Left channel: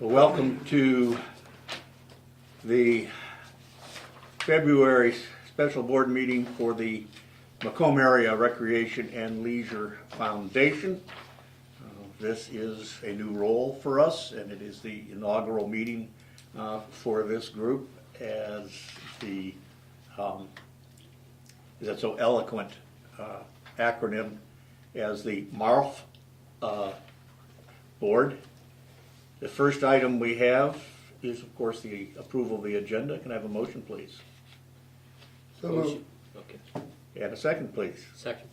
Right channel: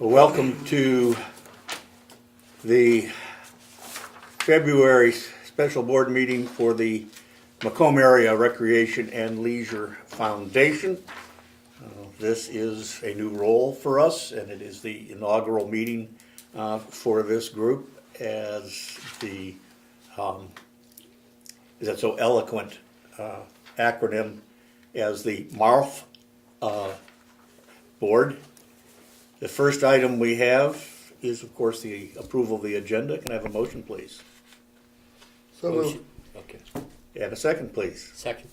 Welcome to the February special board meeting for the Macomb Area Recreation and Leisure Foundation. This is a new role for us, and it is the inaugural meeting for this group as the, is that so eloquent acronym, as the MARF board. The first item we have is, of course, the approval of the agenda. Can I have a motion, please? So moved. Okay. And a second, please. Second.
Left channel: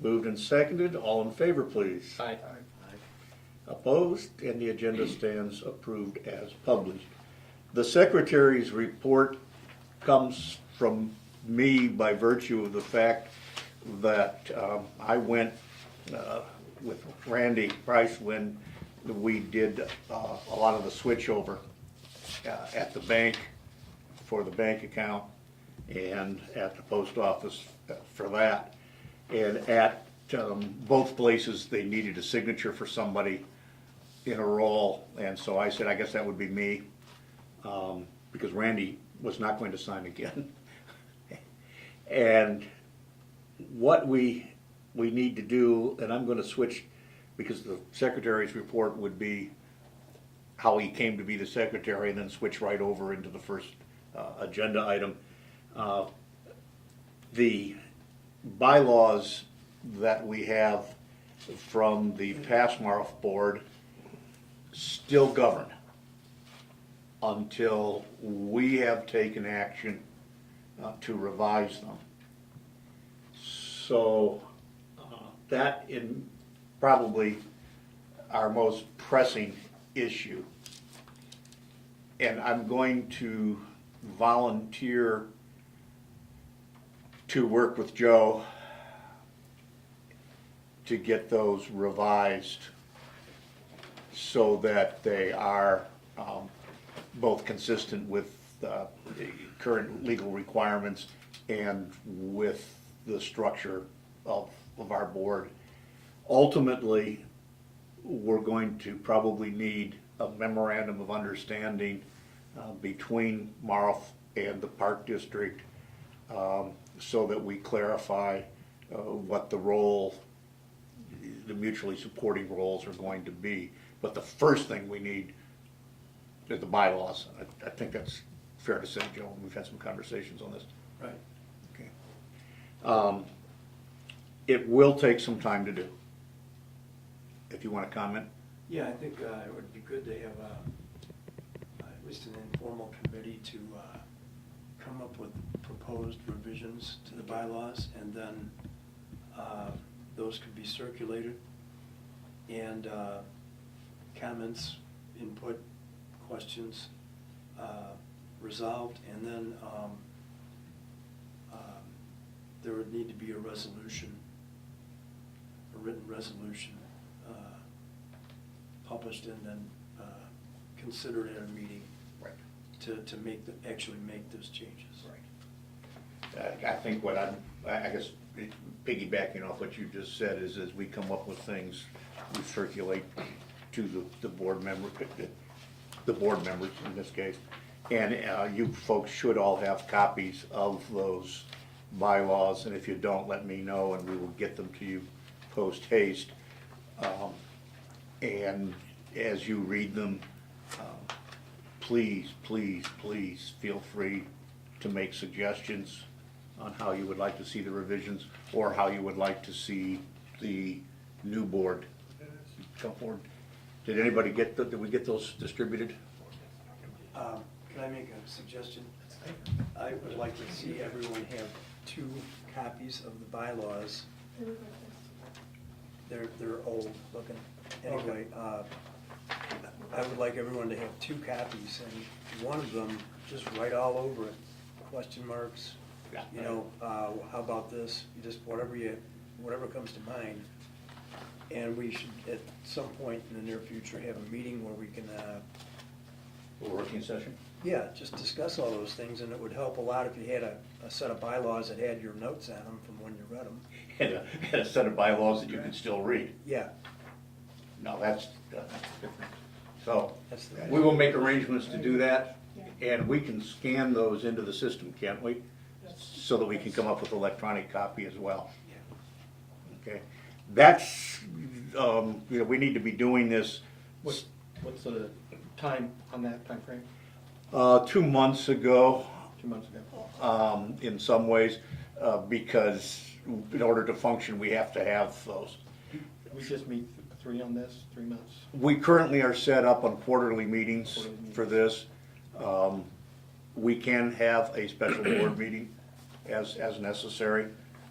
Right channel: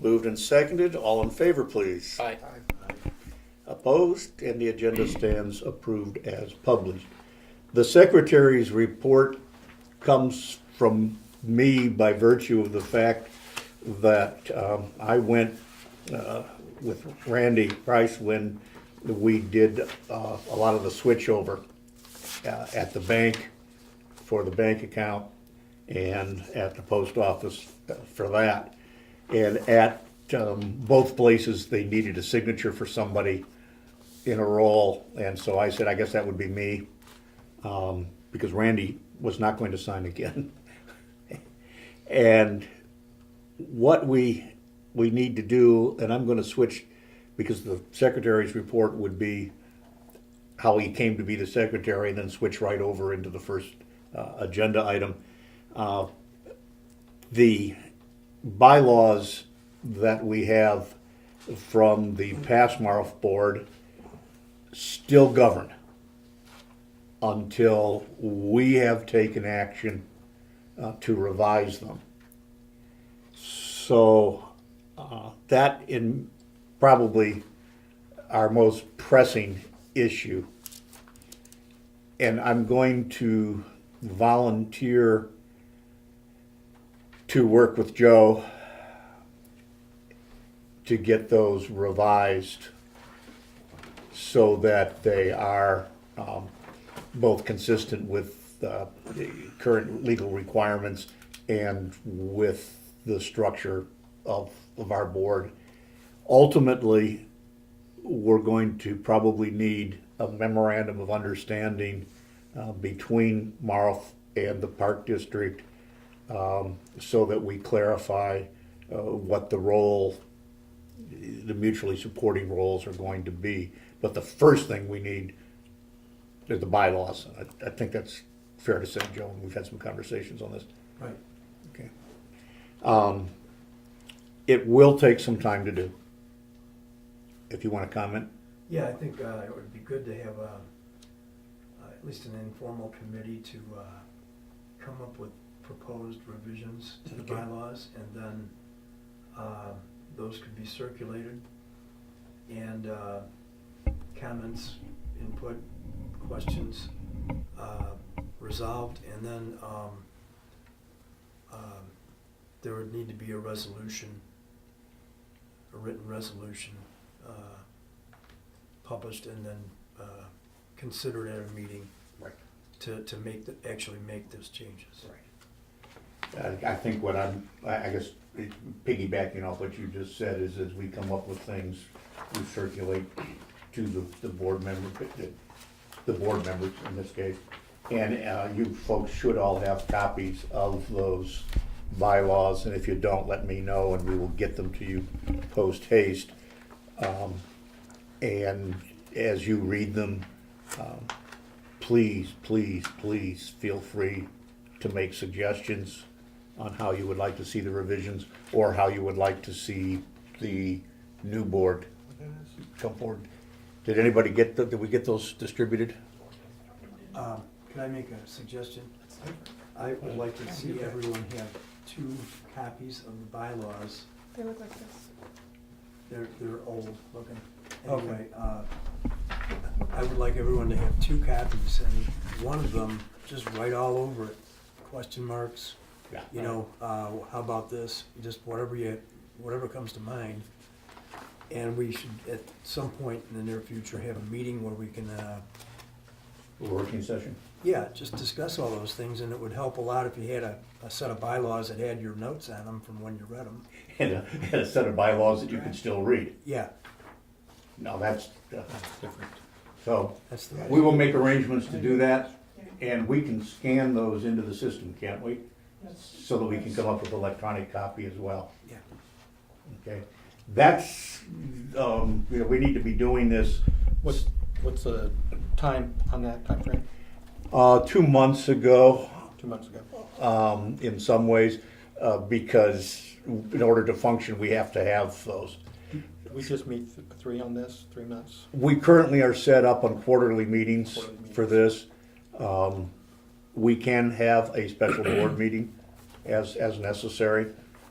Moved and seconded. All in favor, please. Aye. Opposed, and the agenda stands approved as published. The secretary's report comes from me by virtue of the fact that I went with Randy Price when we did a lot of the switchover at the bank for the bank account and at the post office for that. And at both places, they needed a signature for somebody in a role, and so I said, I guess that would be me, because Randy was not going to sign again. And what we need to do, and I'm going to switch, because the secretary's report would be how he came to be the secretary, and then switch right over into the first agenda item. The bylaws that we have from the past MARF board still govern until we have taken action to revise them. So that in probably our most pressing issue. And I'm going to volunteer to work with Joe to get those revised so that they are both consistent with the current legal requirements and with the structure of our board. Ultimately, we're going to probably need a memorandum of understanding between MARF and the Park District so that we clarify what the role, the mutually supporting roles are going to be. But the first thing we need is the bylaws. I think that's fair to say, Joe, and we've had some conversations on this. Right. Okay. It will take some time to do. If you want to comment. Yeah, I think it would be good to have at least an informal committee to come up with proposed revisions to the bylaws, and then those could be circulated, and comments, input, questions resolved, and then there would need to be a resolution, a written resolution published and then considered at a meeting, Right. to actually make those changes. Right. I think what I guess piggybacking off what you just said is as we come up with things, we circulate to the board members in this case. And you folks should all have copies of those bylaws, and if you don't, let me know and we will get them to you post haste. And as you read them, please feel free to make suggestions on how you would like to see the revisions or how you would like to see the new board come forward. Did anybody did we get those distributed? Can I make a suggestion? I would like to see everyone have 2 copies of the bylaws. They look like this. They're old looking. Anyway, I would like everyone to have 2 copies, and one of them, just write all over it, question marks, Yeah. you know, how about this, just whatever comes to mind. And we should, at some point in the near future, have a meeting where we can, A working session? yeah, just discuss all those things, and it would help a lot if you had a set of bylaws that had your notes on them from when you read them. And a set of bylaws that you can still read. Yeah, No, that's different. So That's the we will make arrangements to do that, and we can scan those into the system, can't we? So that we can come up with electronic copy as well. Yeah. Okay, that's, we need to be doing this. What's the time on that time frame? 2 months ago, 2 months ago. in some ways, because in order to function, we have to have those. We just meet 3 on this, 3 months. We currently are set up on quarterly meetings for this. We can have a special board meeting as necessary.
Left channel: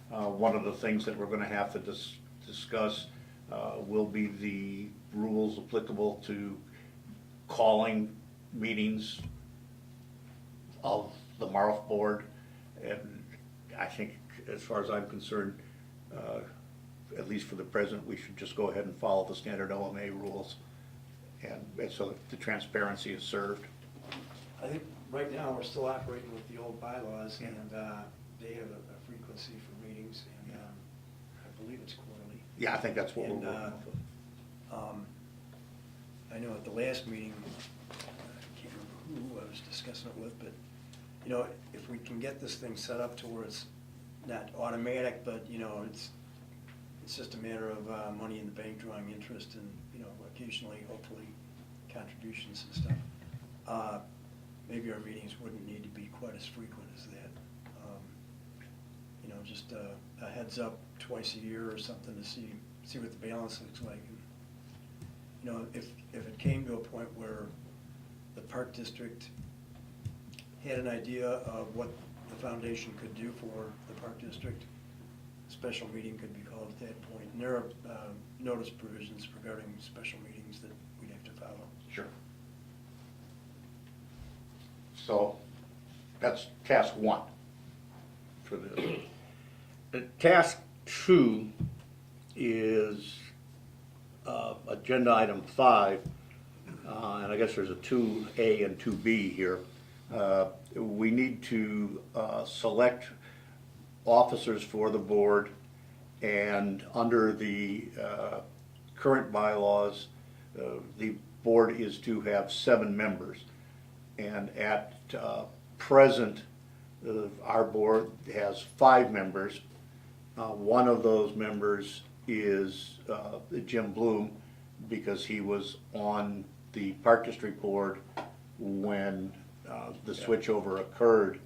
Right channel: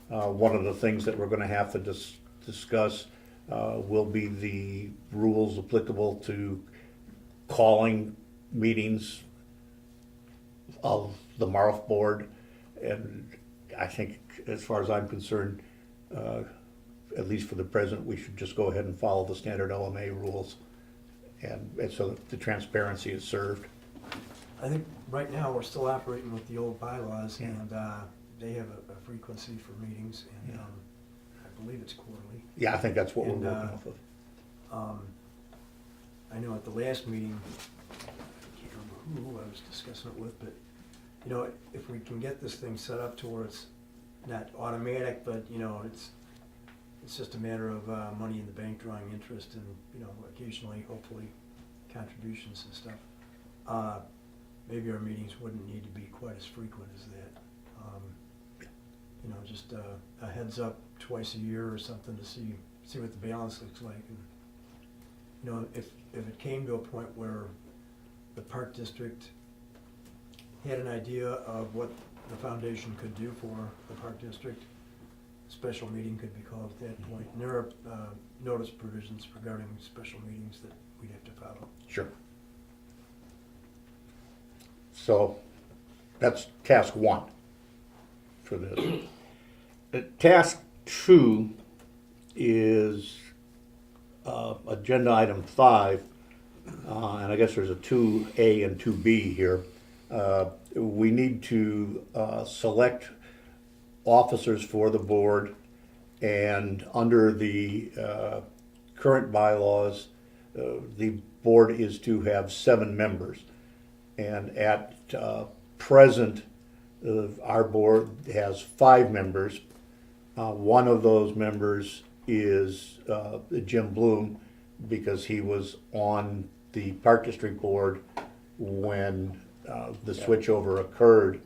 One of the things that we're gonna have to discuss will be the rules applicable to calling meetings of the MARF board. And I think, as far as I'm concerned, at least for the present, we should just go ahead and follow the standard OMA rules, and so that the transparency is served. I think right now, we're still operating with the old bylaws, and they have a frequency for meetings, and I believe it's quarterly. Yeah, I think that's what we're And, working off of. I know at the last meeting, I can't remember who I was discussing it with, but, you know, if we can get this thing set up to where it's not automatic, but, you know, it's just a matter of money in the bank drawing interest and, you know, occasionally, hopefully, contributions and stuff. Maybe our meetings wouldn't need to be quite as frequent as that. You know, just a heads up twice a year or something to see what the balance looks like. And, you know, if it came to a point where the park district had an idea of what the foundation could do for the park district, a special meeting could be called at that point. And there are notice provisions regarding special meetings that we'd have to follow. Sure. So that's task 1 for this. Task 2 is agenda item 5, and I guess there's a 2A and 2B here. We need to select officers for the board, and under the current bylaws, the board is to have 7 members. And at present, our board has 5 members. One of those members is Jim Bloom, because he was on the Park District Board when the switchover occurred.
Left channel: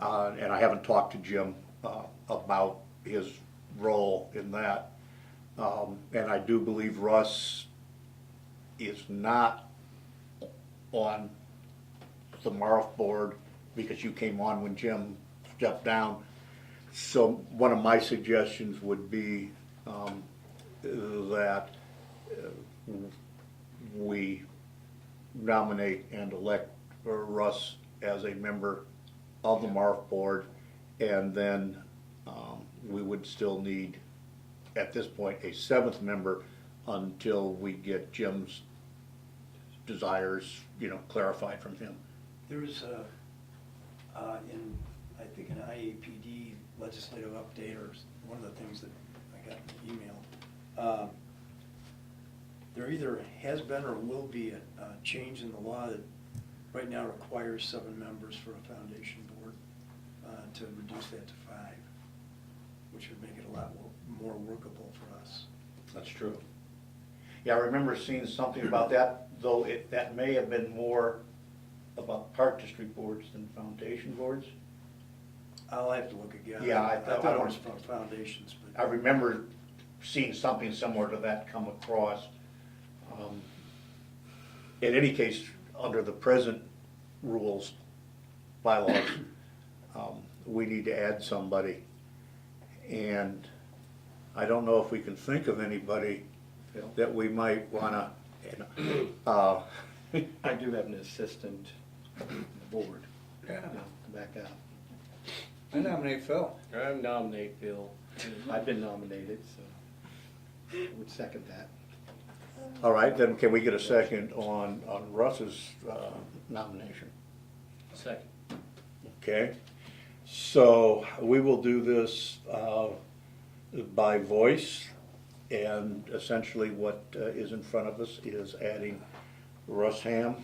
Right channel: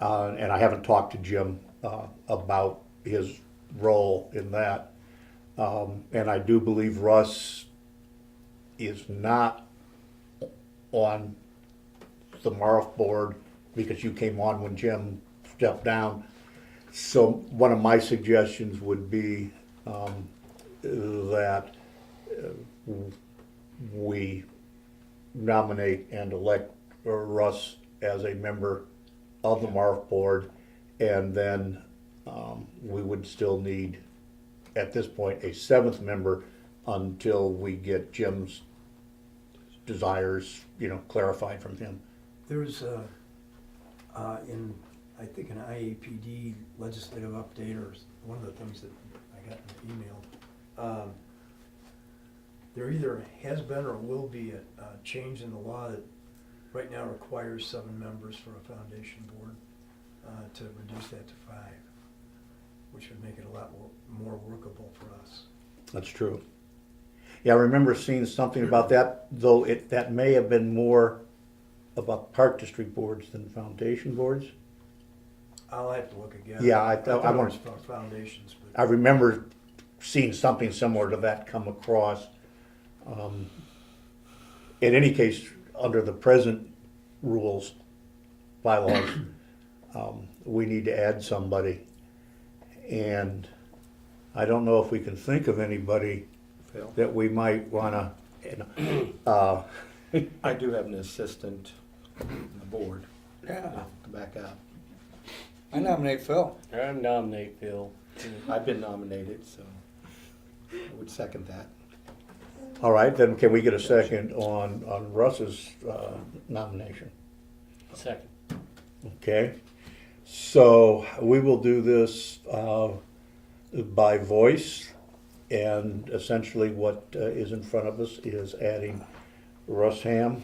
And I haven't talked to Jim about his role in that. And I do believe Russ is not on the MARF board because you came on when Jim stepped down. So one of my suggestions would be that we nominate and elect Russ as a member of the MARF board, and then we would still need, at this point, a 7th member until we get Jim's desires, clarified from him. There's in, I think, an IAPD legislative update, or one of the things that I got in the email, there either has been or will be a change in the law that right now requires 7 members for a foundation board, to reduce that to 5, which would make it a lot more workable for us. That's true. Yeah, I remember seeing something about that, though that may have been more about Park District boards than foundation boards. I'll have to look again. Yeah, I thought want- it was about foundations, but I remember seeing something similar to that come across. In any case, under the present rules, bylaws, we need to add somebody. And I don't know if we can think of anybody Phil? that we might wanna, I do have an assistant on the board Yeah, to back up. I nominate Phil. I nominate Phil. I've been nominated, so I would second that. all right, then can we get a second on Russ's nomination? Second. Okay, so we will do this by voice, and essentially what is in front of us is adding Russ Ham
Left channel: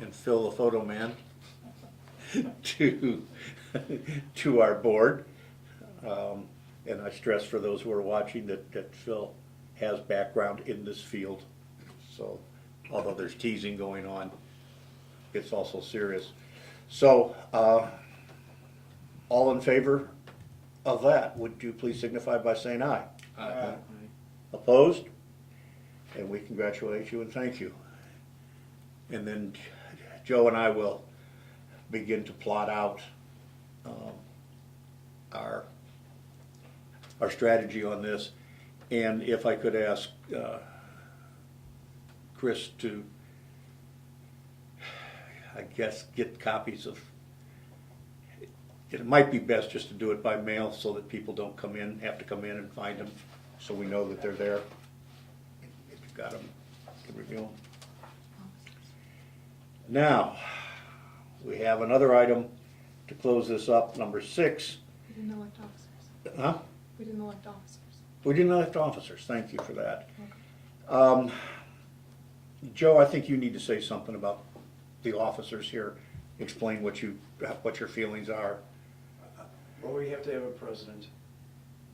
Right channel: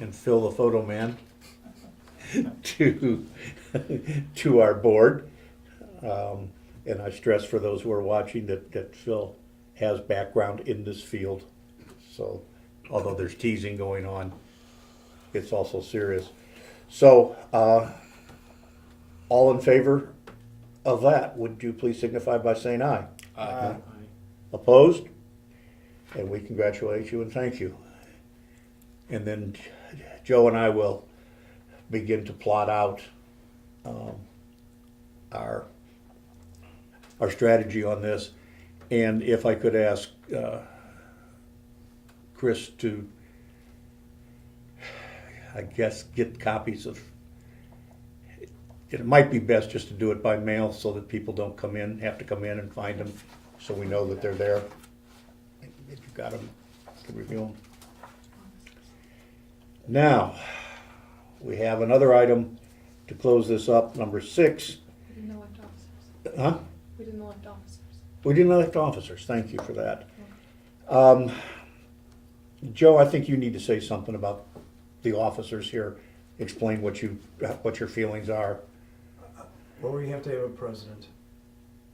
and Phil the Photo Man to our board. And I stress for those who are watching that Phil has background in this field. So although there's teasing going on, it's also serious. So all in favor of that, would you please signify by saying aye? Aye. Opposed? And we congratulate you and thank you. And then Joe and I will begin to plot out our strategy on this. And if I could ask Chris to, I guess, get copies of, it might be best just to do it by mail so that people don't have to come in and find them, so we know that they're there, that you've got them to review them. Now, we have another item to close this up, number 6. We didn't elect officers. Huh? We didn't elect officers. We didn't elect officers, thank you for that. Joe, I think you need to say something about the officers here, explain what your feelings are. Well, we have to have a president,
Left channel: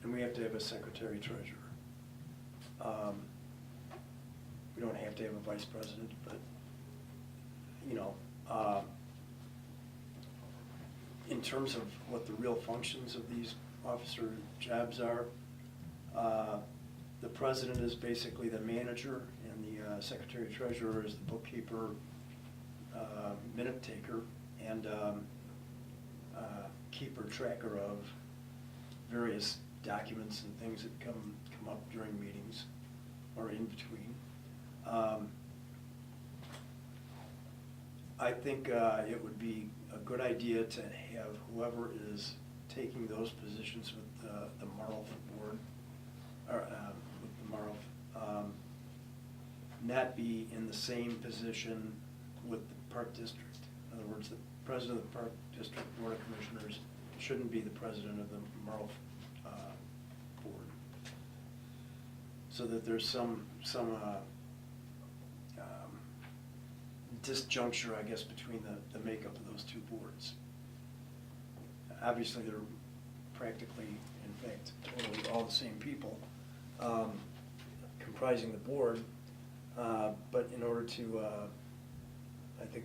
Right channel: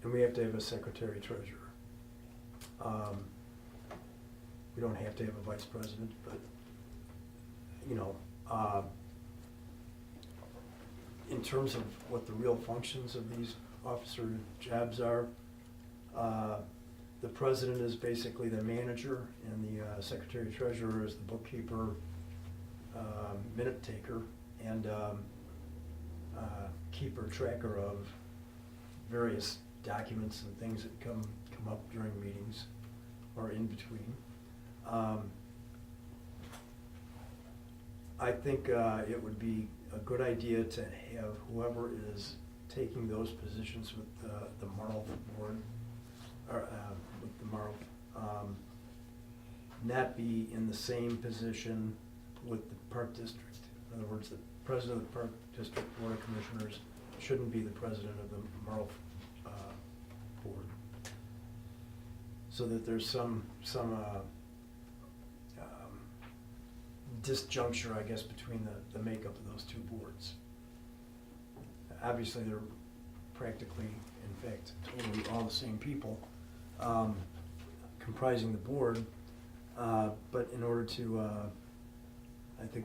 and we have to have a secretary treasurer. We don't have to have a vice president, but, in terms of what the real functions of these officer jobs are, the president is basically the manager, and the secretary treasurer is the bookkeeper, minute taker, and keeper tracker of various documents and things that come up during meetings or in between. I think it would be a good idea to have whoever is taking those positions with the Marl board, or with the Marl, not be in the same position with the Park District. In other words, the president of the Park District Board of Commissioners shouldn't be the president of the Marl board. So that there's some disjuncture, I guess, between the makeup of those two boards. Obviously, they're practically, in fact, totally all the same people comprising the board, but in order to, I think,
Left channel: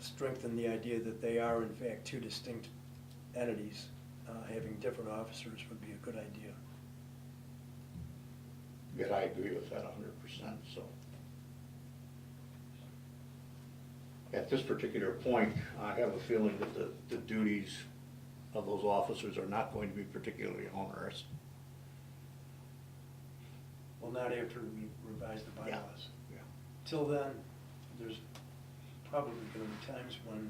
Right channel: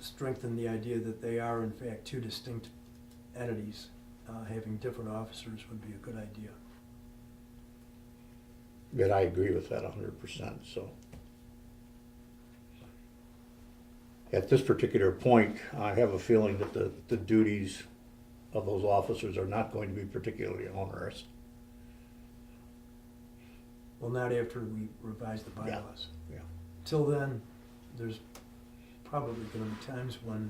strengthen the idea that they are, in fact, two distinct entities, having different officers would be a good idea. And I agree with that 100%, so. At this particular point, I have a feeling that the duties of those officers are not going to be particularly onerous. Well, not after we revise the bylaws. Yeah. Till then, there's probably going to be times when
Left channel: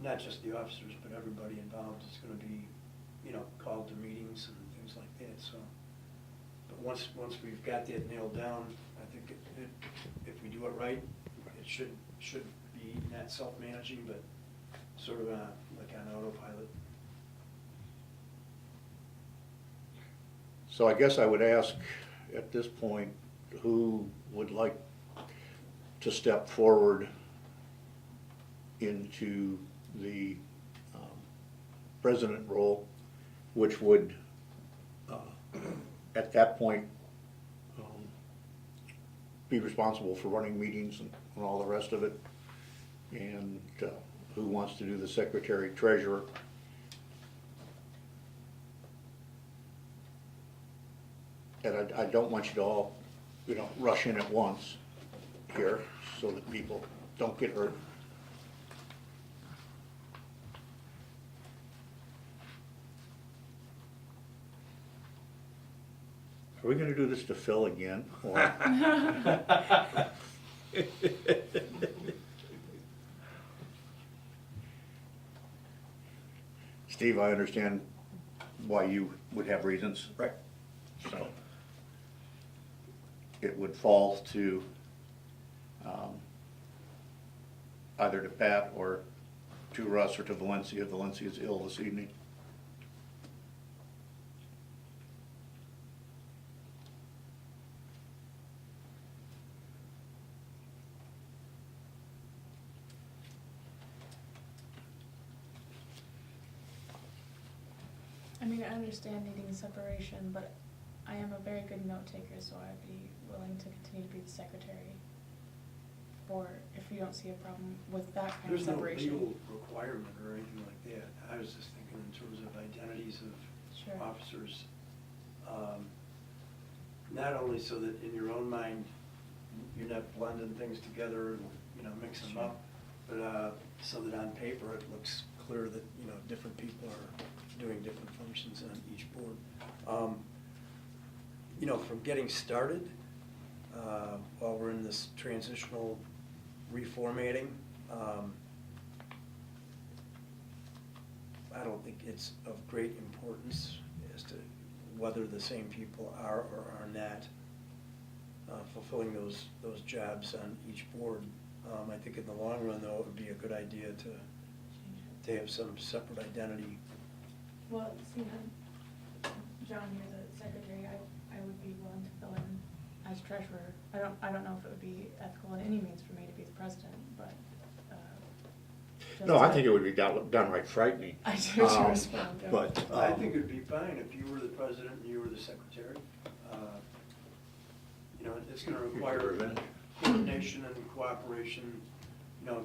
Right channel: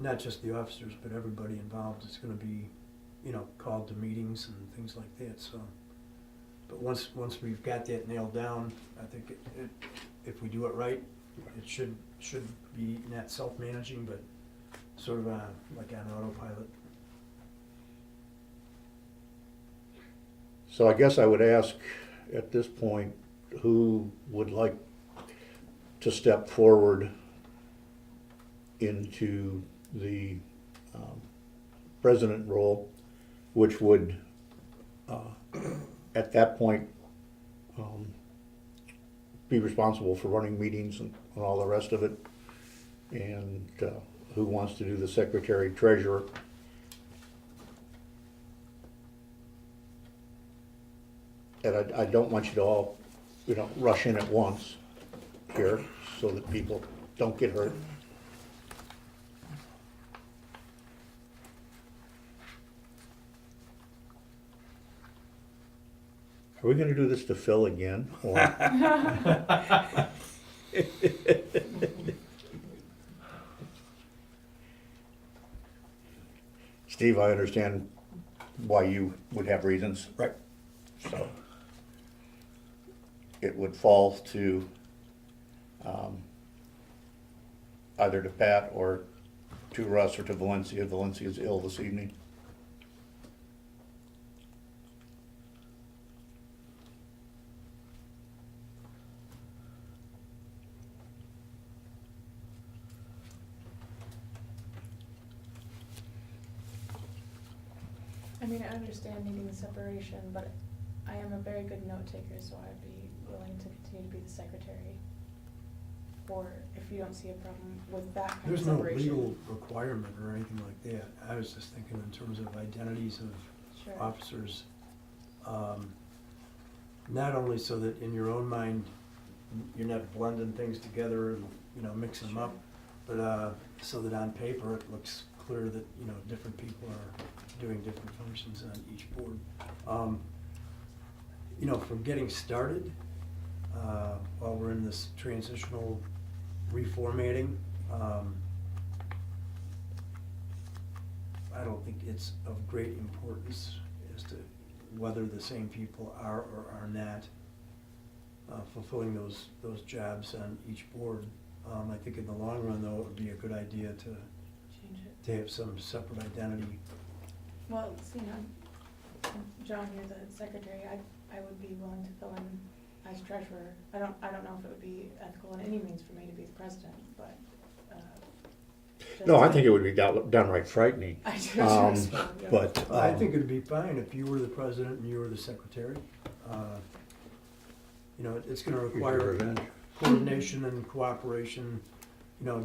not just the officers, but everybody involved is going to be, called to meetings and things like that. So, but once we've got that nailed down, I think if we do it right, it should be not self-managing, but sort of like on autopilot. So I guess I would ask at this point, who would like to step forward into the president role, which would, at that point, be responsible for running meetings and all the rest of it, and who wants to do the secretary treasurer. And I don't want you to all, rush in at once here so that people don't get hurt. Are we gonna do this to Phil again, or? Steve, I understand why you would have reasons. Right. So it would fall to either to Pat or to Russ or to Valencia. Valencia's ill this evening. I mean, I understand needing separation, but I am a very good note taker, so I'd be willing to continue to be the secretary. Or if you don't see a problem with that kind of There's no separation. legal requirement or anything like that. I was just thinking in terms of identities of Sure. officers. Not only so that in your own mind, you're not blending things together and, mixing them up, but so that on paper it looks clear that, different people are doing different functions on each board. From getting started, while we're in this transitional reformatting, I don't think it's of great importance as to whether the same people are or are not fulfilling those jobs on each board. I think in the long run, though, it would be a good idea to have some separate identity. Well, see, John, you're the secretary, I would be willing to fill in as treasurer. I don't know if it would be ethical in any means for me to be the president, but, No, I think it would be downright frightening. I do, Um, as well, yeah. But, I think it'd be fine if you were the president and you were the secretary. It's gonna require revenge. coordination and cooperation,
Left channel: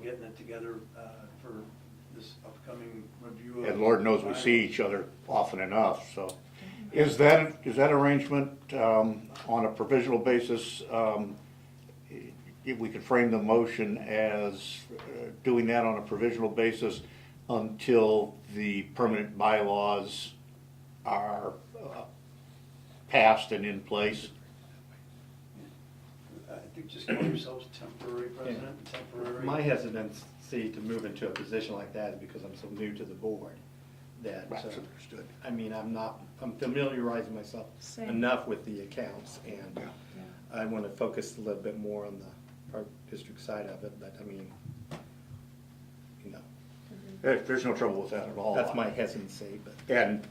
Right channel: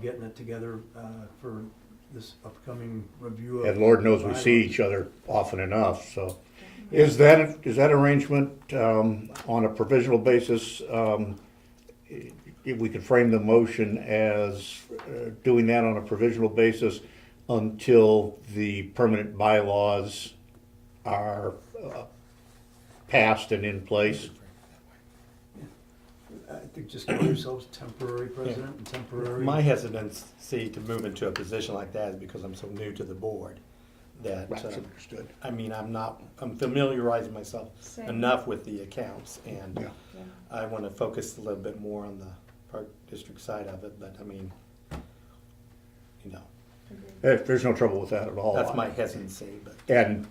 getting it together for this upcoming review of. And Lord knows we see each other often enough, so. Is that arrangement on a provisional basis, if we could frame the motion as doing that on a provisional basis until the permanent bylaws are passed and in place? I think just call yourselves temporary president and temporary. My hesitancy to move into a position like that is because I'm so new to the board that, That's understood. I mean, I'm familiarizing myself Same. enough with the accounts, and Yeah. Yeah. I want to focus a little bit more on the park district side of it, but I mean, There's no trouble with that at all. that's my hesitancy, but. And,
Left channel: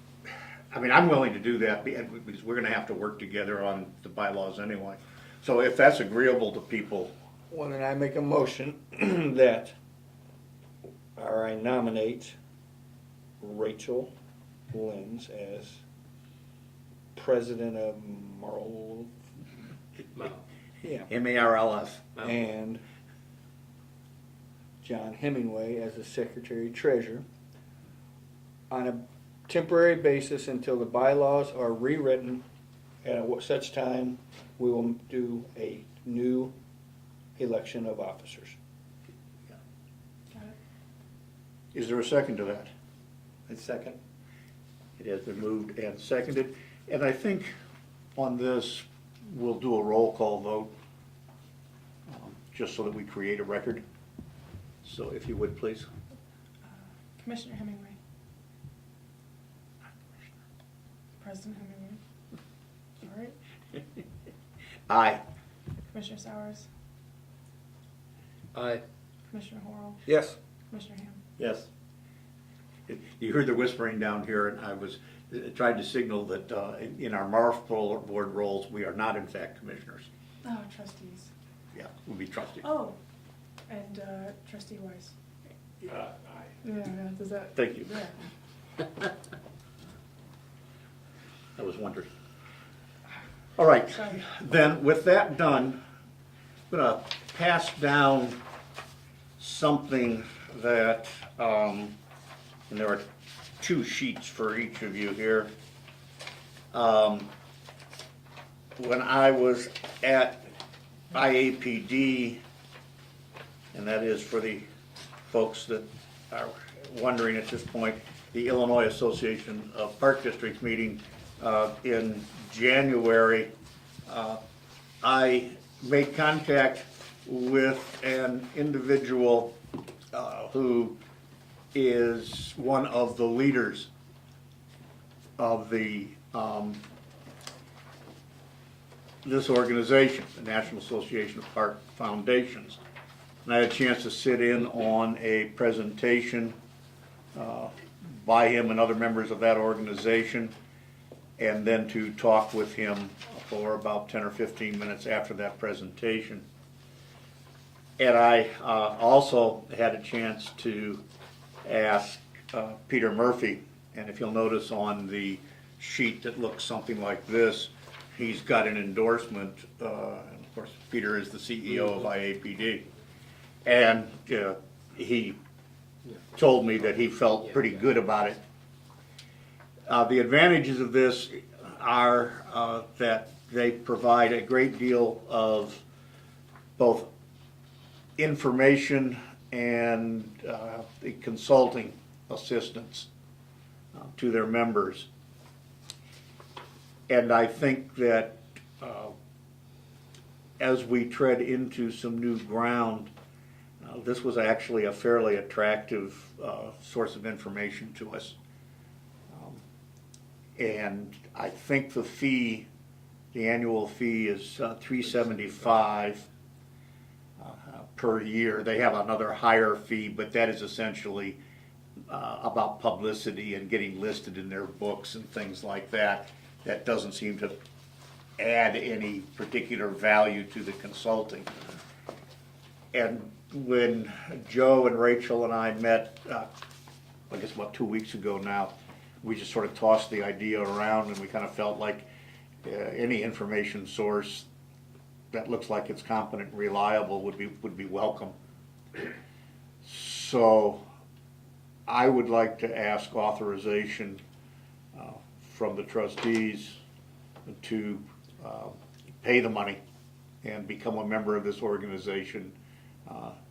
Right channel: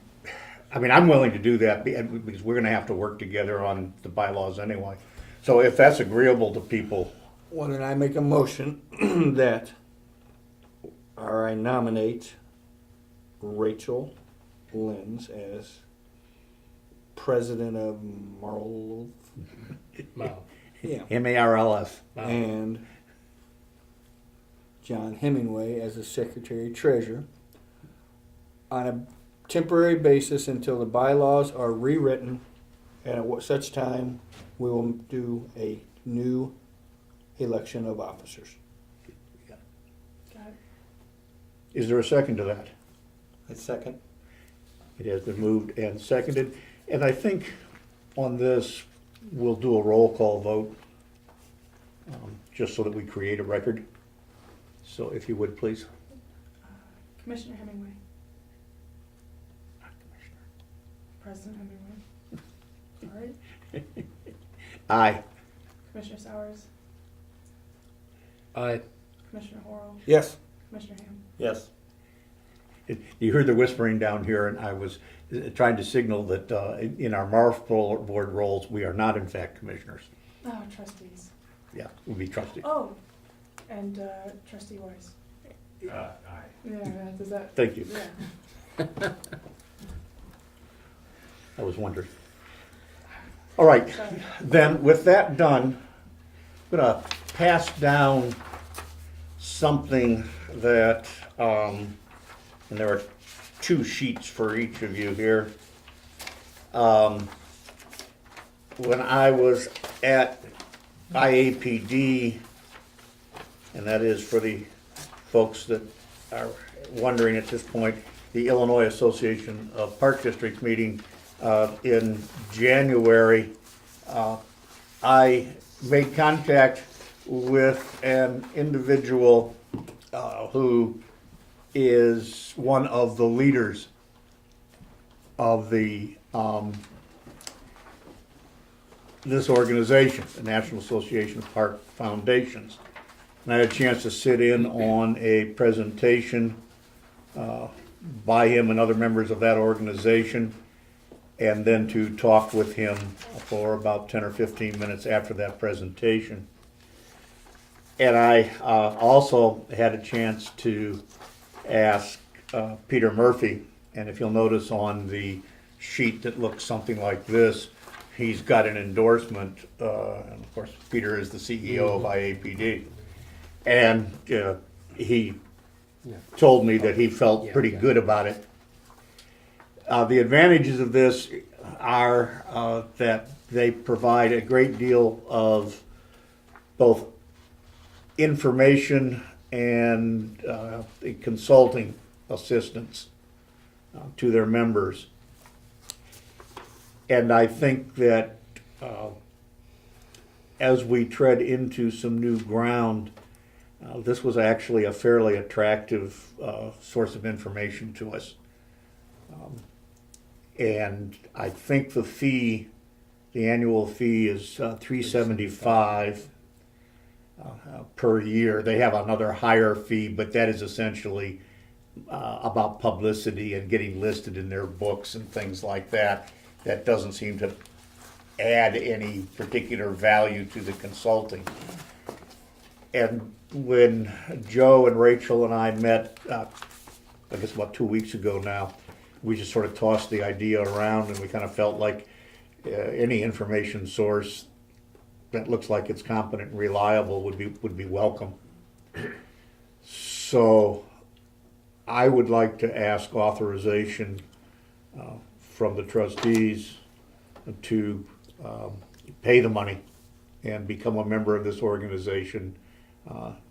I mean, I'm willing to do that because we're gonna have to work together on the bylaws anyway. So if that's agreeable to people, Well, then I make a motion that, or I nominate Rachel Lenz as president of Marl. Yeah. MARLS. And John Hemingway as the secretary treasurer on a temporary basis until the bylaws are rewritten, and at such time we will do a new election of officers. Got it. Is there a second to that? A second? It has been moved and seconded, and I think on this, we'll do a roll call vote, just so that we create a record. So if you would, please. Commissioner Hemingway. President Hemingway. Sorry. Aye. Commissioner Sowers. Aye. Commissioner Horrell. Yes. Commissioner Ham. Yes. You heard the whispering down here, and I was trying to signal that in our Marf board roles, we are not in fact commissioners. Oh, trustees. Yeah, we'll be trustee. Oh, and trustee Weiss. Aye. Yeah, does that? Thank you. Yeah. I was wondering. All right, Sorry. then with that done, I'm gonna pass down something that, and there are 2 sheets for each of you here. When I was at IAPD, and that is for the folks that are wondering at this point, the Illinois Association of Park Districts meeting in January, I made contact with an individual who is one of the leaders of the this organization, the National Association of Park Foundations. And I had a chance to sit in on a presentation by him and other members of that organization, and then to talk with him for about 10 or 15 minutes after that presentation. And I also had a chance to ask Peter Murphy And if you'll notice on the sheet that looks something like this, he's got an endorsement, and of course, Peter is the CEO of IAPD. And he told me that he felt pretty good about it. The advantages of this are that they provide a great deal of both information and consulting assistance to their members. And I think that as we tread into some new ground, this was actually a fairly attractive source of information to us. And I think the fee, the annual fee is $375 per year. They have another higher fee, but that is essentially about publicity and getting listed in their books and things like that. That doesn't seem to add any particular value to the consulting. And when Joe and Rachel and I met, I guess about 2 weeks ago now, we just sort of tossed the idea around, and we kind of felt like any information source that looks like it's competent and reliable would be welcome. So I would like to ask authorization from the trustees to pay the money and become a member of this organization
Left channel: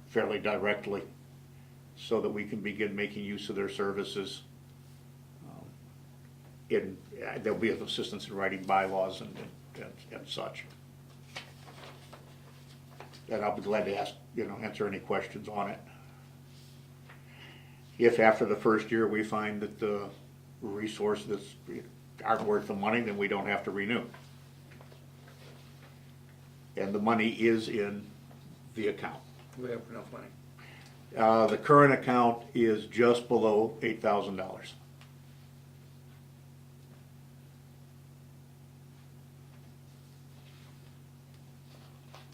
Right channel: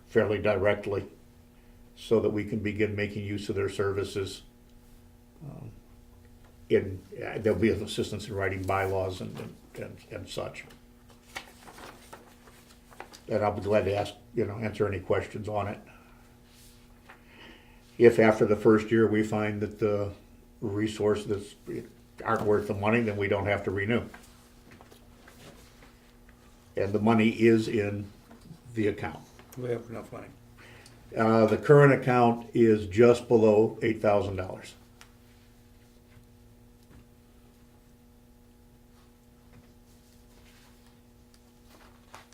fairly directly, so that we can begin making use of their services. There'll be assistance in writing bylaws and such. And I'll be glad to answer any questions on it. If after the first year we find that the resources aren't worth the money, then we don't have to renew. And the money is in the account. We have enough money. The current account is just below $8,000.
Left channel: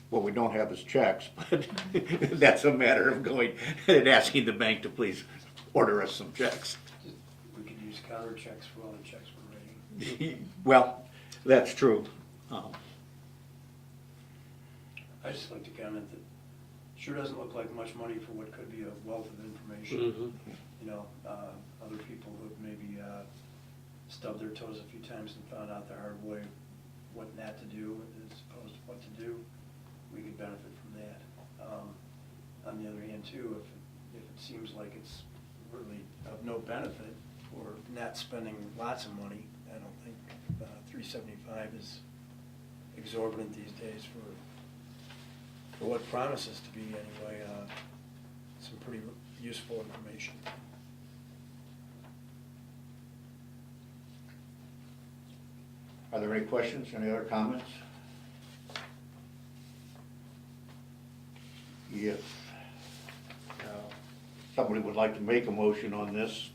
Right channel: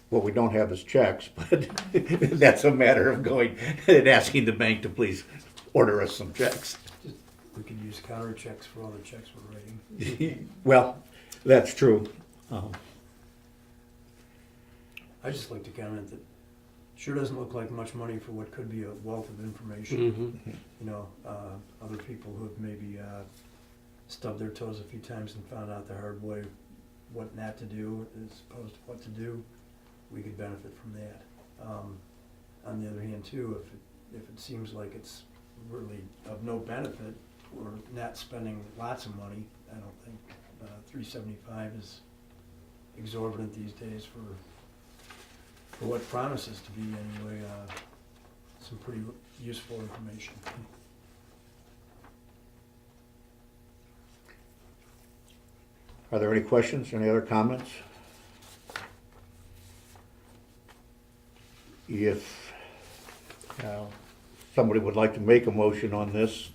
What we don't have is checks, but that's a matter of going and asking the bank to please order us some checks. We could use counter checks for all the checks we're writing. Well, that's true. I'd just like to comment that sure doesn't look like much money for what could be a wealth of information. You know, other people who've maybe stubbed their toes a few times and found out the hard way what not to do as opposed to what to do, we could benefit from that. On the other hand, too, if it seems like it's really of no benefit or not spending lots of money, I don't think $375 is exorbitant these days for what promises to be anyway some pretty useful information. Are there any questions, any other comments? If somebody would like to make a motion on this,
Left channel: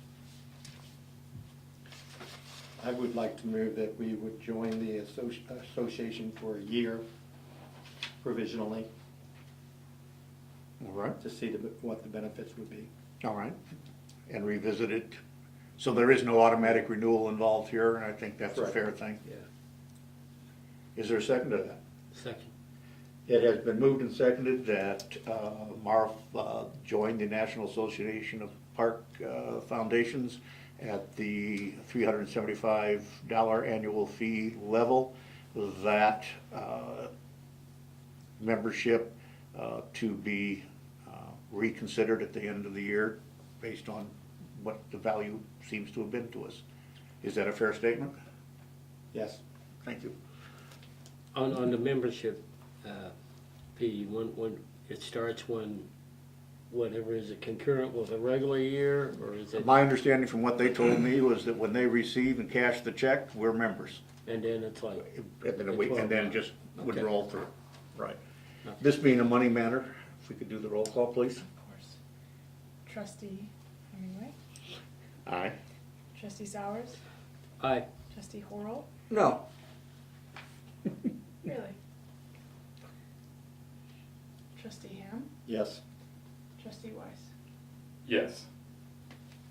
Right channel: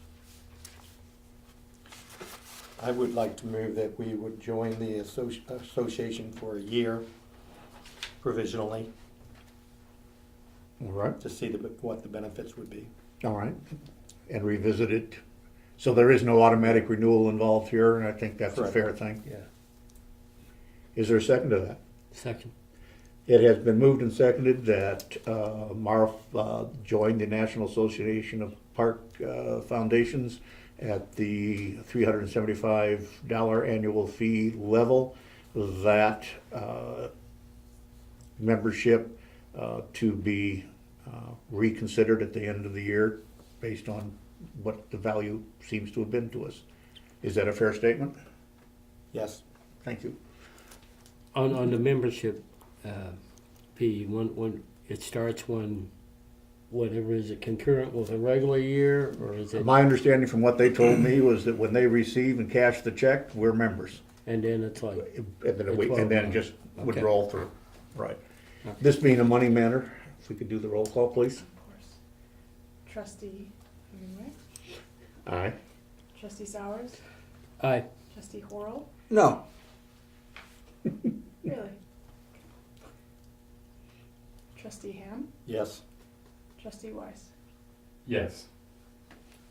I would like to move that we would join the association for a year provisionally all right, to see what the benefits would be. all right, and revisit it. So there is no automatic renewal involved here, and I think that's a Right. fair thing. Yeah. Is there a second to that? Second. It has been moved and seconded that Marv join the National Association of Park Foundations at the $375 annual fee level. That membership to be reconsidered at the end of the year based on what the value seems to have been to us. Is that a fair statement? Yes. Thank you. On the membership fee, when it starts when, whatever, is it concurrent with a regular year, or is it, My understanding from what they told me was that when they receive and cash the check, we're members. and then it's like, And then just would Okay. roll through. Right. Okay. This being a money matter, if we could do the roll call, please. Of course. Trustee Greenway, Aye. Trustee Sowers, aye. Trustee Horrell. No. Really? Trustee Ham, Yes. Trustee Weiss. Yes.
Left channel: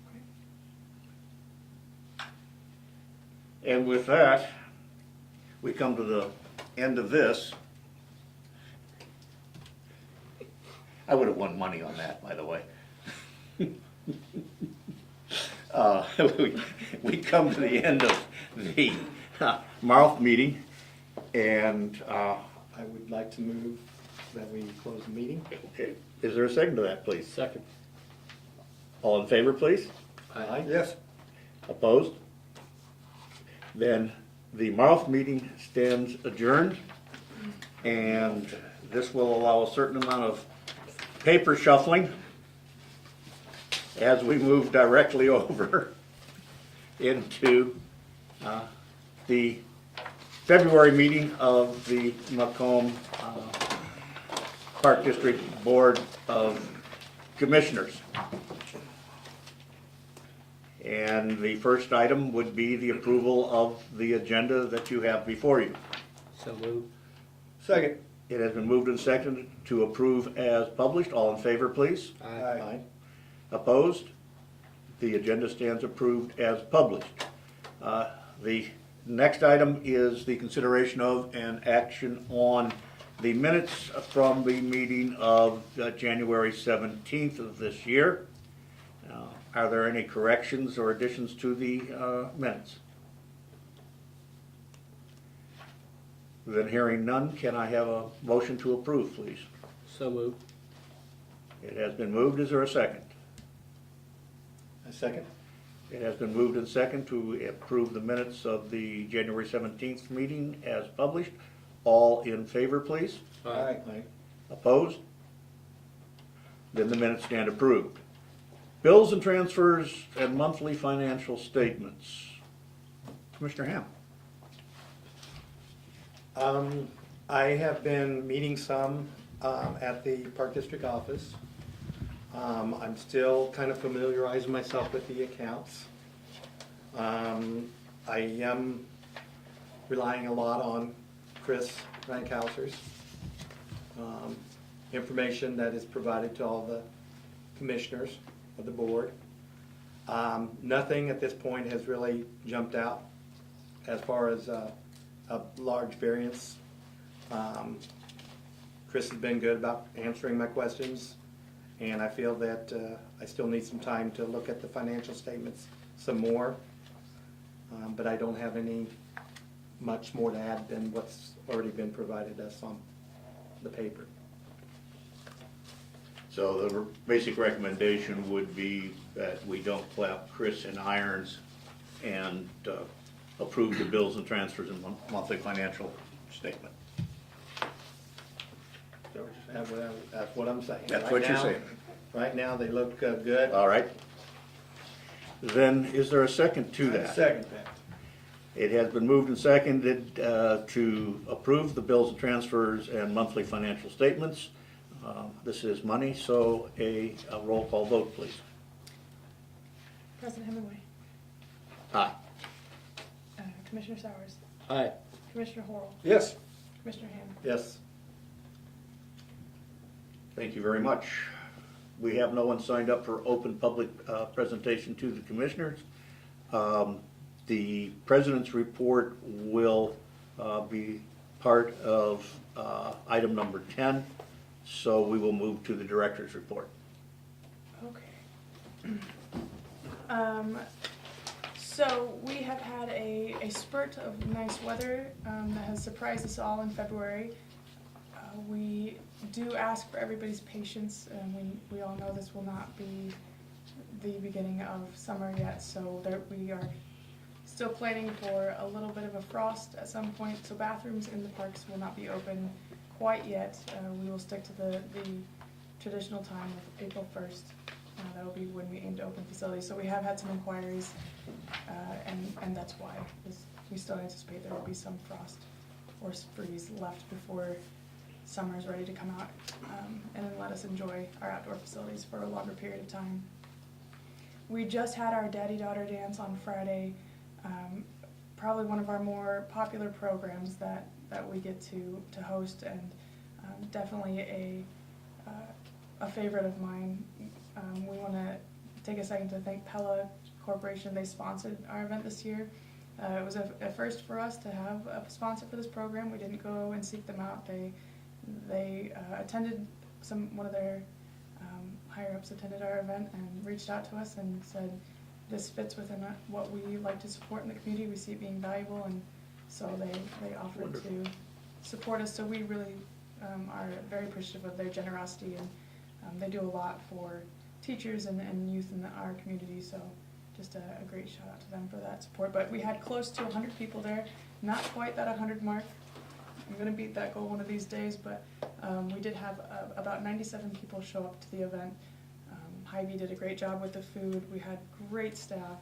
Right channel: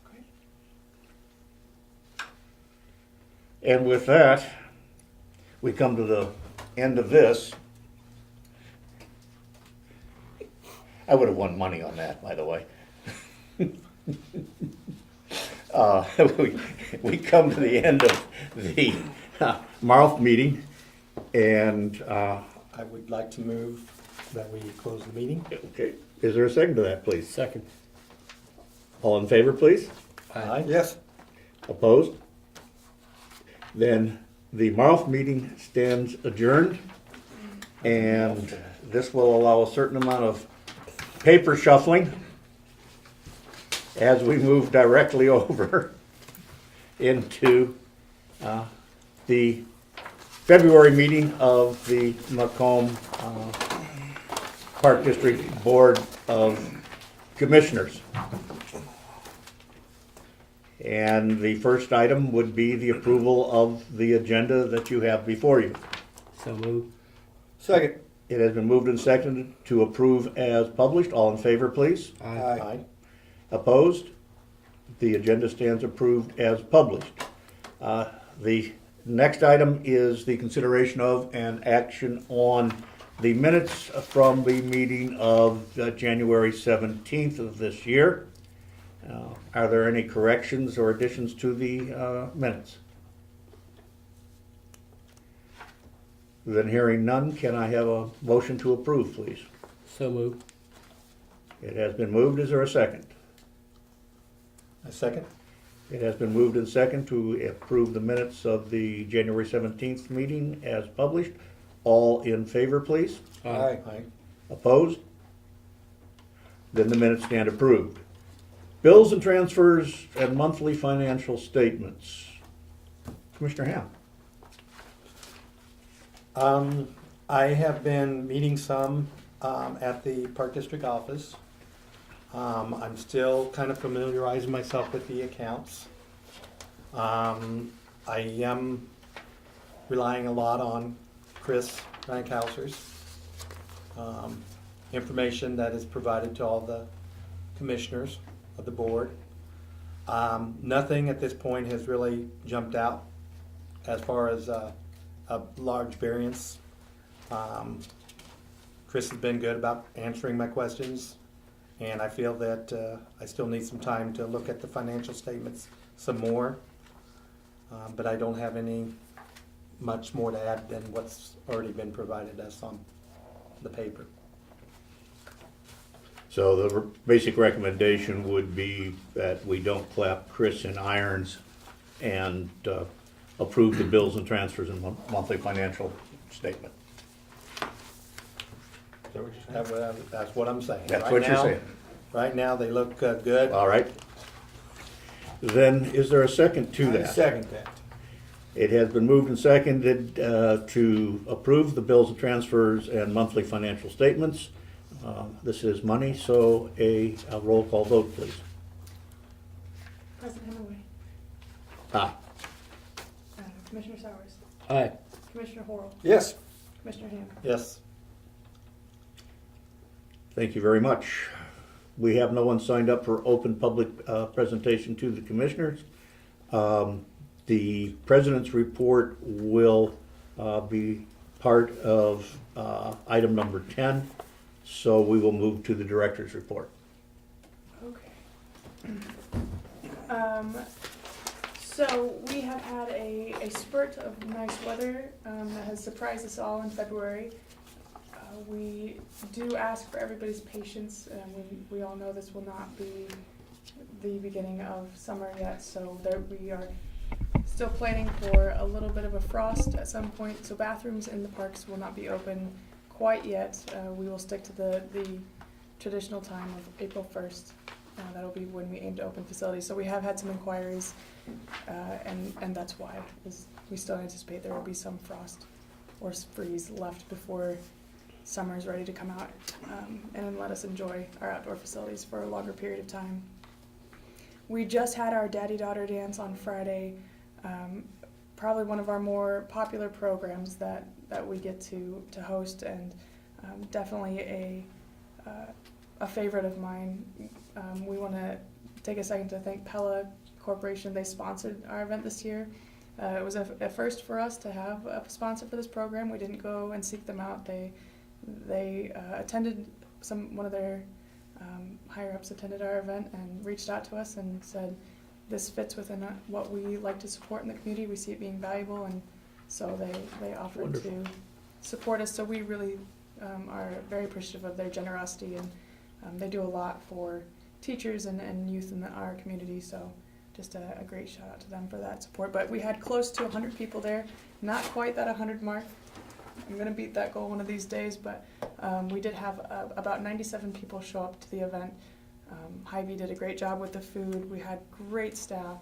Okay. And with that, we come to the end of this. I would have won money on that, by the way. uh, we come to the end of the Marth meeting, and I would like to move that we close the meeting. okay, is there a second to that, please? Second. All in favor, please? Aye. Yes. Opposed? Then the Marth meeting stands adjourned, and this will allow a certain amount of paper shuffling as we move directly over into the February meeting of the Macomb Park District Board of Commissioners. And the first item would be the approval of the agenda that you have before you. So moved. Second. It has been moved and seconded to approve as published. All in favor, please? Aye. Opposed? The agenda stands approved as published. The next item is the consideration of and action on the minutes from the meeting of January 17th of this year. Are there any corrections or additions to the minutes? Then hearing none, can I have a motion to approve, please? So moved. It has been moved. Is there a second? A second? It has been moved and second to approve the minutes of the January 17th meeting as published. All in favor, please? Aye. Aye. Opposed? Then the minutes stand approved. Bills and transfers and monthly financial statements. Commissioner Ham. I have been meeting some at the Park District office. I'm still kind of familiarizing myself with the accounts. I am relying a lot on Chris Rankhauser's information that is provided to all the commissioners of the board. Nothing at this point has really jumped out as far as a large variance. Chris has been good about answering my questions, and I feel that I still need some time to look at the financial statements some more, but I don't have any much more to add than what's already been provided us on the paper. So the basic recommendation would be that we don't clap Chris in irons and approve the bills and transfers and monthly financial statement. That's what I'm saying. That's Right what you're now- saying. Right now, they look good. All right. Then is there a second to I that? second that. It has been moved and seconded to approve the bills and transfers and monthly financial statements. This is money, so a roll call vote, please. President Hemingway, Aye. Commissioner Sowers, Aye. Commissioner Horrell, Yes. Commissioner Ham. Yes. Thank you very much. We have no one signed up for open public presentation to the commissioners. The president's report will be part of item number 10, so we will move to the director's report. Okay. So we have had a spurt of nice weather that has surprised us all in February. We do ask for everybody's patience. We all know this will not be the beginning of summer yet, so we are still planning for a little bit of a frost at some point. So bathrooms in the parks will not be open quite yet. We will stick to the traditional time of April 1st. That'll be when we aim to open facilities. So we have had some inquiries, and that's why we still anticipate there will be some frost or freeze left before summer is ready to come out, and then let us enjoy our outdoor facilities for a longer period of time. We just had our daddy-daughter dance on Friday, probably one of our more popular programs that we get to host, and definitely a favorite of mine. We want to take a second to thank Pella Corporation. They sponsored our event this year, It was a first for us to have a sponsor for this program. We didn't go and seek them out. They attended one of their higher ups attended our event and reached out to us and said, this fits within what we like to support in the community. We see it being valuable, and so they offered Wonderful. to support us. So we really are very appreciative of their generosity, and they do a lot for teachers and youth in our community. So just a great shout out to them for that support. But we had close to 100 people there, not quite that 100 mark. I'm going to beat that goal one of these days, but we did have about 97 people show up to the event. Hy-Vee did a great job with the food. We had great staff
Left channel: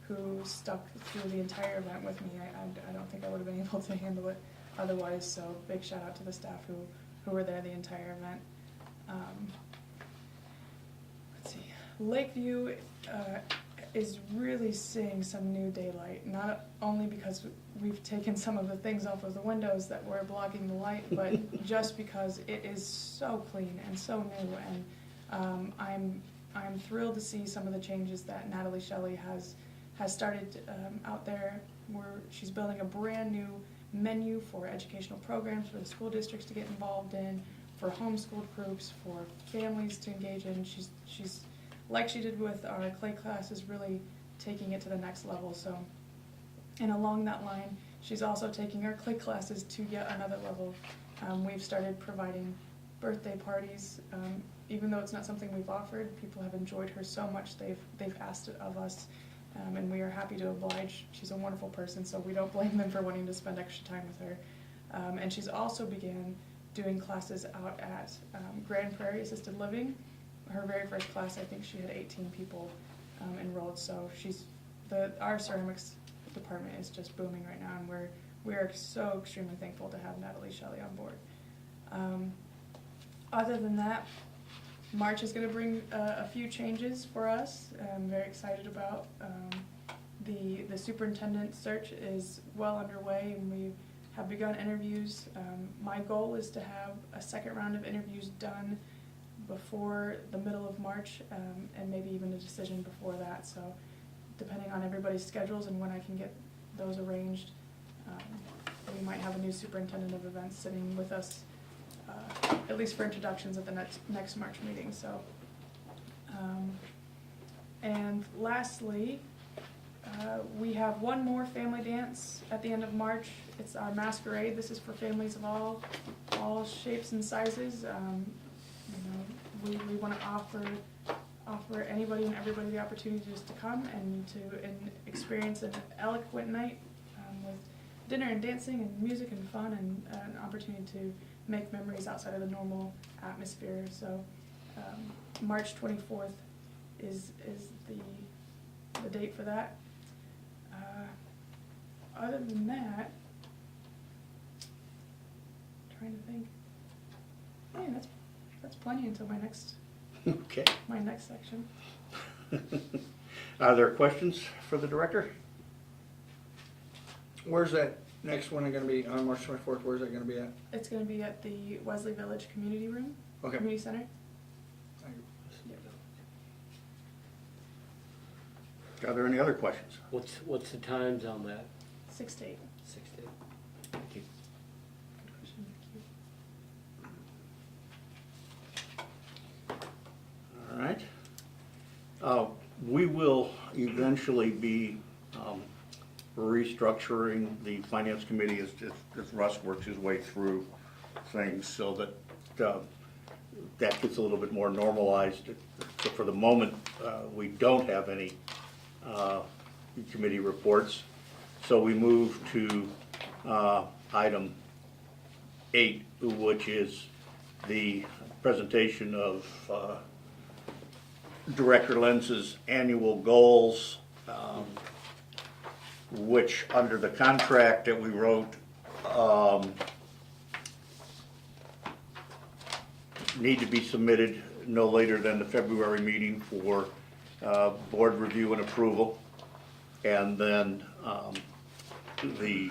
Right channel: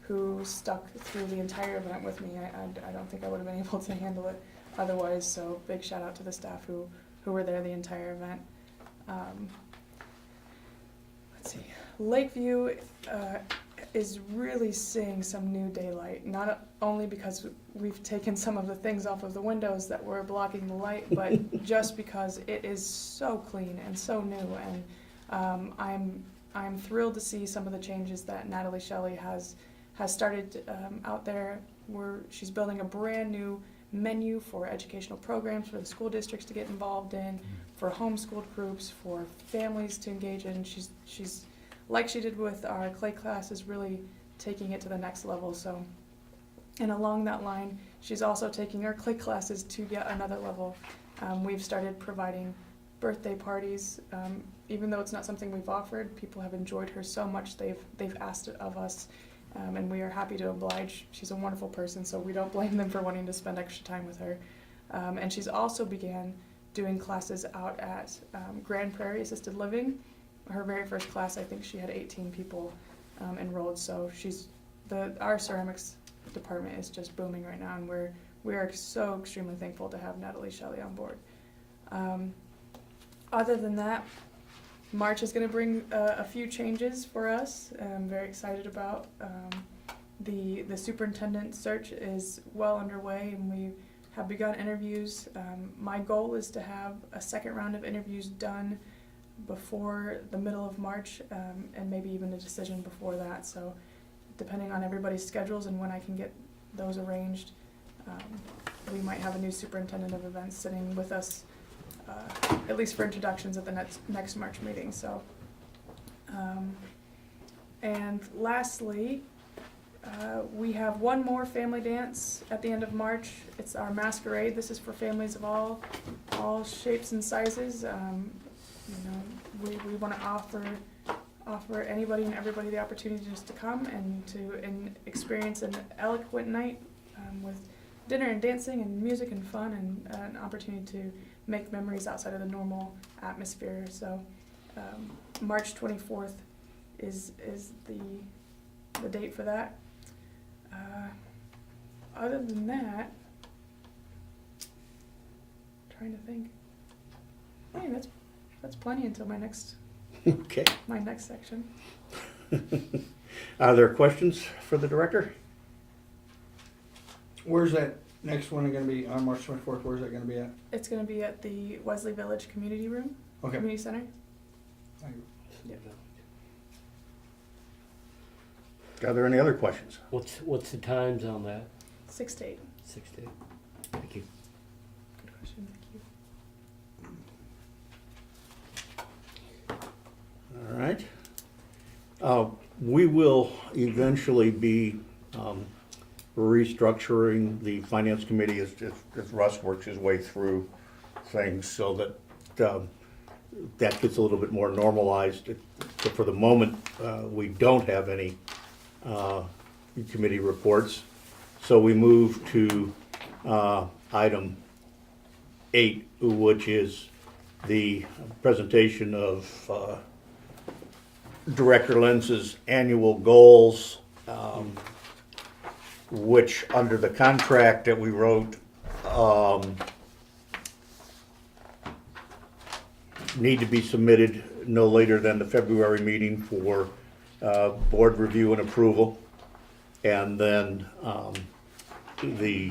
who stuck through the entire event with me. I don't think I would have been able to handle it otherwise, so big shout out to the staff who were there the entire event. Let's see. Lakeview is really seeing some new daylight, not only because we've taken some of the things off of the windows that were blocking the light, but just because it is so clean and so new. And I'm thrilled to see some of the changes that Natalie Shelley has started out there. She's building a brand new menu for educational programs for the school districts to get involved in, for homeschooled groups, for families to engage in. She's like she did with our clay classes, really taking it to the next level. So, and along that line, she's also taking our clay classes to yet another level. We've started providing birthday parties. Even though it's not something we've offered, people have enjoyed her so much they've asked it of us, and we are happy to oblige. She's a wonderful person, so we don't blame them for wanting to spend extra time with her. And she's also began doing classes out at Grand Prairie Assisted Living. Her very first class, I think she had 18 people enrolled. So our ceramics department is just booming right now, and we are so extremely thankful to have Natalie Shelley on board. Other than that, March is going to bring a few changes for us. I'm very excited about. The superintendent search is well underway, and we have begun interviews. My goal is to have a second round of interviews done before the middle of March, and maybe even a decision before that. So depending on everybody's schedules and when I can get those arranged, we might have a new superintendent of events sitting with us, at least for introductions at the next March meeting. So, and lastly, we have one more family dance at the end of March. It's our masquerade. This is for families of all shapes and sizes. We want to offer anybody and everybody the opportunity just to come and experience an eloquent night with dinner and dancing and music and fun, and an opportunity to make memories outside of the normal atmosphere. So March 24th is the date for that. Other than that, trying to think. Hey, that's plenty until my next Okay. section. Are there questions for the director? Where's that next one going to be on March 24th? Where's that going to be at? It's going to be at the Wesley Village Community Room, Okay. Community Center. Thank you. Are there any other questions? What's the times on that? 6 to 8. 6 to 8. Thank you. Good question. Thank you. All right. We will eventually be restructuring the finance committee as Russ works his way through things, so that that gets a little bit more normalized. So for the moment, we don't have any committee reports. So we move to item 8, which is the presentation of Director Lenz's annual goals, which under the contract that we wrote need to be submitted no later than the February meeting for board review and approval. And then the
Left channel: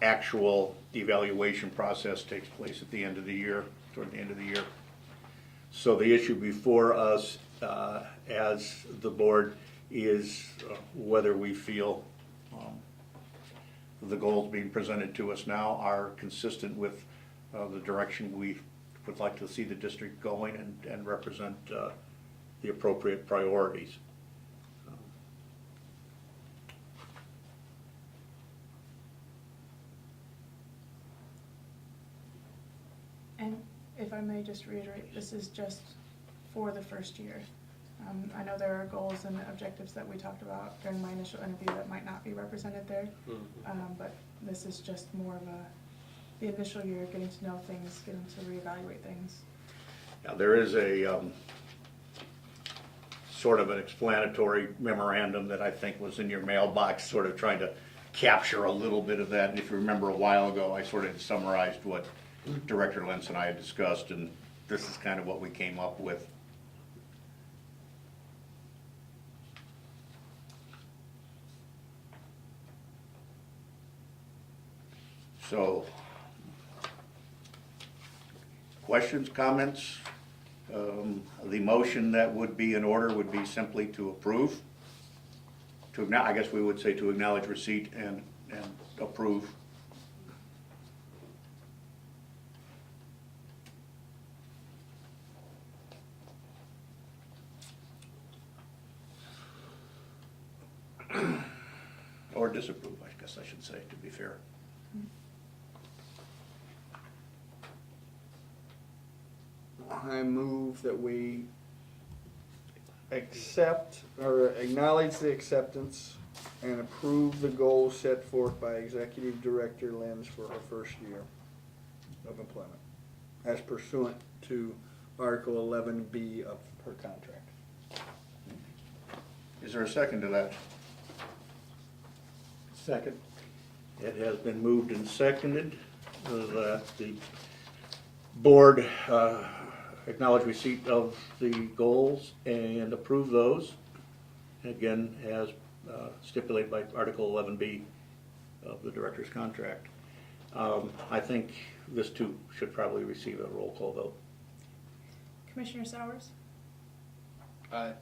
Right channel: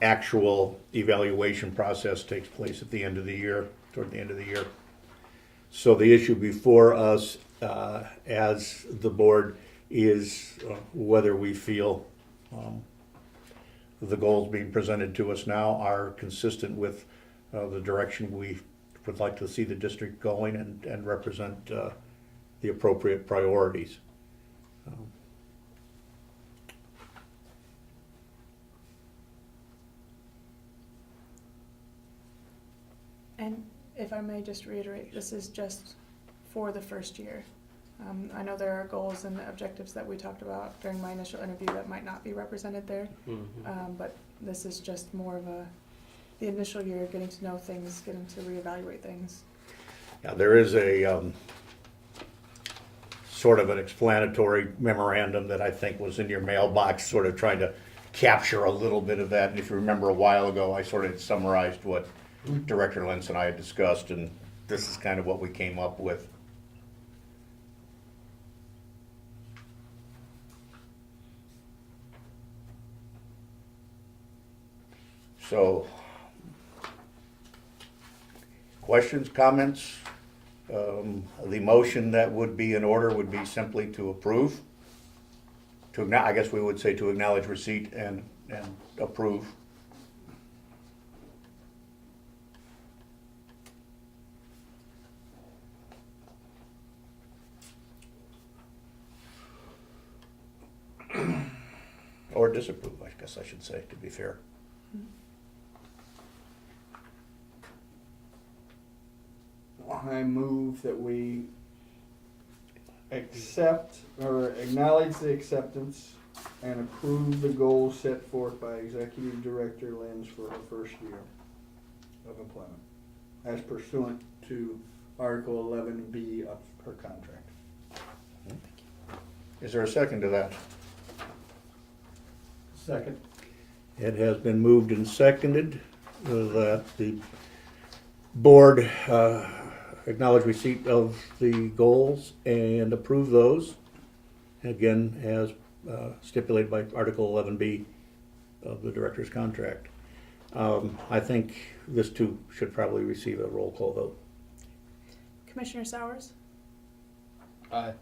actual evaluation process takes place at the end of the year, toward the end of the year. So the issue before us as the board is whether we feel the goals being presented to us now are consistent with the direction we would like to see the district going and represent the appropriate priorities. And if I may just reiterate, this is just for the first year. I know there are goals and objectives that we talked about during my initial interview that might not be represented there, but this is just more of the initial year, getting to know things, getting to reevaluate things. Now, there is a sort of an explanatory memorandum that I think was in your mailbox, sort of trying to capture a little bit of that. And if you remember a while ago, I sort of summarized what Director Lentz and I had discussed, and this is kind of what we came up with. So, questions, comments? The motion that would be in order would be simply to approve. I guess we would say to acknowledge receipt and approve. Or disapprove, I guess I should say, to be fair. I move that we accept or acknowledge the acceptance and approve the goals set forth by Executive Director Lenz for our first year of employment, as pursuant to Article 11B of her contract. Is there a second to that? Second. It has been moved and seconded that the board acknowledge receipt of the goals and approve those, again, as stipulated by Article 11B of the director's contract. I think this too should probably receive a roll call vote. Commissioner Sowers? Aye.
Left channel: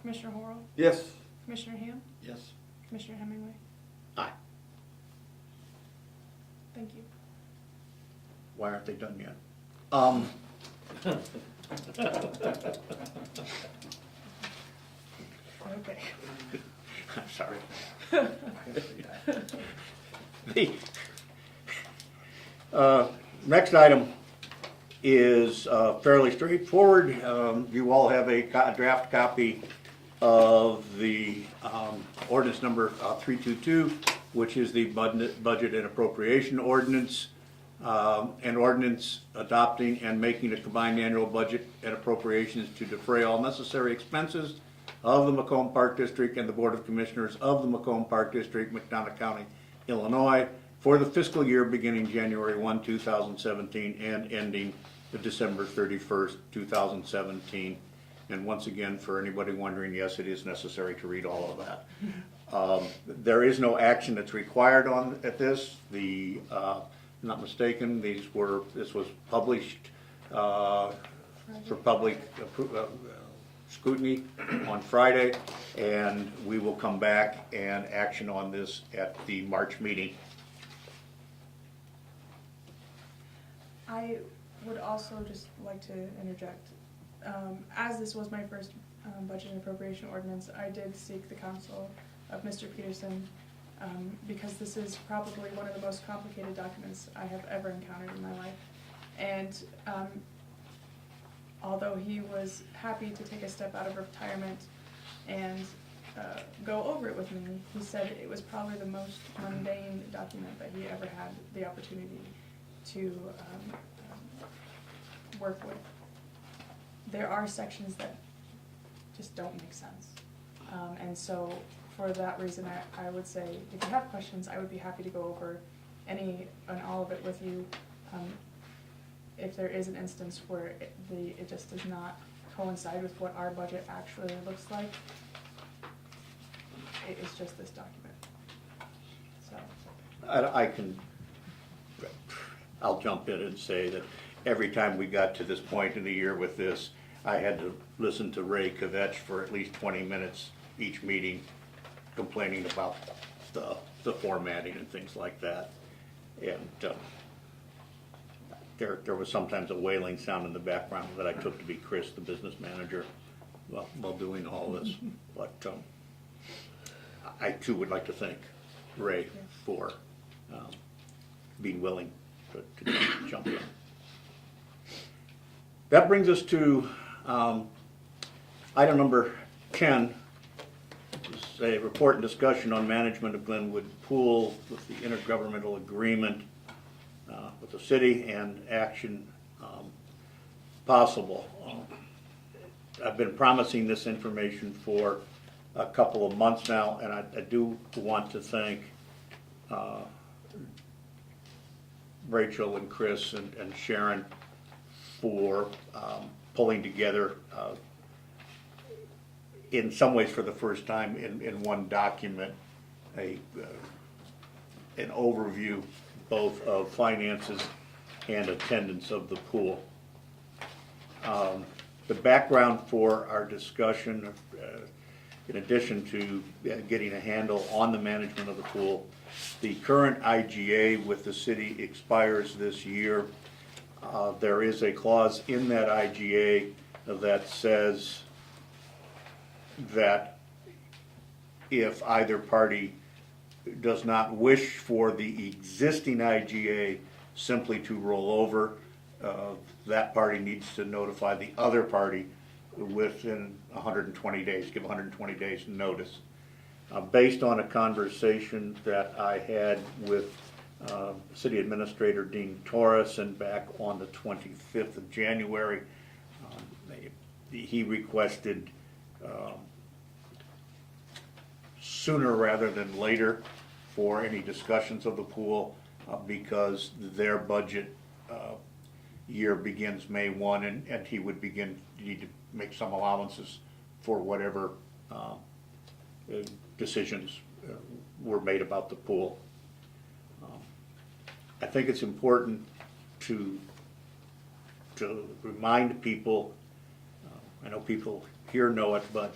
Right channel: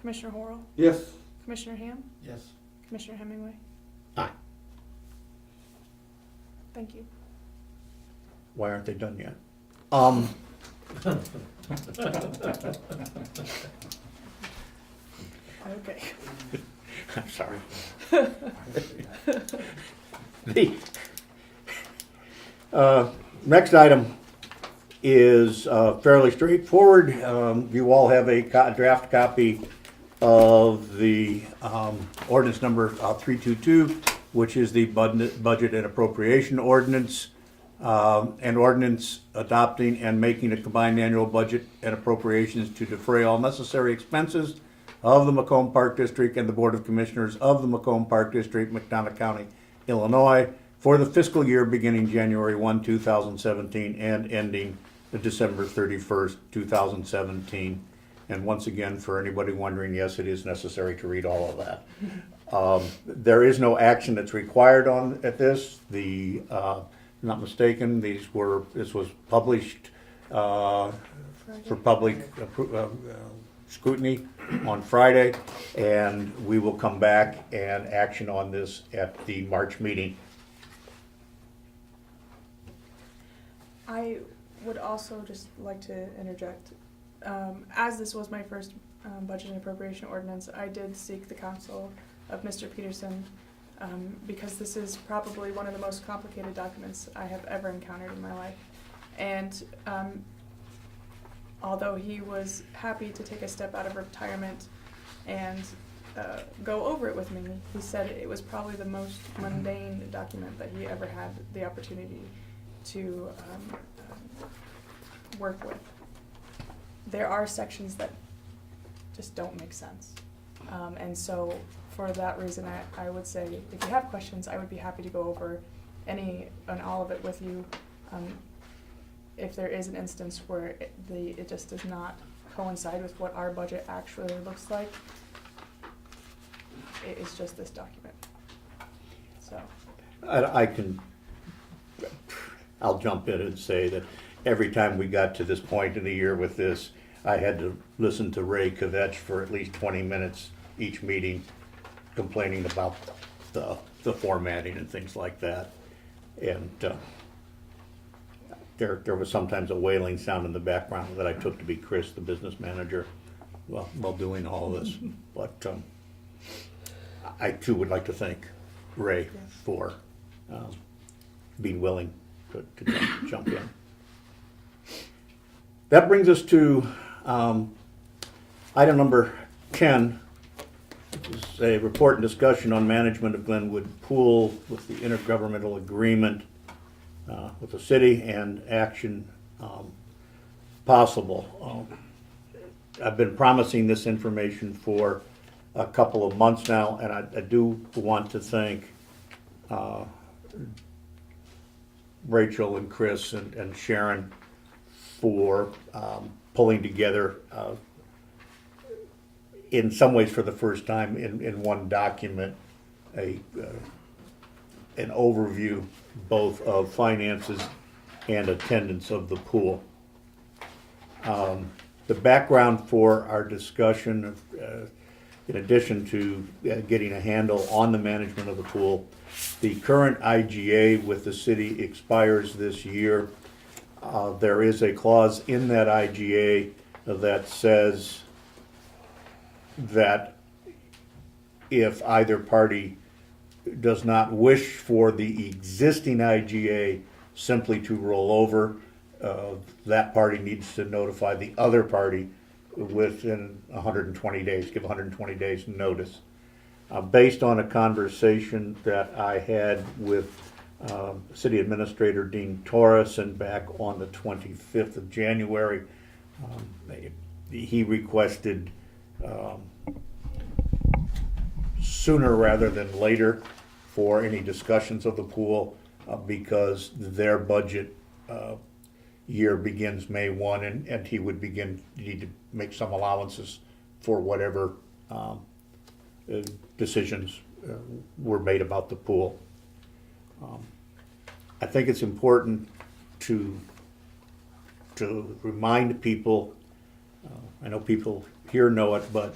Commissioner Horrell? Yes. Commissioner Ham? Yes. Commissioner Hemingway? Aye. Thank you. Why aren't they done yet? Okay. I'm sorry. The next item is fairly straightforward. You all have a draft copy of the ordinance number 322, which is the budget and appropriation ordinance. An ordinance adopting and making a combined annual budget and appropriations to defray all necessary expenses of the Macomb Park District and the Board of Commissioners of the Macomb Park District, McDonough County, Illinois, for the fiscal year beginning January 1, 2017 and ending December 31st, 2017. And once again, for anybody wondering, yes, it is necessary to read all of that. There is no action that's required at this. Not mistaken, this was published for public scrutiny on Friday, and we will come back and action on this at the March meeting. I would also just like to interject. As this was my first budget and appropriation ordinance, I did seek the counsel of Mr. Peterson because this is probably one of the most complicated documents I have ever encountered in my life. And although he was happy to take a step out of retirement and go over it with me, he said it was probably the most mundane document that he ever had the opportunity to work with. There are sections that just don't make sense. And so for that reason, I would say, if you have questions, I would be happy to go over any and all of it with you. If there is an instance where it just does not coincide with what our budget actually looks like, it is just this document. So I'll jump in and say that every time we got to this point in the year with this, I had to listen to Ray Kvetch for at least 20 minutes each meeting, complaining about the formatting and things like that. And there was sometimes a wailing sound in the background that I took to be Chris, the business manager, while doing all this. But I too would like to thank Ray for being willing to jump in. That brings us to item number 10, which is a report and discussion on management of Glenwood Pool with the intergovernmental agreement with the city and action possible. I've been promising this information for a couple of months now, and I do want to thank Rachel and Chris and Sharon for pulling together, in some ways for the first time in one document, an overview both of finances and attendance of the pool. The background for our discussion, in addition to getting a handle on the management of the pool, the current IGA with the city expires this year. There is a clause in that IGA that says that if either party does not wish for the existing IGA simply to roll over, that party needs to notify the other party within 120 days, give 120 days notice. Based on a conversation that I had with City Administrator Dean Torreson back on the 25th of January, he requested sooner rather than later for any discussions of the pool because their budget year begins May 1 and he would need to make some allowances for whatever decisions were made about the pool. I think it's important to remind people, I know people here know it, but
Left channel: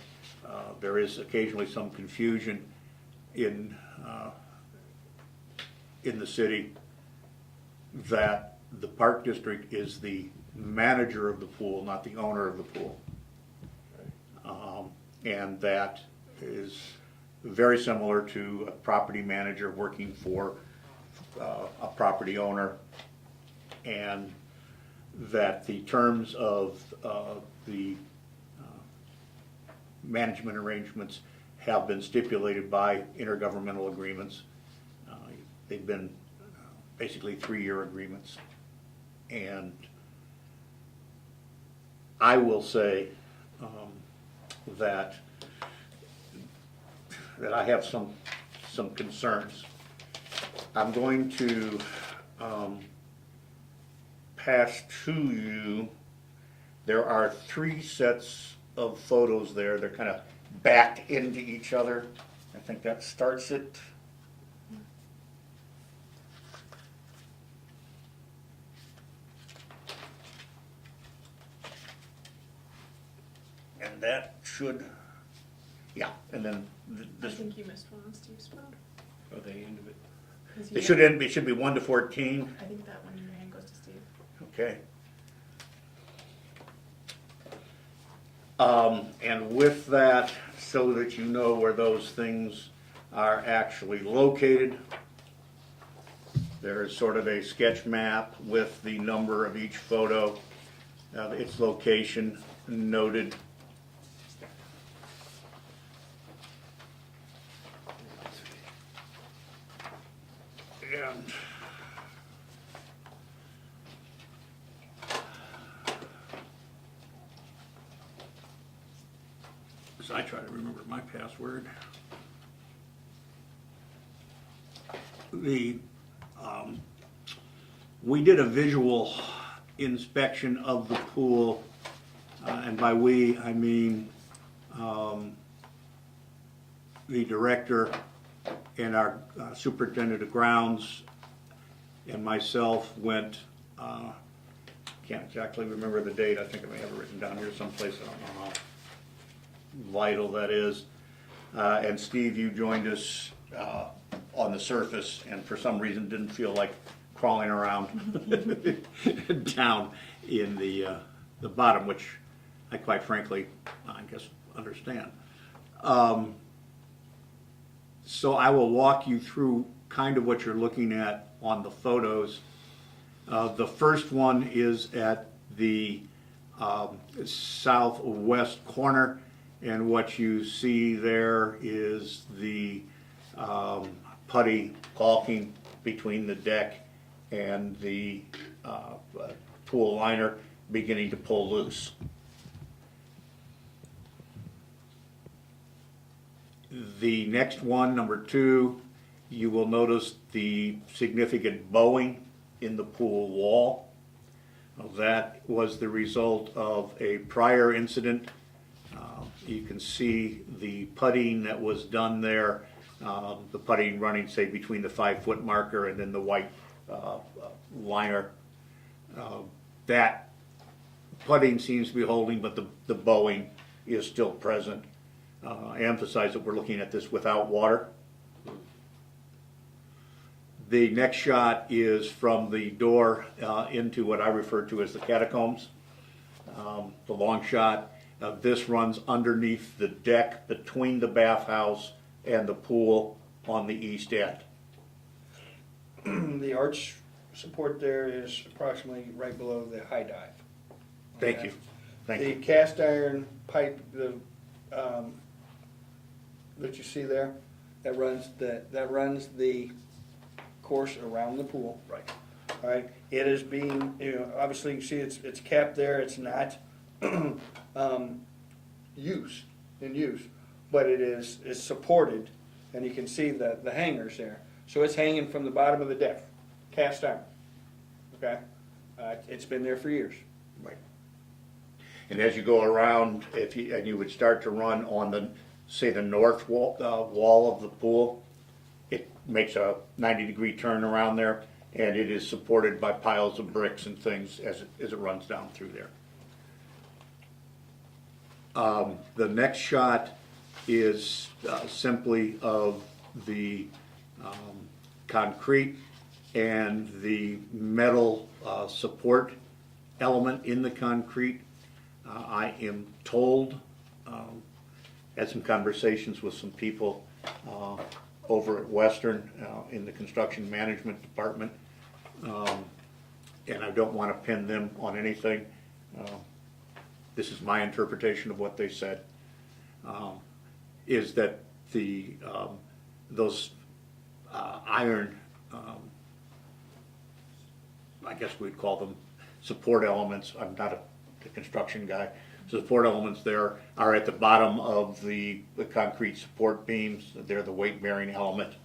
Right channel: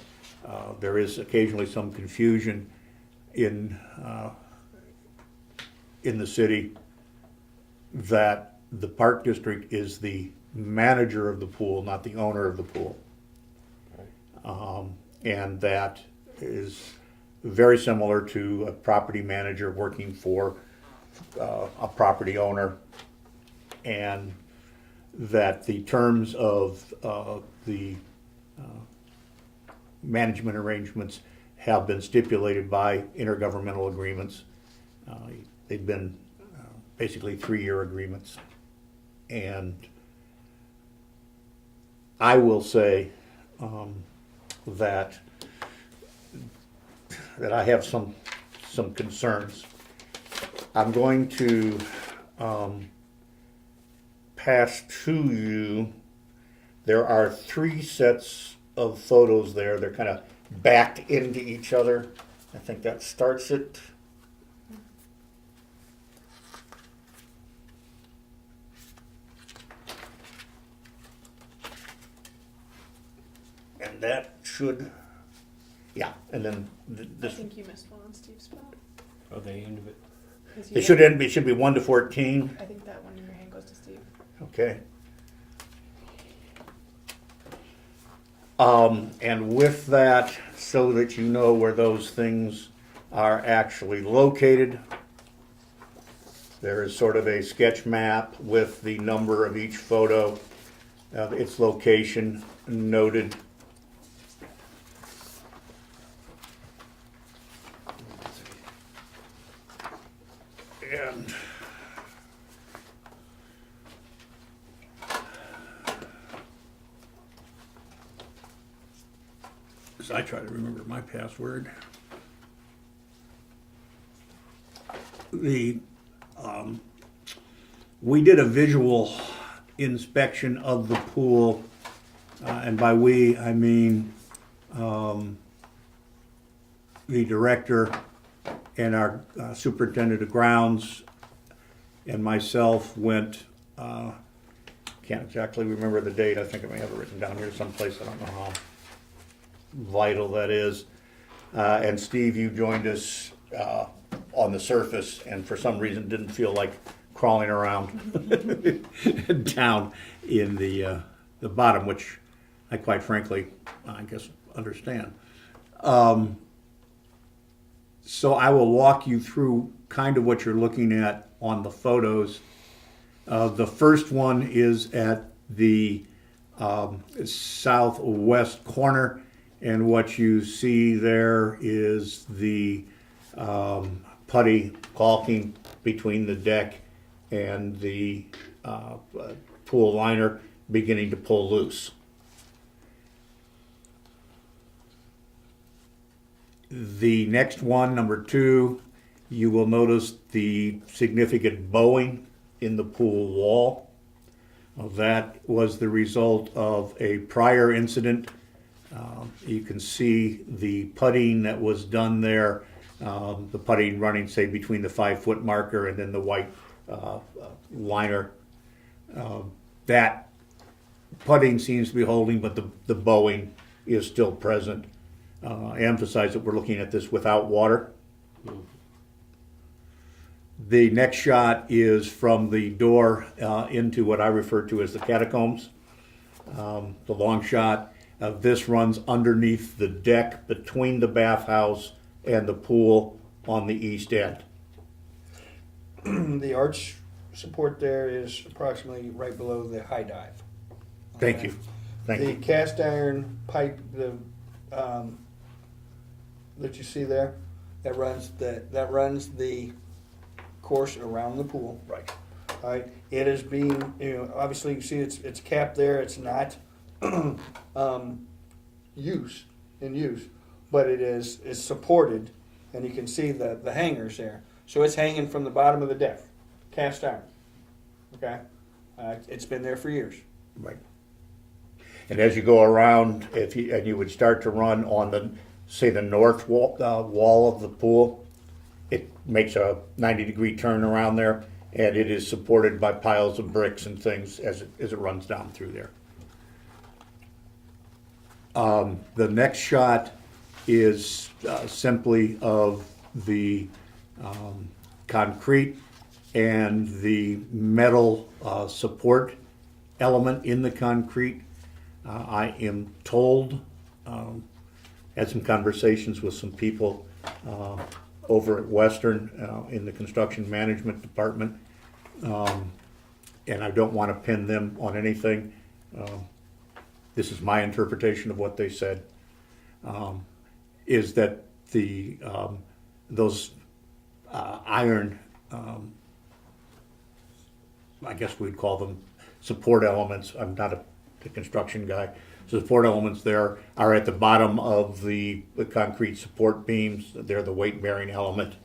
there is occasionally some confusion in the city that the Park District is the manager of the pool, not the owner of the pool. And that is very similar to a property manager working for a property owner, and that the terms of the management arrangements have been stipulated by intergovernmental agreements. They've been basically 3-year agreements. And I will say that I have some concerns. I'm going to pass to you. There are 3 sets of photos there. They're kind of backed into each other. I think that starts it. And that should, yeah, and then I this. think you missed one on Steve's phone. Are they end of it? 'Cause you It should be 1 to 14. I think that one in your hand goes to Steve. Okay. And with that, so that you know where those things are actually located, there is sort of a sketch map with the number of each photo, its location noted. And as I try to remember my password, we did a visual inspection of the pool, and by we I mean the director and our superintendent of grounds and myself went, can't exactly remember the date, I think I may have it written down here someplace, I don't know how vital that is. And Steve, you joined us on the surface, and for some reason didn't feel like crawling around down in the bottom, which I quite frankly, I guess, understand. So I will walk you through kind of what you're looking at on the photos. The first one is at the southwest corner, and what you see there is the putty caulking between the deck and the pool liner beginning to pull loose. The next one, number 2, you will notice the significant bowing in the pool wall. That was the result of a prior incident. You can see the putting that was done there, the putting running, say, between the 5-foot marker and then the white liner. That putting seems to be holding, but the bowing is still present. I emphasize that we're looking at this without water. The next shot is from the door into what I refer to as the catacombs. The long shot. This runs underneath the deck between the bathhouse and the pool on the east end. The arch support there is approximately right below the high dive. Thank you. Thank The you. cast iron pipe, that you see there, that runs the course around the pool. Right. All right. It is being, obviously you see it's capped there. It's not used, but it is supported, and you can see the hangers there. So it's hanging from the bottom of the deck, cast iron. Okay. It's been there for years. Right. And as you go around, you would start to run on the, say, the north wall of the pool, it makes a 90-degree turn around there, and it is supported by piles of bricks and things as it runs down through there. The next shot is simply of the concrete and the metal support element in the concrete. I am told, had some conversations with some people over at Western in the construction management department, and I don't want to pin them on anything. This is my interpretation of what they said, is that those iron, I guess we'd call them support elements. I'm not a construction guy. Support elements there are at the bottom of the concrete support beams. They're the weight-bearing element.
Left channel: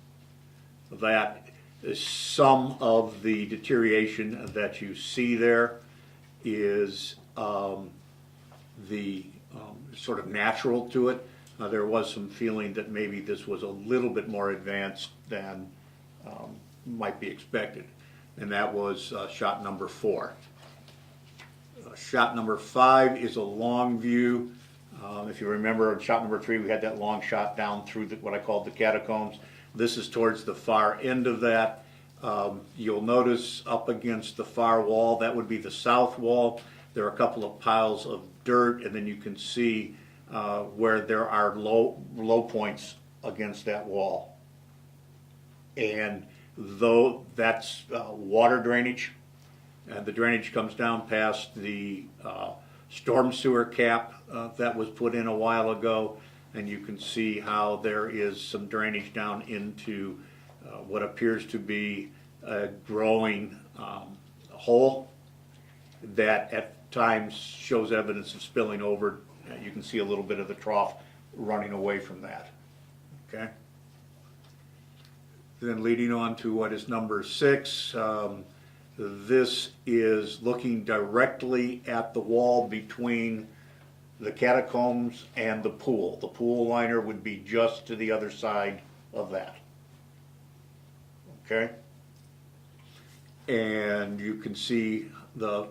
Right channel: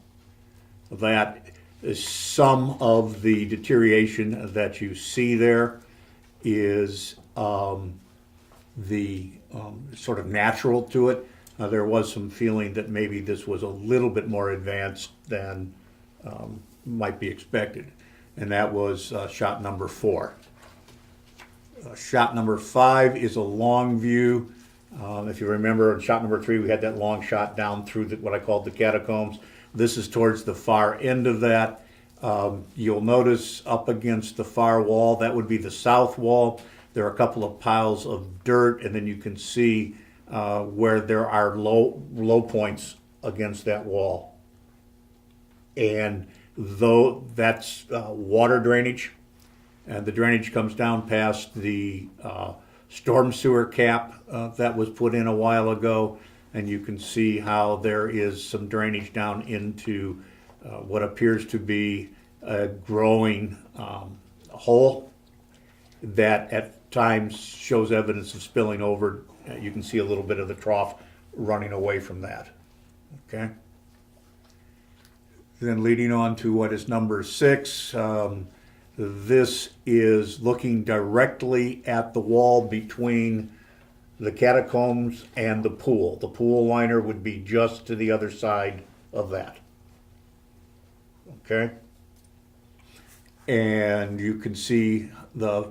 That is some of the deterioration that you see there is the sort of natural to it. There was some feeling that maybe this was a little bit more advanced than might be expected, and that was shot number 4. Shot number 5 is a long view. If you remember, in shot number 3, we had that long shot down through what I called the catacombs. This is towards the far end of that. You'll notice up against the far wall, that would be the south wall. There are a couple of piles of dirt, and then you can see where there are low points against that wall. And though that's water drainage, and the drainage comes down past the storm sewer cap that was put in a while ago, and you can see how there is some drainage down into what appears to be a growing hole that at times shows evidence of spilling over. You can see a little bit of the trough running away from that. Okay. Then leading on to what is number 6. This is looking directly at the wall between the catacombs and the pool. The pool liner would be just to the other side of that. Okay? And you can see the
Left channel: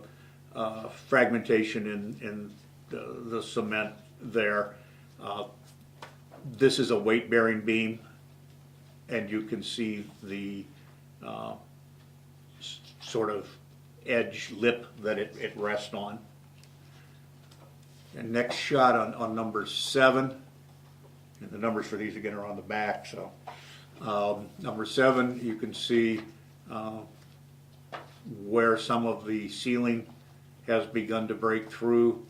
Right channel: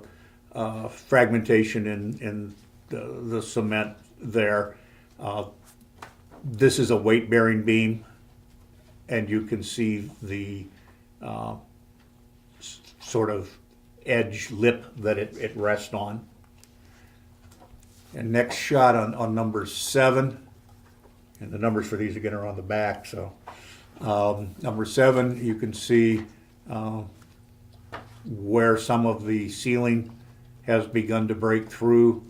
fragmentation in the cement there. This is a weight-bearing beam. and you can see the sort of edge lip that it rests on. And next shot on number 7, and the numbers for these again are on the back. So number 7, you can see where some of the ceiling has begun to break through.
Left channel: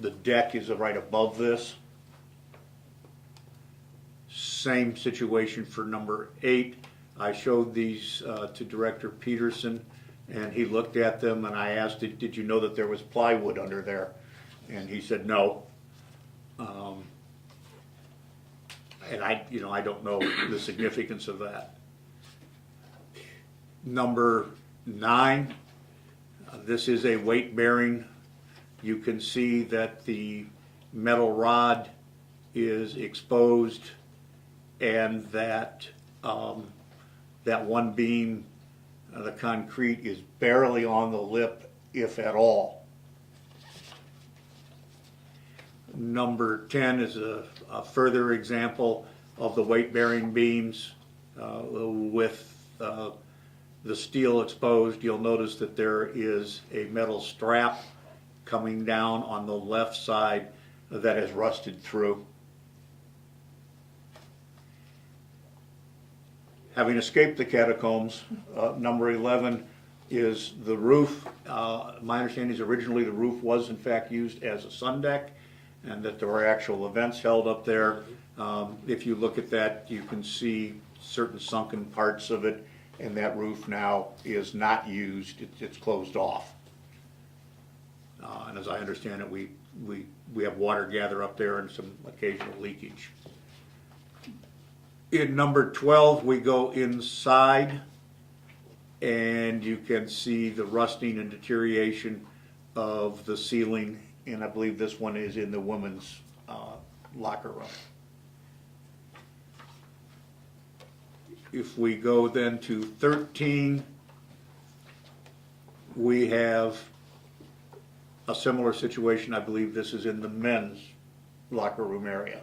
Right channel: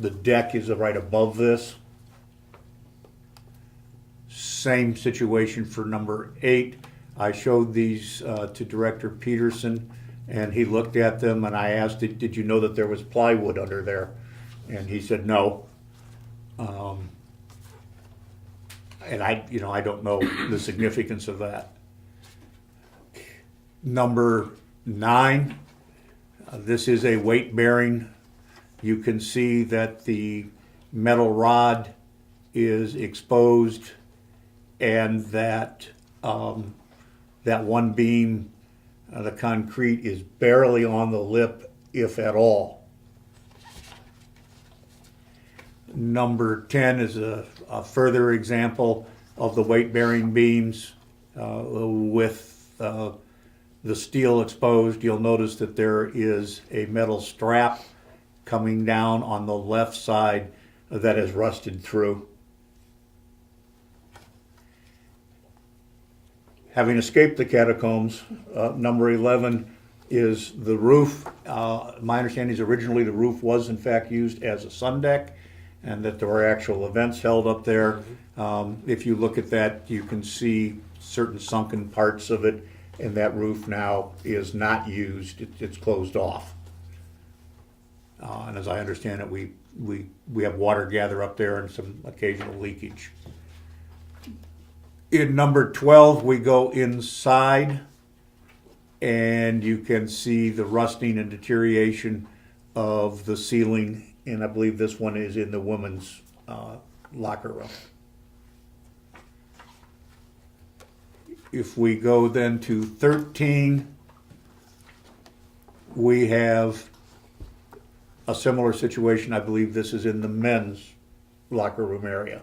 The deck is right above this. Same situation for number 8. I showed these to Director Peterson, and he looked at them, and I asked, did you know that there was plywood under there? And he said no. And I don't know the significance of that. Number 9, this is a weight bearing. You can see that the metal rod is exposed, and that that one beam, the concrete, is barely on the lip, if at all. Number 10 is a further example of the weight-bearing beams with the steel exposed. You'll notice that there is a metal strap coming down on the left side that has rusted through. Having escaped the catacombs, number 11 is the roof. My understanding is originally the roof was in fact used as a sun deck, and that there were actual events held up there. If you look at that, you can see certain sunken parts of it, and that roof now is not used. It's closed off. And as I understand it, we have water gather up there and some occasional leakage. In number 12, we go inside, and you can see the rusting and deterioration of the ceiling, and I believe this one is in the women's locker room. If we go then to 13, we have a similar situation. I believe this is in the men's locker room area.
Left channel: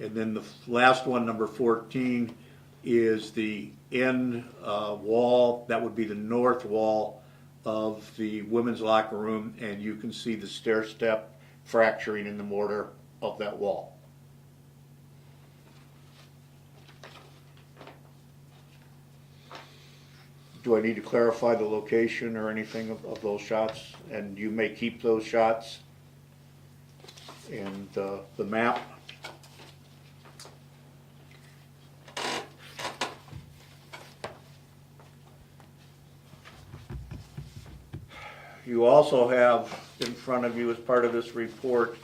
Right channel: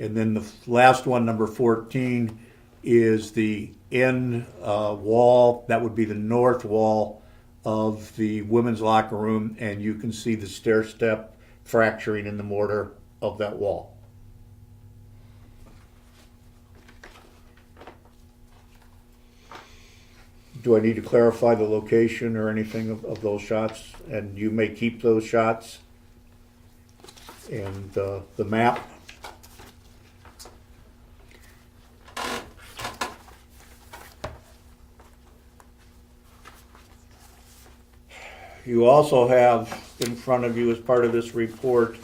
And then the last one, number 14, is the end wall. That would be the north wall of the women's locker room, and you can see the stair step fracturing in the mortar of that wall. Do I need to clarify the location or anything of those shots? And you may keep those shots. And the map. You also have in front of you, as part of this report,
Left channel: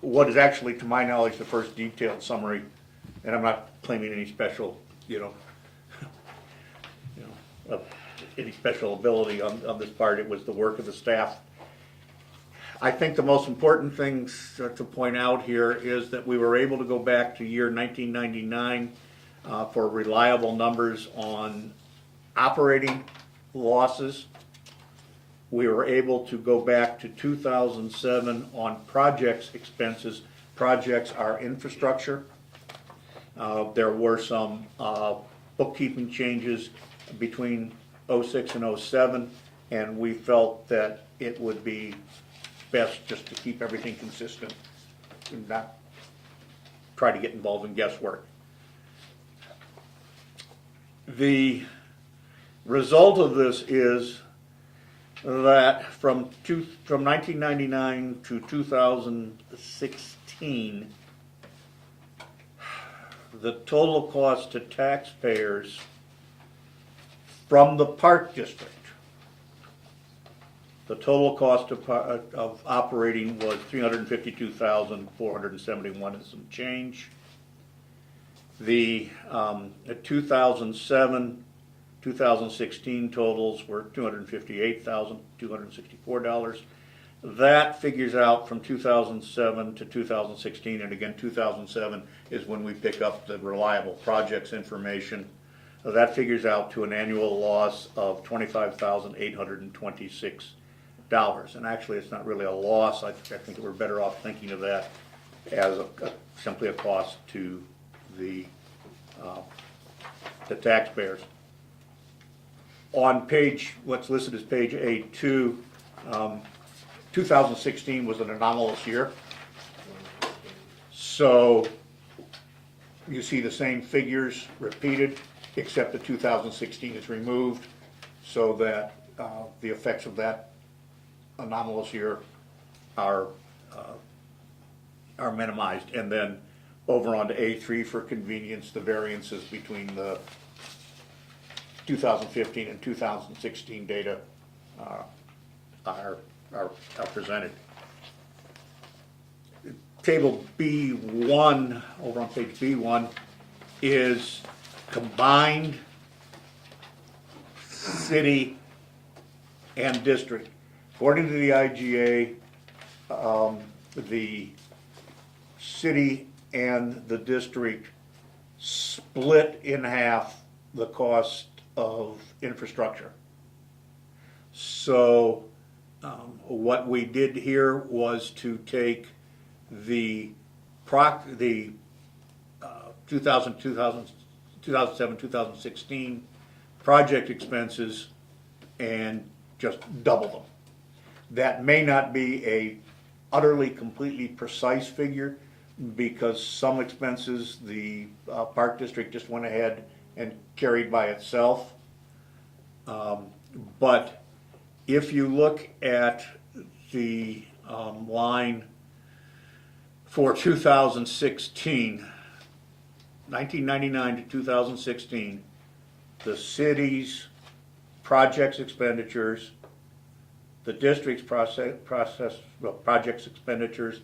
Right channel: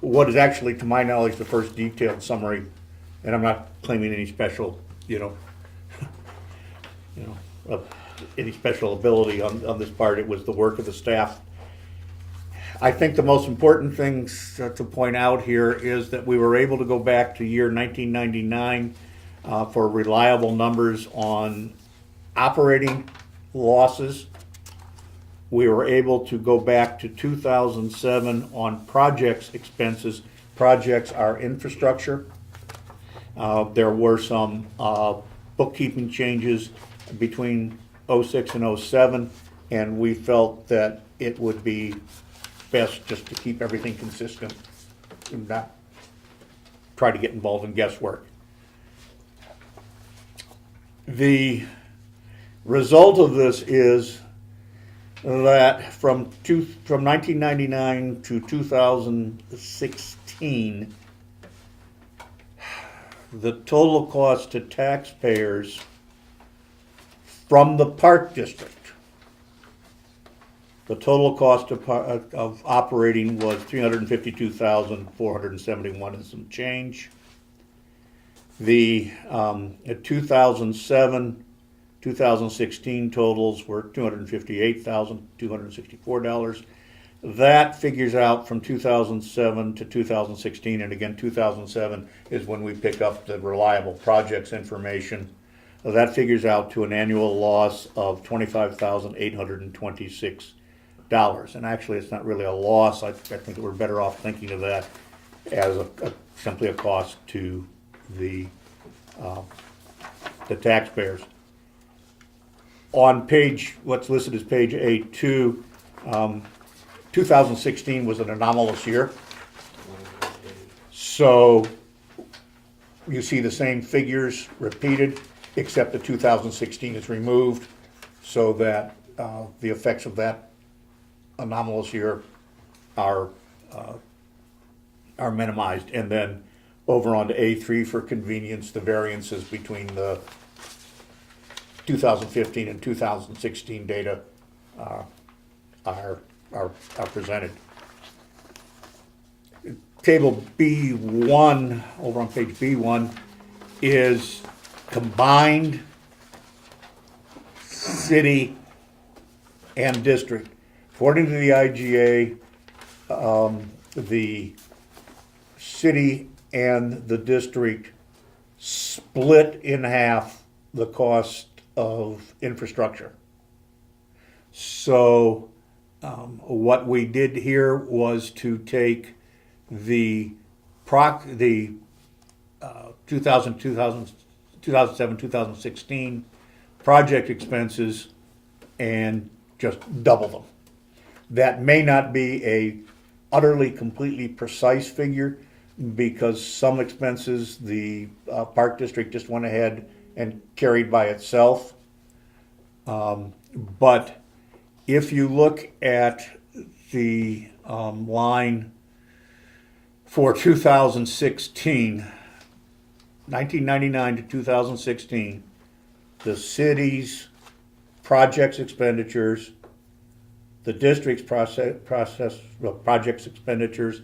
what is actually, to my knowledge, the first detailed summary, and I'm not claiming any special, any special ability on this part. It was the work of the staff. I think the most important thing to point out here is that we were able to go back to year 1999 for reliable numbers on operating losses. We were able to go back to 2007 on projects expenses. Projects are infrastructure. There were some bookkeeping changes between 06 and 07, and we felt that it would be best just to keep everything consistent and not try to get involved in guesswork. The result of this is that from 1999 to 2016, the total cost to taxpayers from the Park District, the total cost of operating was $352,471 and some change. The 2007-2016 totals were $258,264. That figures out from 2007 to 2016, and again 2007 is when we pick up the reliable projects information. That figures out to an annual loss of $25,826. And actually, it's not really a loss. I think that we're better off thinking of that as simply a cost to the taxpayers. On page, what's listed as page A2, 2016 was an anomalous year. So you see the same figures repeated, except the 2016 is removed so that the effects of that anomalous year are minimized. And then over on to A3 for convenience, the variances between the 2015 and 2016 data are presented. Table B1, over on page B1, is combined city and district. According to the IGA, the city and the district split in half the cost of infrastructure. So what we did here was to take the 2007-2016 project expenses and just double them. That may not be a utterly completely precise figure, because some expenses the park district just went ahead and carried by itself. But if you look at the line for 2016, 1999 to 2016, the city's projects expenditures, the district's projects expenditures,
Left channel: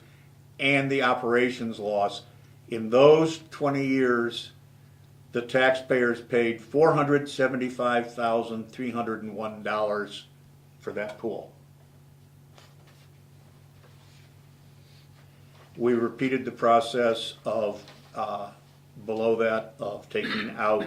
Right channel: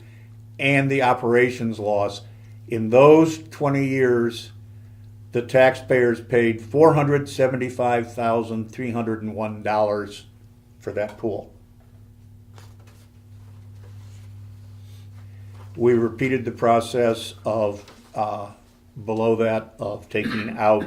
and the operations loss. In those 20 years, the taxpayers paid $475,301 for that pool. We repeated the process of below that of taking out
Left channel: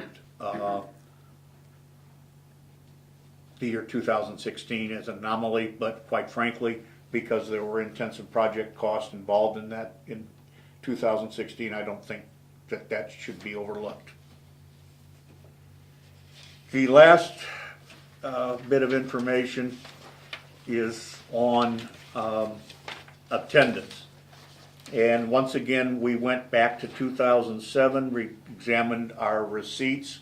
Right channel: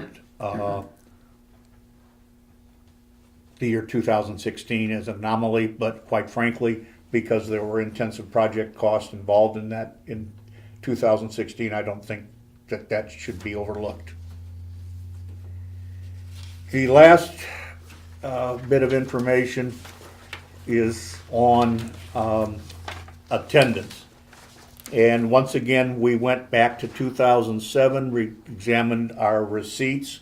the year 2016 as an anomaly, but quite frankly, because there were intensive project costs involved in that in 2016, I don't think that should be overlooked. The last bit of information is on attendance. And once again, we went back to 2007, re-examined our receipts,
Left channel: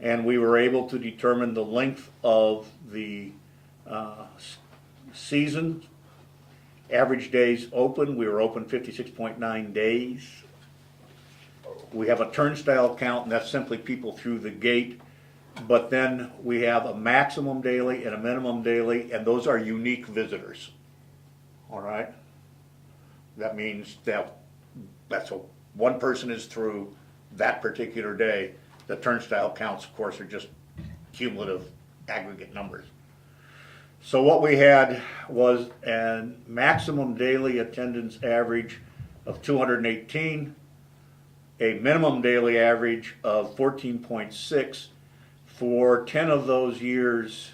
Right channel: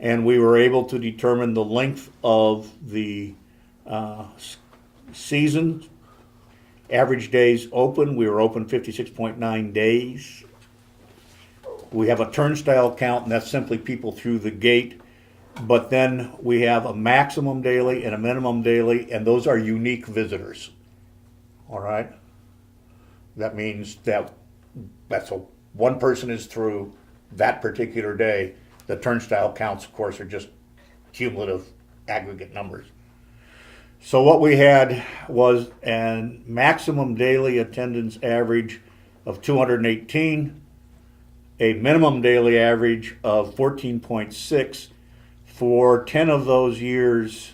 and we were able to determine the length of the season. Average days open, we were open 56.9 days. We have a turnstile count, and that's simply people through the gate. But then we have a maximum daily and a minimum daily, and those are unique visitors. All right? That means that one person is through that particular day. The turnstile counts, of course, are just cumulative aggregate numbers. So what we had was a maximum daily attendance average of 218, a minimum daily average of 14.6. For 10 of those years,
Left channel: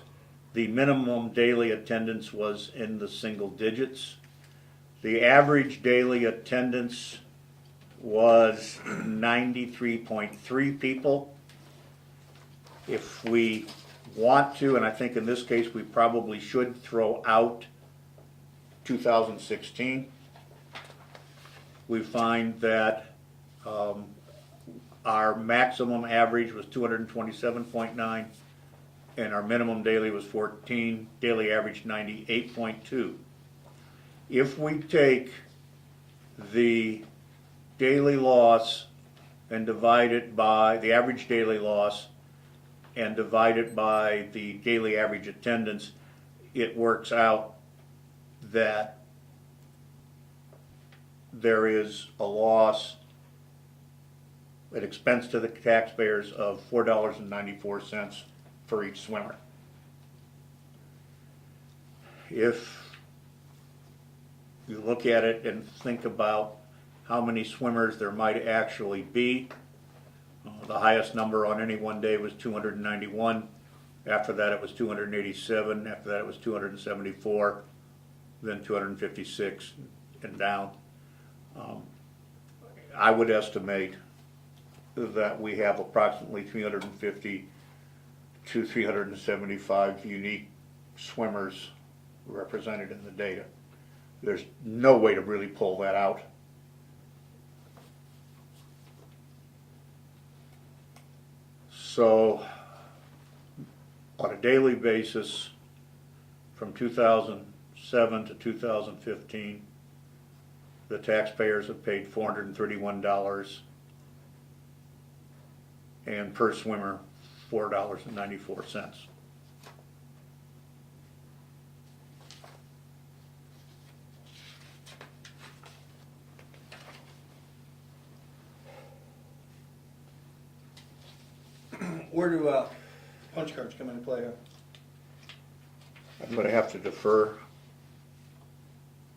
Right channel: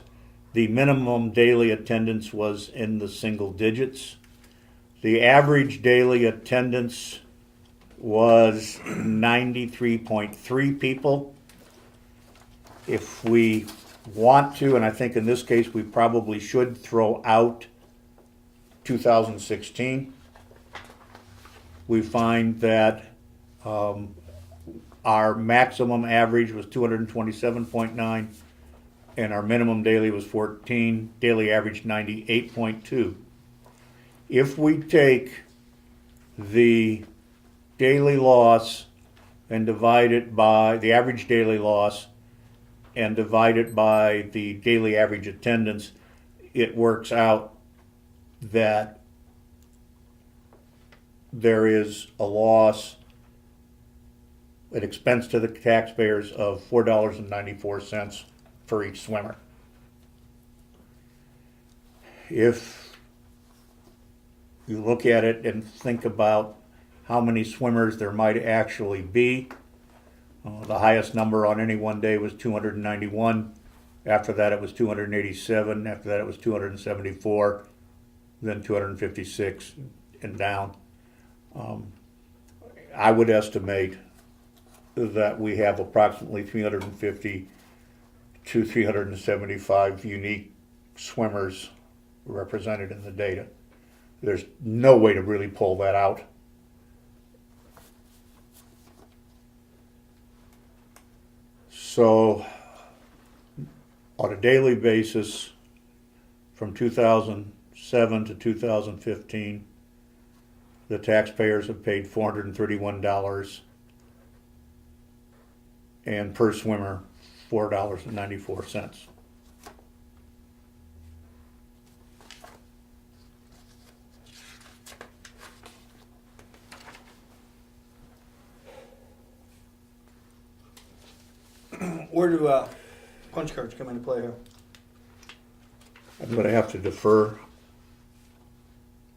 the minimum daily attendance was in the single digits. The average daily attendance was 93.3 people. If we want to, and I think in this case we probably should throw out 2016, we find that our maximum average was 227.9 and our minimum daily was 14, daily average 98.2. If we take the daily loss and divide it by the average daily loss and divide it by the daily average attendance, it works out that there is a loss, an expense to the taxpayers of $4.94 for each swimmer. If you look at it and think about how many swimmers there might actually be, the highest number on any one day was 291. After that it was 287. After that it was 274. Then 256 and down. I would estimate that we have approximately 350 to 375 unique swimmers represented in the data. There's no way to really pull that out. So, on a daily basis, from 2007 to 2015, the taxpayers have paid $431, and per swimmer, $4.94. Where do punch cards come into play here? I'm going to have to defer.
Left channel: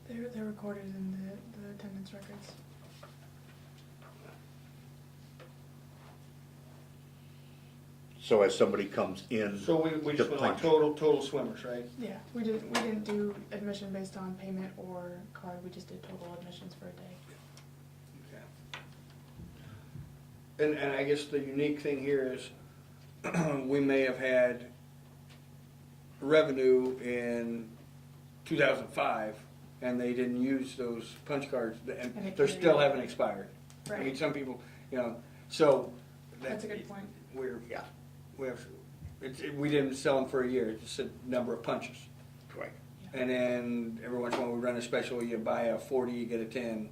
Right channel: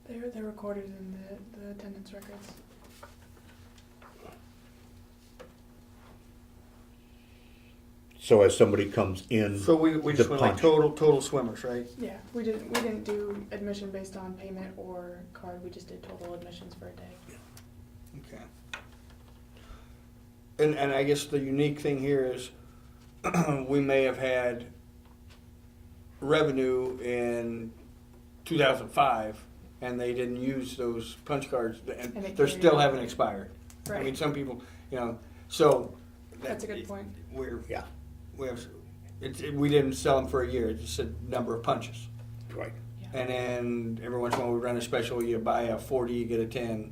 They're recorded in the attendance records. So as somebody comes in, So we just The went like punch. total swimmers, right? Yeah, we didn't do admission based on payment or card. We just did total admissions for a day. Okay. And I guess the unique thing here is we may have had revenue in 2005 and they didn't use those punch cards and And it they carried still over. haven't expired. Right. I mean, some people, so. That's a good point. yeah, We didn't sell them for a year, it's just a number of punches. right. And then every once in a while we run a special, you buy a 40, you get a 10.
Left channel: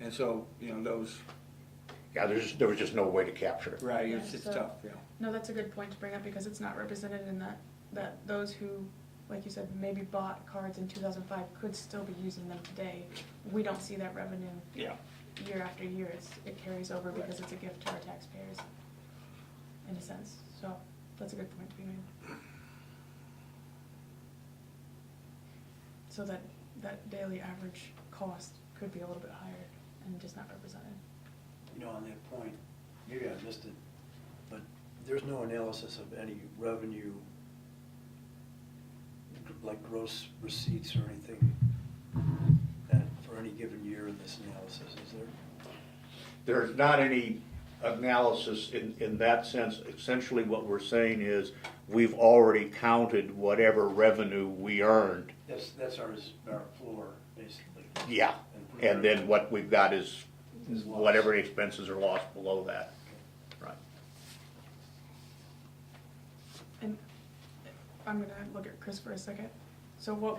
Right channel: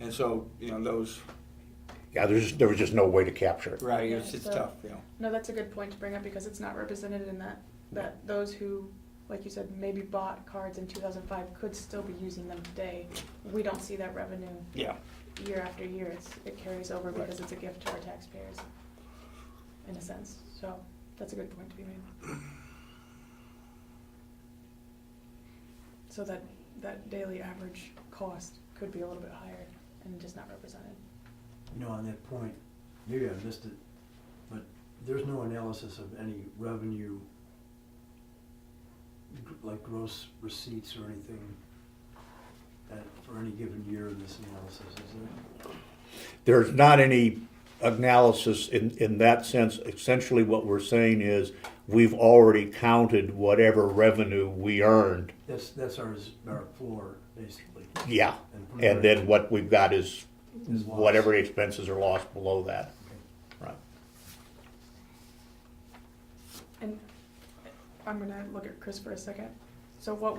And so, those, Yeah, there was just no way to capture it. right, Yeah, it's so- tough, No, that's a good point to bring up because it's not represented in that those who, like you said, maybe bought cards in 2005 could still be using them today. We don't see that revenue Yeah. year after year. It carries over because it's a gift to our taxpayers, in a sense. So that's a good point to be made. So that daily average cost could be a little bit higher and just not represented. On that point, maybe I missed it, but there's no analysis of any revenue, like gross receipts or anything for any given year in this analysis, is there? There's not any analysis in that sense. Essentially what we're saying is we've already counted whatever revenue we earned. That's our floor, basically. Yeah, and then what we've got is Is lost. whatever expenses are lost below that. Right. And I'm gonna look at Chris for a second. So what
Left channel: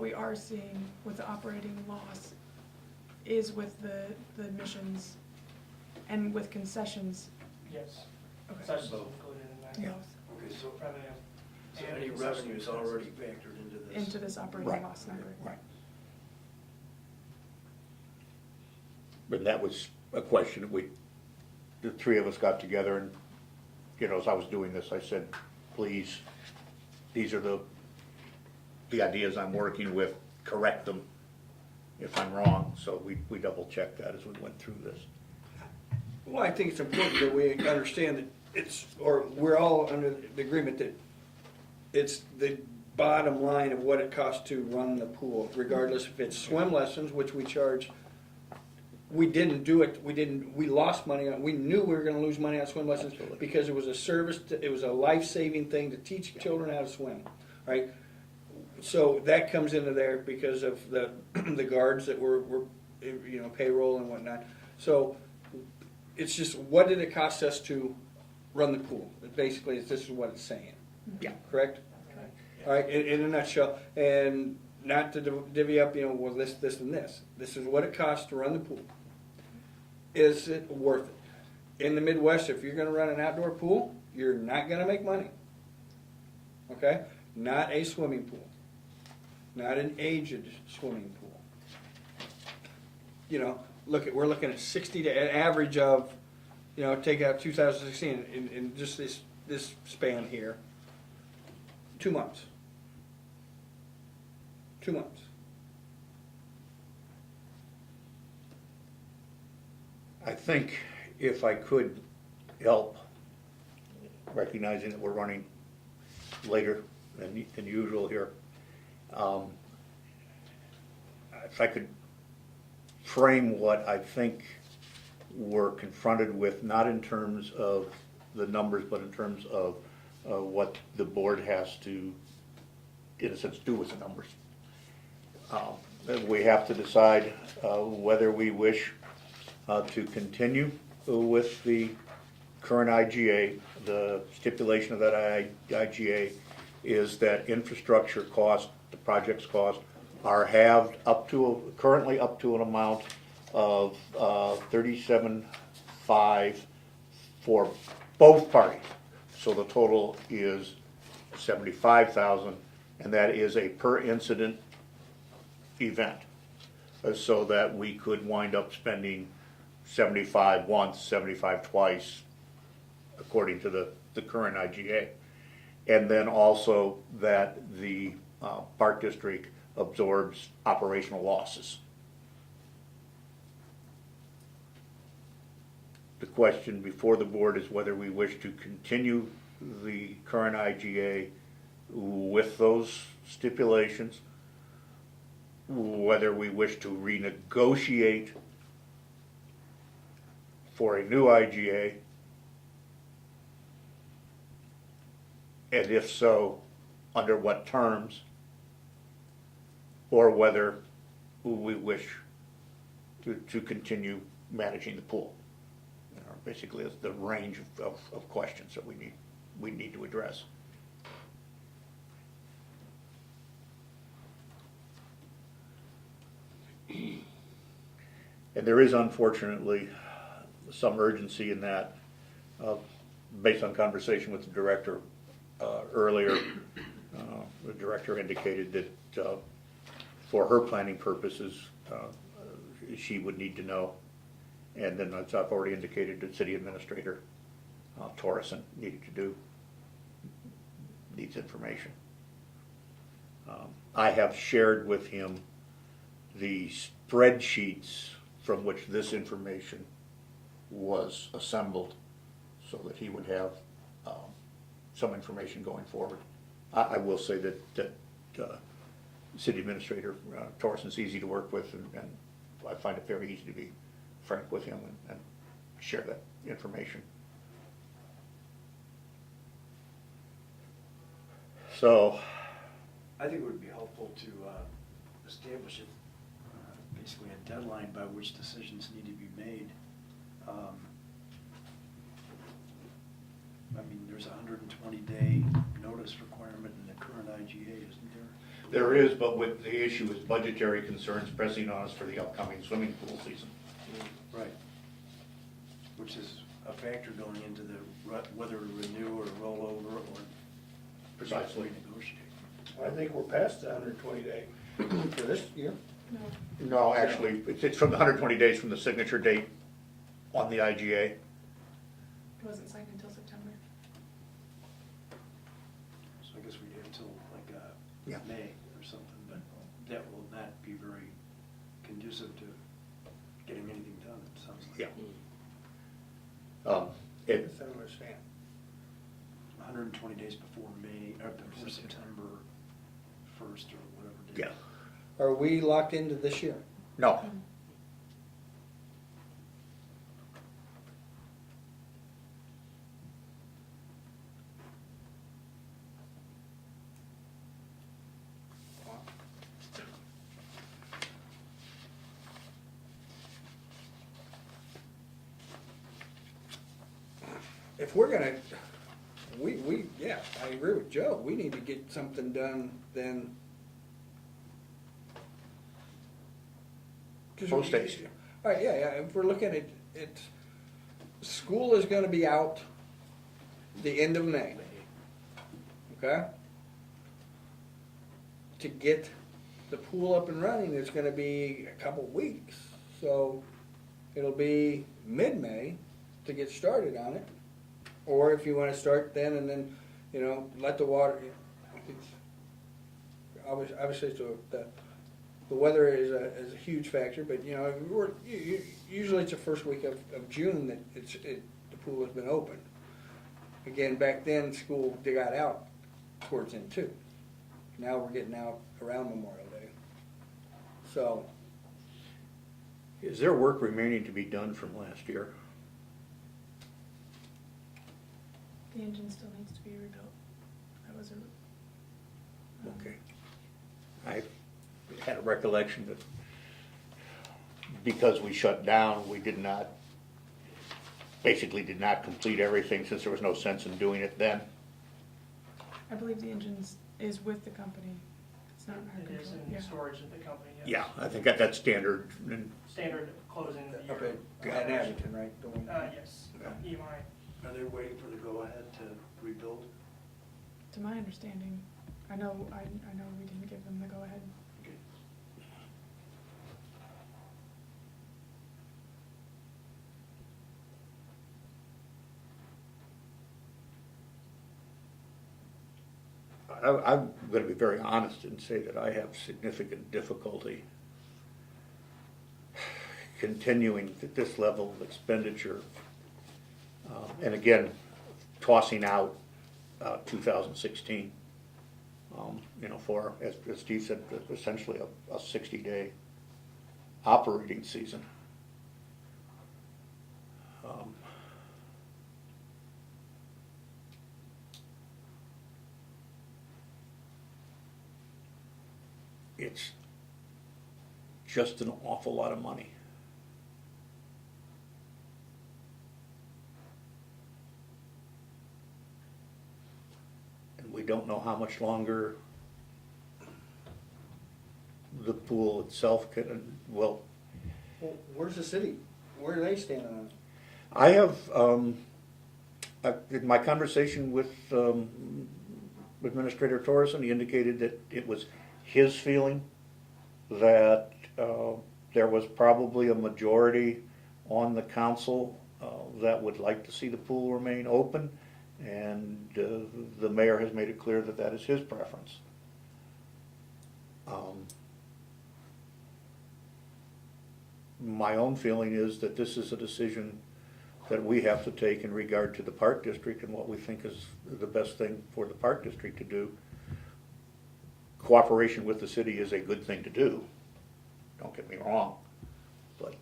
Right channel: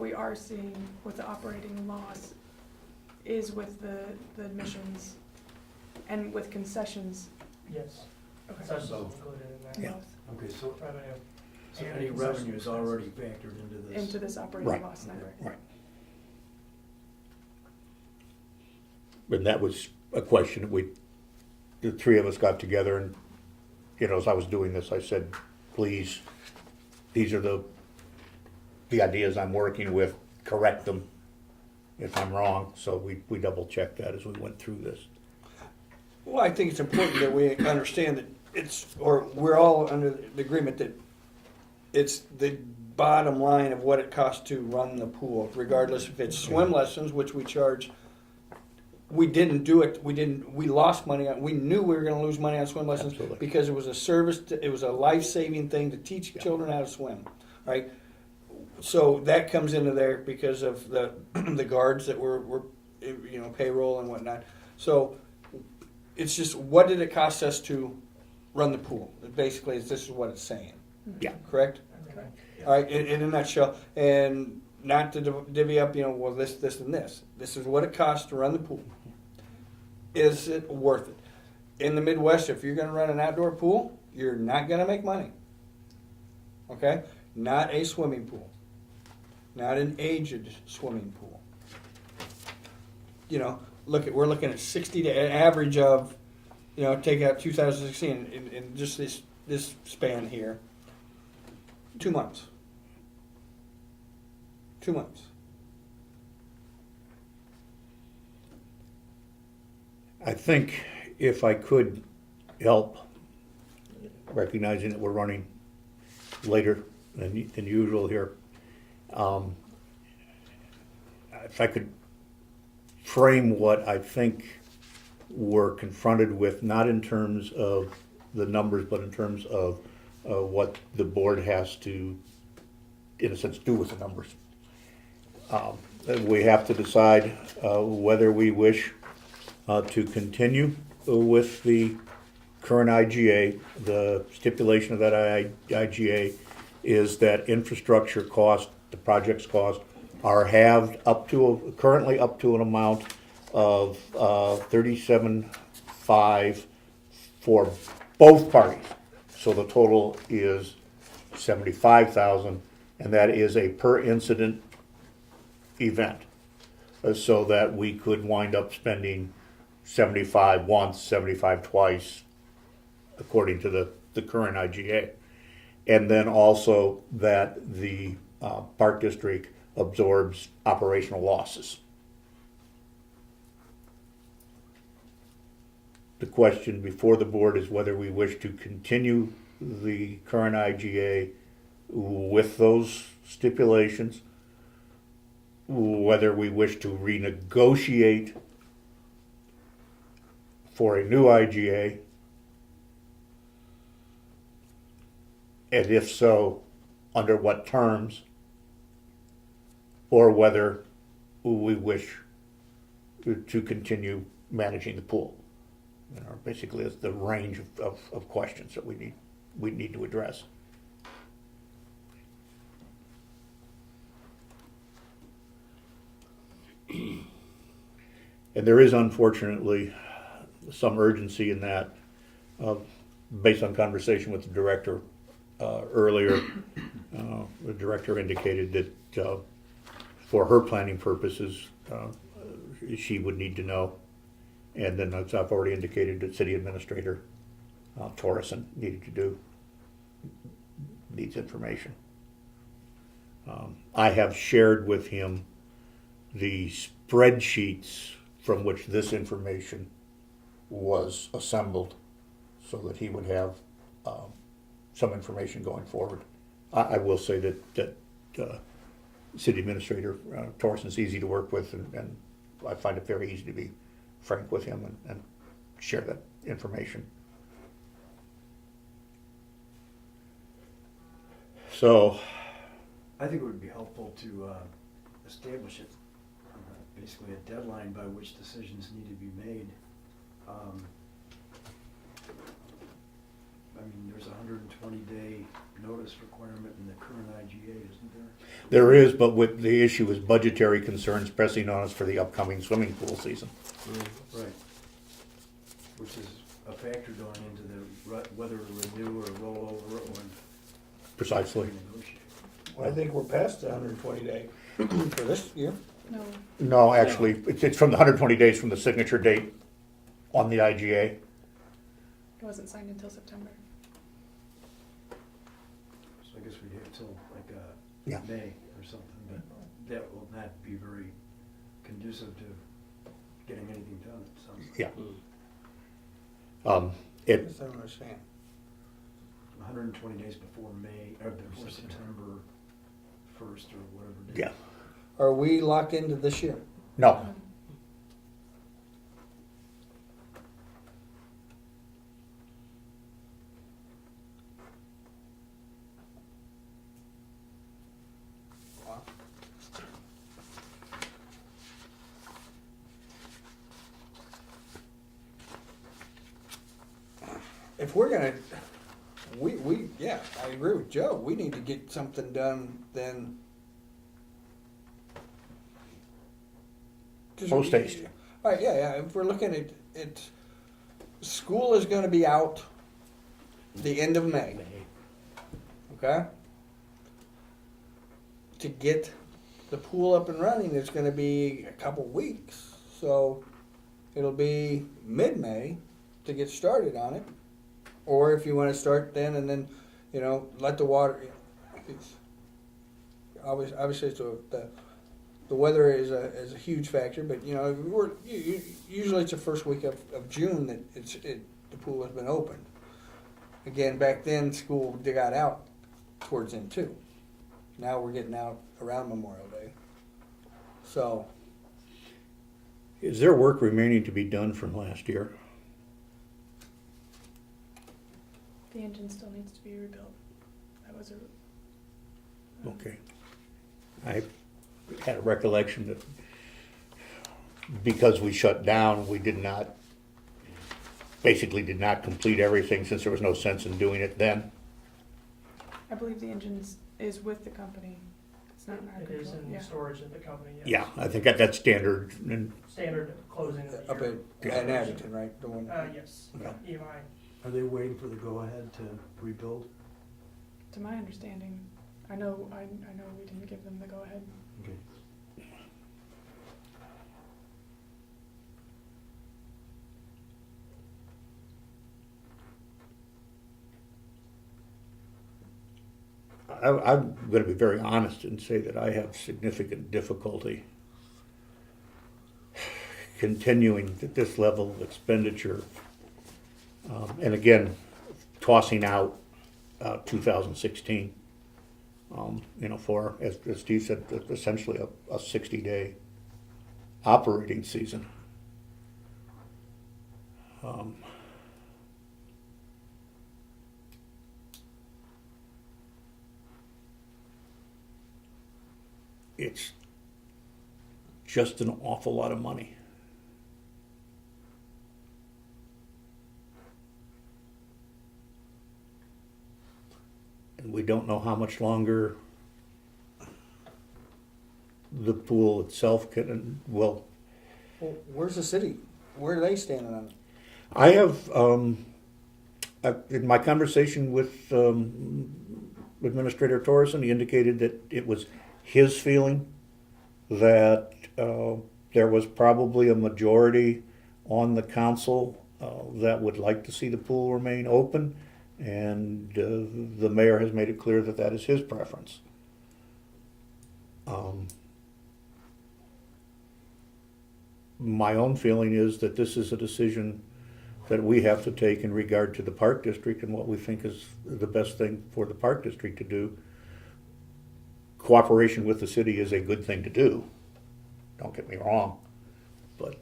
we are seeing with the operating loss is with the admissions and with concessions. Yes, Okay. such is included in that. Yeah. Okay, so Revenue. any And revenue is concessions. already factored into this? Into this operating Right. loss number. Right. And that was a question that the three of us got together and, as I was doing this, I said, please, these are the ideas I'm working with, correct them if I'm wrong. So we double checked that as we went through this. Well, I think it's important that we understand that we're all under the agreement that it's the bottom line of what it costs to run the pool, regardless if it's swim lessons, which we charge. We didn't do it, we lost money on, we knew we were gonna lose money on swim lessons Absolutely. because it was a service, it was a life-saving thing to teach children how to swim, right? So that comes into there because of the guards that were payroll and whatnot. So it's just, what did it cost us to run the pool? Basically, this is what it's saying, Yeah. correct? Okay. All right, in a nutshell, and not to divvy up, well, this, and this. This is what it costs to run the pool. Is it worth it? In the Midwest, if you're gonna run an outdoor pool, you're not gonna make money. Okay? Not a swimming pool. Not an aged swimming pool. We're looking at 60 to an average of, take out 2016 in just this span here. 2 months. 2 months. I think if I could help, recognizing that we're running later than usual here, if I could frame what I think were confronted with, not in terms of the numbers, but in terms of what the board has to, in a sense, do with the numbers. We have to decide whether we wish to continue with the current IGA. The stipulation of that IGA is that infrastructure cost, the project's cost, are halved currently up to an amount of $37,500 for both parties. So the total is $75,000, and that is a per incident event. So that we could wind up spending 75 once, 75 twice, according to the current IGA. And then also that the Park District absorbs operational losses. The question before the board is whether we wish to continue the current IGA with those stipulations, whether we wish to renegotiate for a new IGA, and if so, under what terms, or whether we wish to continue managing the pool. Basically, it's the range of questions that we need to address. And there is unfortunately some urgency in that, based on conversation with the director earlier. The director indicated that for her planning purposes, she would need to know. And then, as I've already indicated, that City Administrator Torreson needs information. I have shared with him the spreadsheets from which this information was assembled, so that he would have some information going forward. I will say that City Administrator Torreson's easy to work with, and I find it very easy to be frank with him and share that information. So, I think it would be helpful to establish basically a deadline by which decisions need to be made. I mean, there's a 120-day notice requirement in the current IGA, isn't there? there is, but with the issue is budgetary concerns pressing on us for the upcoming swimming pool season. Right. Which is a factor going into whether to renew or roll over or Precisely. renegotiate. Well, I think we're past the 120 day for this year. No. No, actually, it's from the 120 days from the signature date on the IGA. It wasn't signed until September. So I guess we'd have till Yeah. May or something, but that will not be very conducive to getting anything done, it sounds like. Yeah. I don't understand. 120 days before May, or before September 1st or whatever date. Yeah. Are we locked into this year? No. If we're gonna, yeah, I agree with Joe. We need to get something done then. Post haste. All right, yeah. If we're looking at it, school is gonna be out the end of May, okay? To get the pool up and running, it's gonna be a couple weeks. So it'll be mid-May to get started on it. Or if you wanna start then and then, let the water, obviously the weather is a huge factor, but usually it's the first week of June that the pool has been opened. Again, back then, school got out towards then too. Now we're getting out around Memorial Day. So, Is there work remaining to be done from last year? The engine still needs to be rebuilt. That was a, Okay. I had a recollection that because we shut down, we basically did not complete everything since there was no sense in doing it then. I believe the engine is with the company. It's not in our It is control. in Yeah. storage at the company, yes. Yeah, I think that's standard, and Standard closing of the Up year. at Abington, right? The one. Yes, Yeah. EMI. Are they waiting for the go-ahead to rebuild? To my understanding, I know we didn't give them the go-ahead. Okay. I'm going to be very honest and say that I have significant difficulty continuing at this level of expenditure. And again, tossing out 2016, for, as Steve said, essentially a 60-day operating season. It's just an awful lot of money. And we don't know how much longer the pool itself will. Well, where's the city? Where are they standing on it? I have, in my conversation with Administrator Torreson, he indicated that it was his feeling that there was probably a majority on the council that would like to see the pool remain open, and the mayor has made it clear that that is his preference. My own feeling is that this is a decision that we have to take in regard to the Park District and what we think is the best thing for the Park District to do. Cooperation with the city is a good thing to do, don't get me wrong, but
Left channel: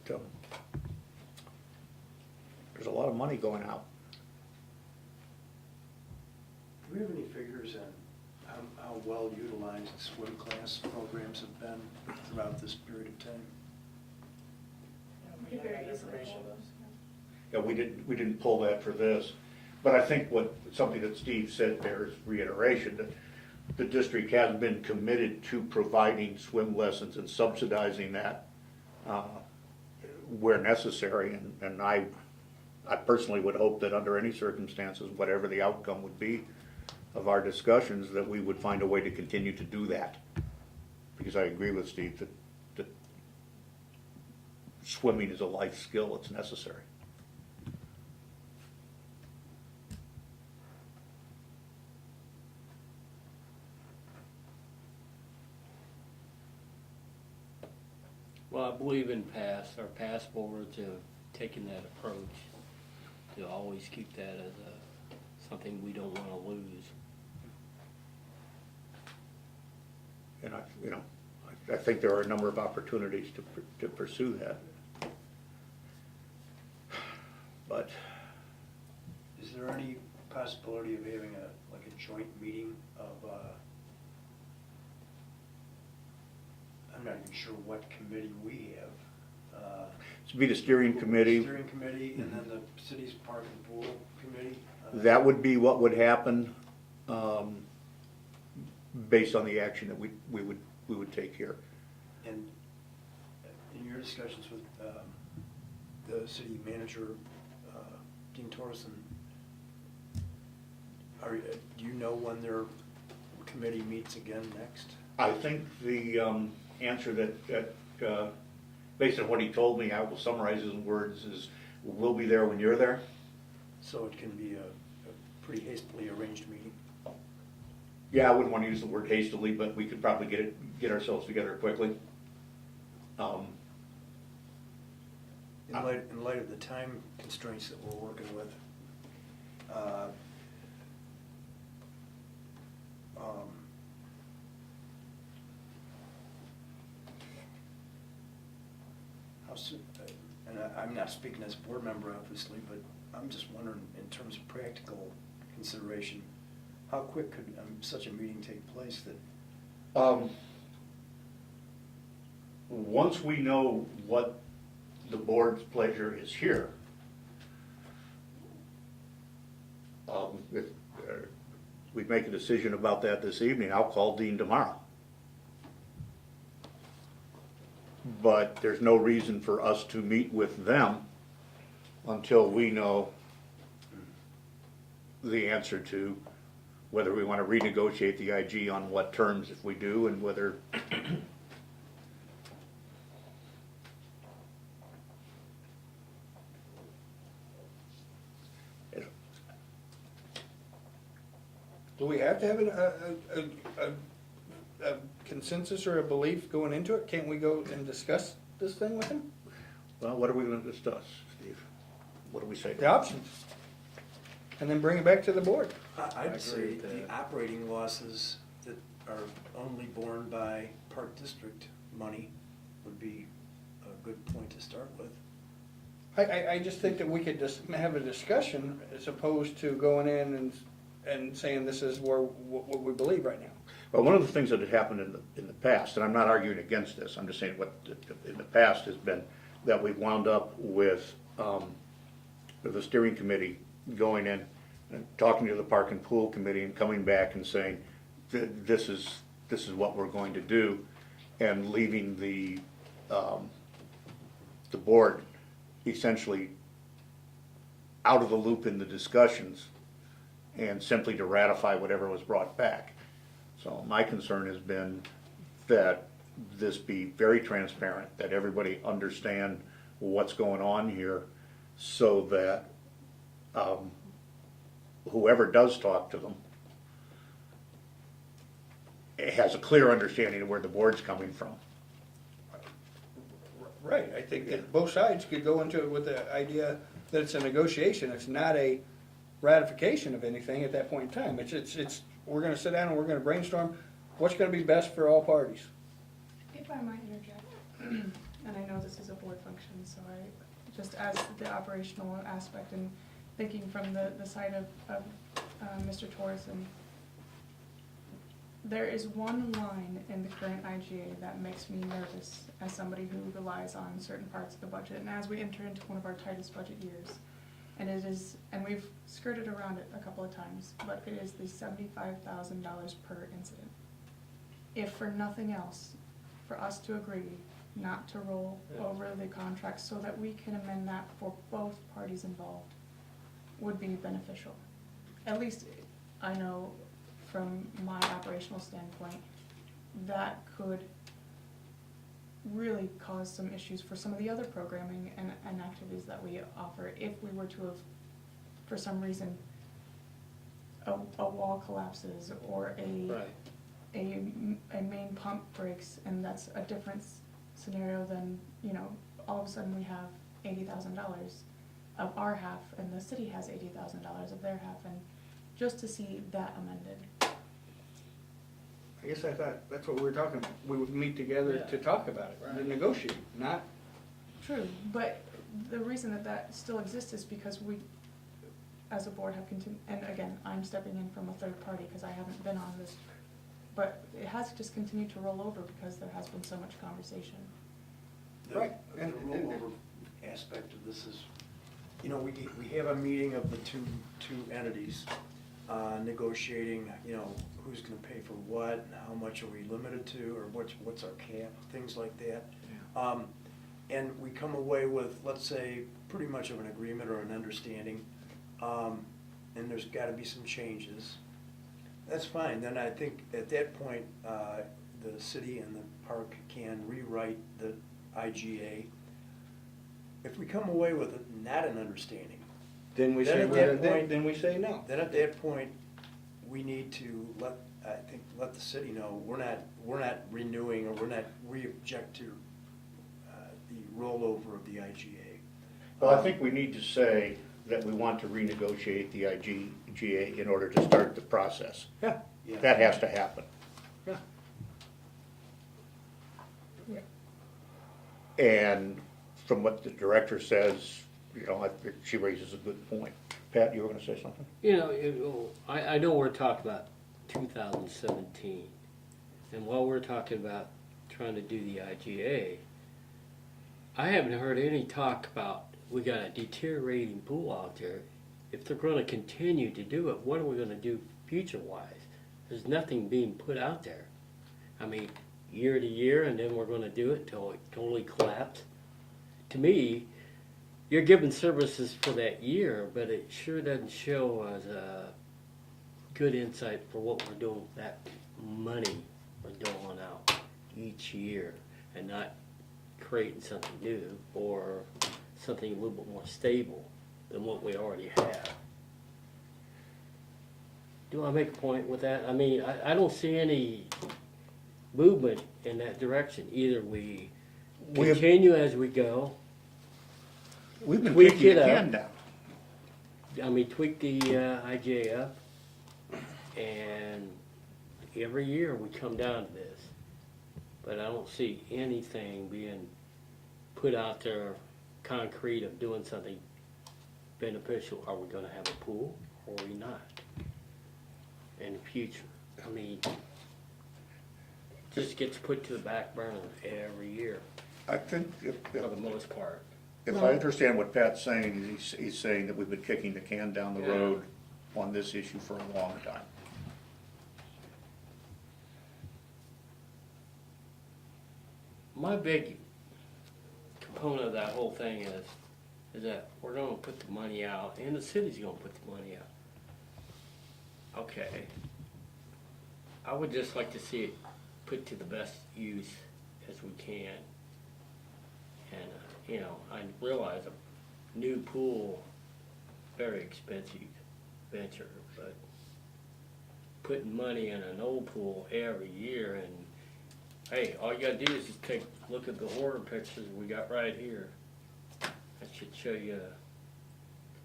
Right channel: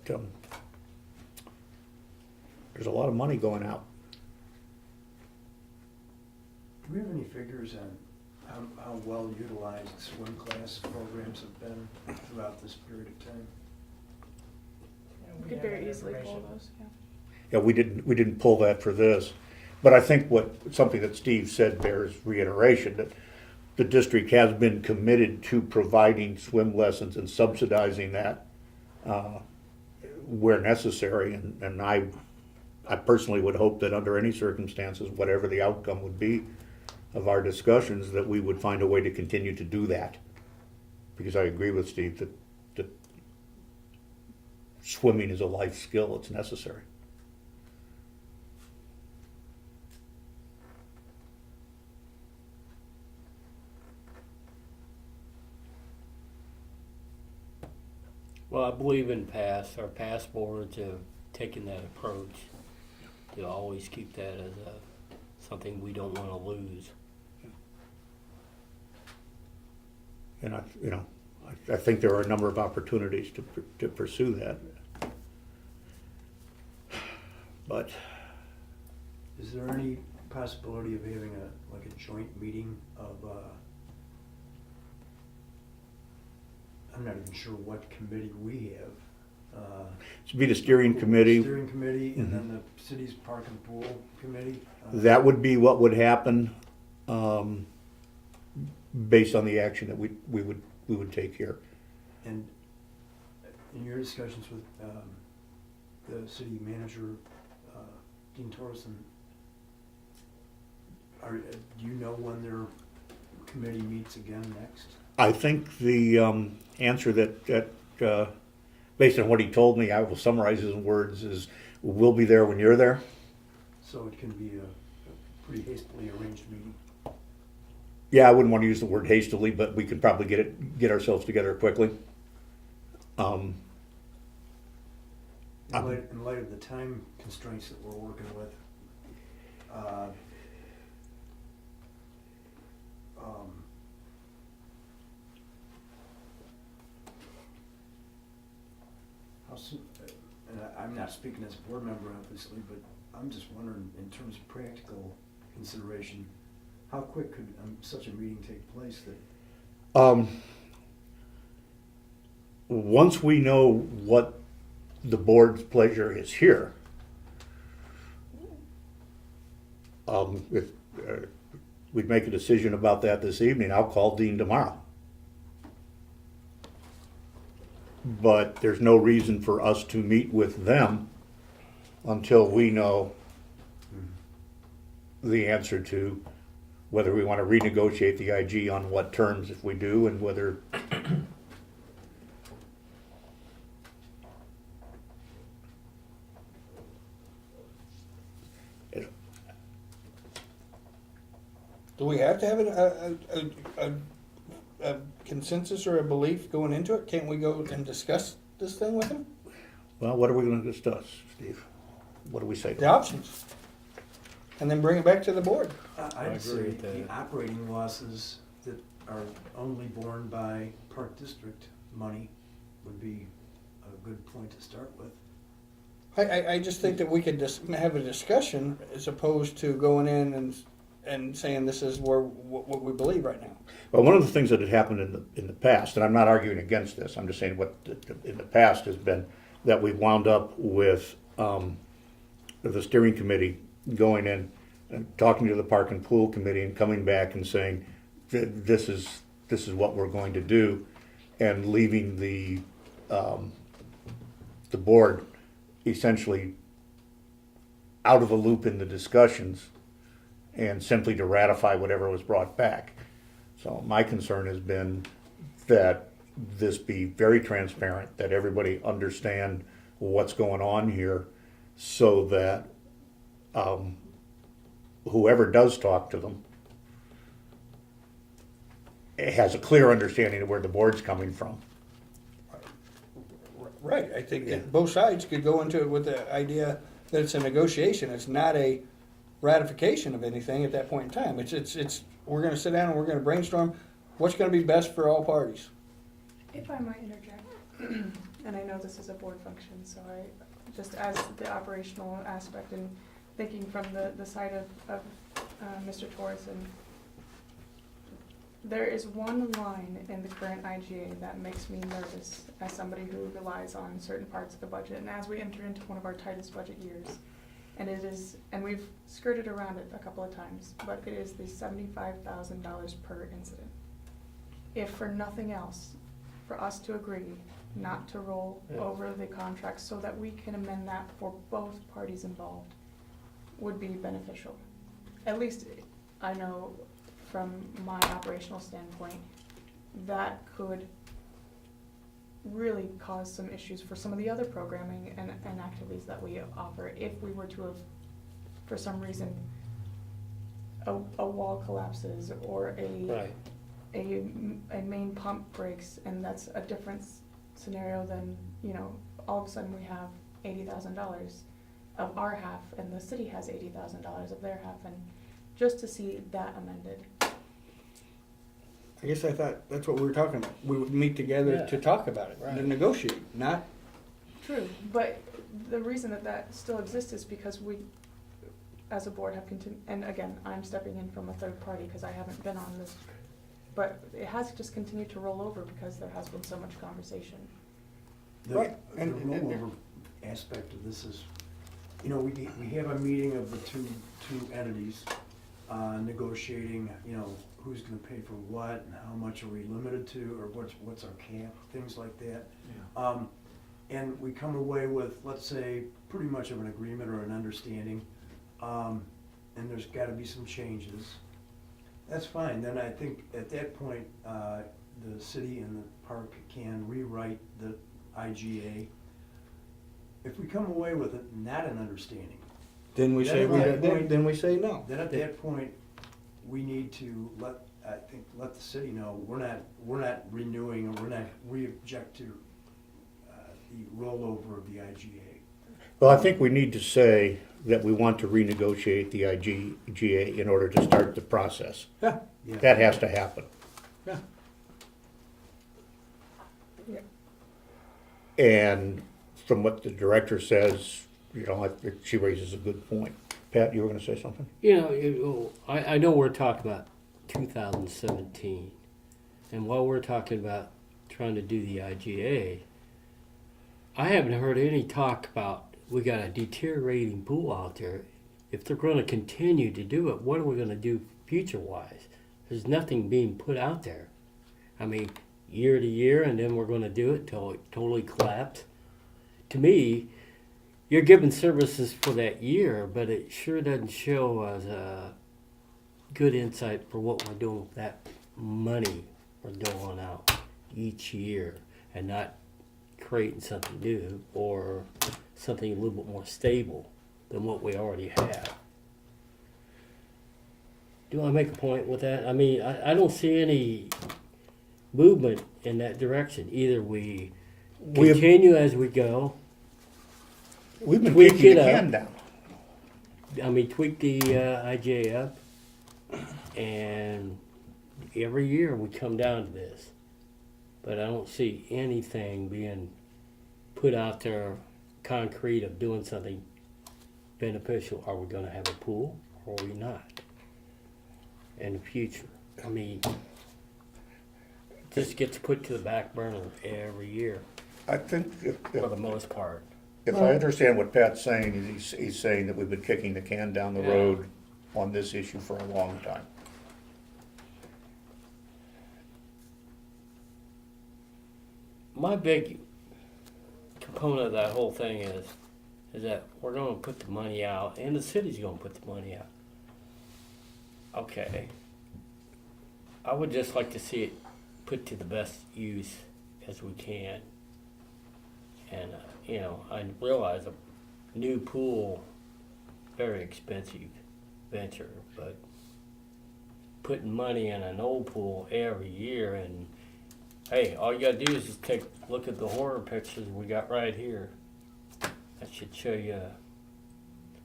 there's a lot of money going out. Do we have any figures on how well utilized swim class programs have been throughout this period of time? We could very easily pull those. Yeah, we didn't pull that for this, but I think something that Steve said bears reiteration, that the district has been committed to providing swim lessons and subsidizing that where necessary, and I personally would hope that under any circumstances, whatever the outcome would be of our discussions, that we would find a way to continue to do that. Because I agree with Steve that swimming is a life skill, it's necessary. Well, I believe our past boards have taken that approach to always keep that as something we don't want to lose. And I think there are a number of opportunities to pursue that. But Is there any possibility of having a joint meeting of, I'm not even sure what committee we have. to be the steering committee, Steering committee, and then the city's park and pool committee. that would be what would happen based on the action that we would take here. And in your discussions with the city manager, Dean Torreson, do you know when their committee meets again next? I think the answer that based on what he told me, I will summarize his words, is we'll be there when you're there. So it can be a pretty hastily arranged meeting. Yeah, I wouldn't want to use the word hastily, but we could probably get ourselves together quickly. In light of the time constraints that we're working with, how and I'm not speaking as a board member obviously, but I'm just wondering in terms of practical consideration, how quick could such a meeting take place that? Once we know what the board's pleasure is here, if we'd make a decision about that this evening, I'll call Dean tomorrow. But there's no reason for us to meet with them until we know the answer to whether we want to renegotiate the IG on what terms if we do, and whether Do we have to have a consensus or a belief going into it? Can't we go and discuss this thing with him? well, what are we going to discuss, Steve? What do we say? The options. And then bring it back to the board. I agree I'd say with the that. operating losses that are only borne by Park District money would be a good point to start with. I just think that we could just have a discussion as opposed to going in and saying this is what we believe right now. Well, one of the things that had happened in the past, and I'm not arguing against this, I'm just saying what in the past has been that we've wound up with the steering committee going in and talking to the park and pool committee and coming back and saying this is what we're going to do, and leaving the board essentially out of the loop in the discussions and simply to ratify whatever was brought back. So my concern has been that this be very transparent, that everybody understand what's going on here, so that whoever does talk to them has a clear understanding of where the board's coming from. Right, I think that both sides could go into it with the idea that it's a negotiation, it's not a ratification of anything at that point in time. It's we're gonna sit down and we're gonna brainstorm what's gonna be best for all parties. If I might interject, and I know this is a board function, so I, just as the operational aspect and thinking from the side of Mr. Torreson, there is one line in the current IGA that makes me nervous as somebody who relies on certain parts of the budget, and as we enter into one of our tightest budget years. And it is, and we've skirted around it a couple of times, but it is the $75,000 per incident. If for nothing else, for us to agree not to roll over the contract so that we can amend that for both parties involved would be beneficial. At least I know from my operational standpoint, that could really cause some issues for some of the other programming and activities that we offer if we were to have, for some reason, a wall collapses or Right. a main pump breaks, and that's a different scenario than, all of a sudden we have $80,000 of our half and the city has $80,000 of their half, and just to see that amended. I guess I thought that's what we were talking about. We would meet together Yeah. to talk about it, to negotiate, not, True, but the reason that still exists is because we, as a board, have continued, and again, I'm stepping in from a third party because I haven't been on this, but it has just continued to roll over because there has been so much conversation. Right, The and- rollover aspect of this is, we have a meeting of the two entities, negotiating, who's gonna pay for what, and how much are we limited to, or what's our cap, things like that. And we come away with, let's say, pretty much of an agreement or an understanding, and there's gotta be some changes. That's fine, then I think at that point, the city and the park can rewrite the IGA. If we come away with not an understanding, then we say, Then at that point- then we say no. then at that point, we need to let the city know, we're not renewing, or we object to the rollover of the IGA. Well, I think we need to say that we want to renegotiate the IGA in order to start the process. Yeah, That has to happen. yeah. Yeah. And from what the director says, you know, I think she raises a good point. Pat, you were gonna say something? You know, I know we're talking about 2017, and while we're talking about trying to do the IGA, I haven't heard any talk about we got a deteriorating pool out there. If they're going to continue to do it, what are we going to do future-wise? There's nothing being put out there. I mean, year to year, and then we're going to do it till it totally collapses. To me, you're giving services for that year, but it sure doesn't show as a good insight for what we're doing with that money we're doling out each year, and not creating something new or something a little bit more stable than what we already have. Do I make a point with that? I mean, I don't see any movement in that direction. Either we We have- continue as we go. We've been Tweak kicking it the up. can down. I mean, tweak the IJ up, and every year we come down to this. But I don't see anything being put out there concrete of doing something beneficial. Are we going to have a pool or are we not in the future? I mean, just gets put to the back burner every year I think for the most part. if I understand what Pat's saying, is he's saying that we've been kicking the can down the Yeah. road on this issue for a long time. My big component of that whole thing is that we're going to put the money out, and the city's going to put the money out. Okay. I would just like to see it put to the best use as we can. And, you know, I realize a new pool, very expensive venture, but putting money in an old pool every year, and hey, all you gotta do is just look at the horror pictures we got right here. That should show you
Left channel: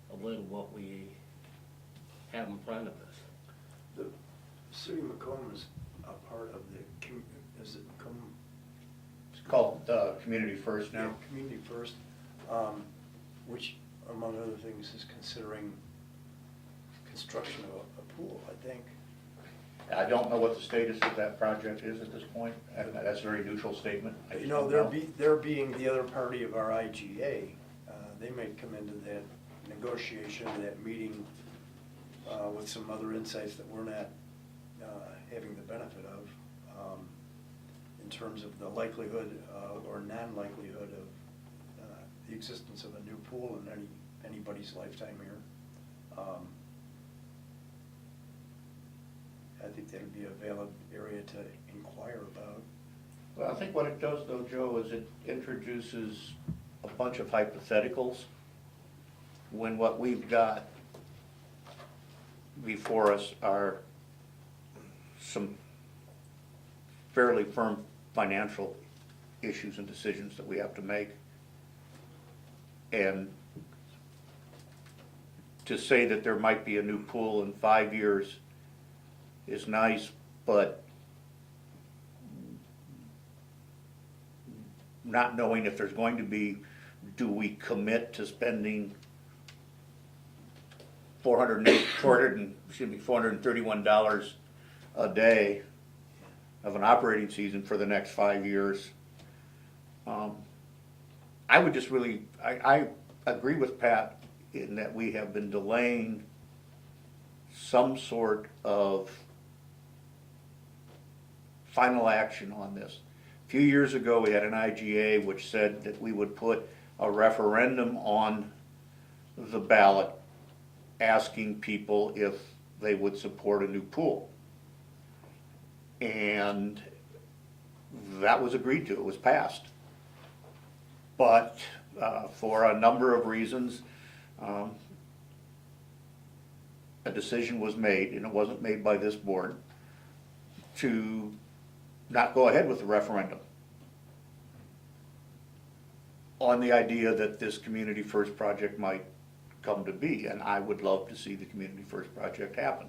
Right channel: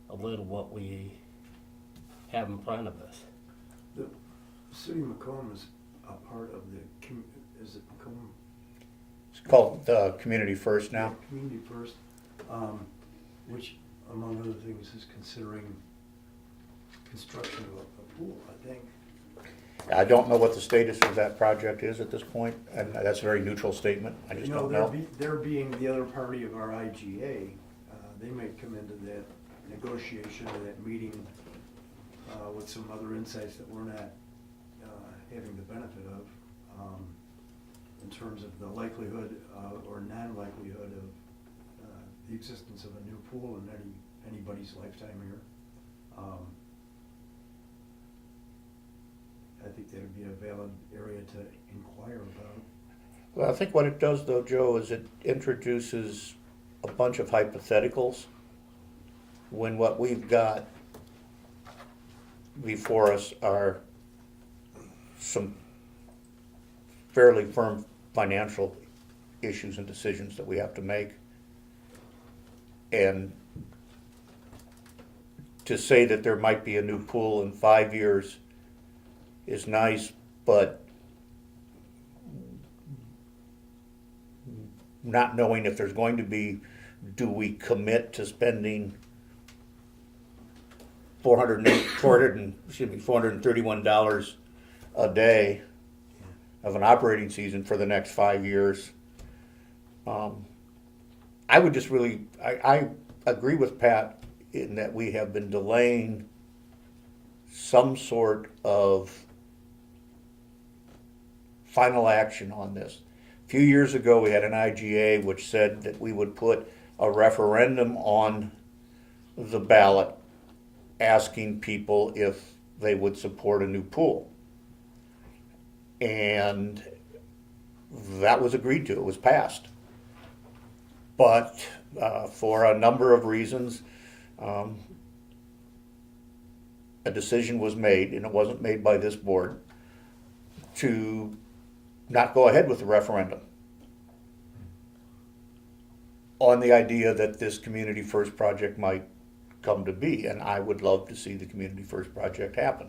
a little what we have in front of us. The city of Macomb is a part of the, is it Macomb? It's called Community First now. Community First, which among other things is considering construction of a pool, I think. I don't know what the status of that project is at this point, and that's a very neutral statement. I just You know, don't know. they're being the other party of our IGA, they may come into that negotiation, that meeting, with some other insights that we're not, having the benefit of, in terms of the likelihood, or non-likelihood of, the existence of a new pool in anybody's lifetime here. I think that would be a valid area to inquire about. Well, I think what it does though, Joe, is it introduces a bunch of hypotheticals when what we've got before us are some fairly firm financial issues and decisions that we have to make. And to say that there might be a new pool in 5 years is nice, but not knowing if there's going to be, do we commit to spending $431 a day of an operating season for the next 5 years? I would just really, I agree with Pat in that we have been delaying some sort of final action on this. A few years ago, we had an IGA which said that we would put a referendum on the ballot asking people if they would support a new pool. And that was agreed to, it was passed. But for a number of reasons, a decision was made, and it wasn't made by this board, to not go ahead with the referendum on the idea that this Community First project might come to be, and I would love to see the Community First project happen.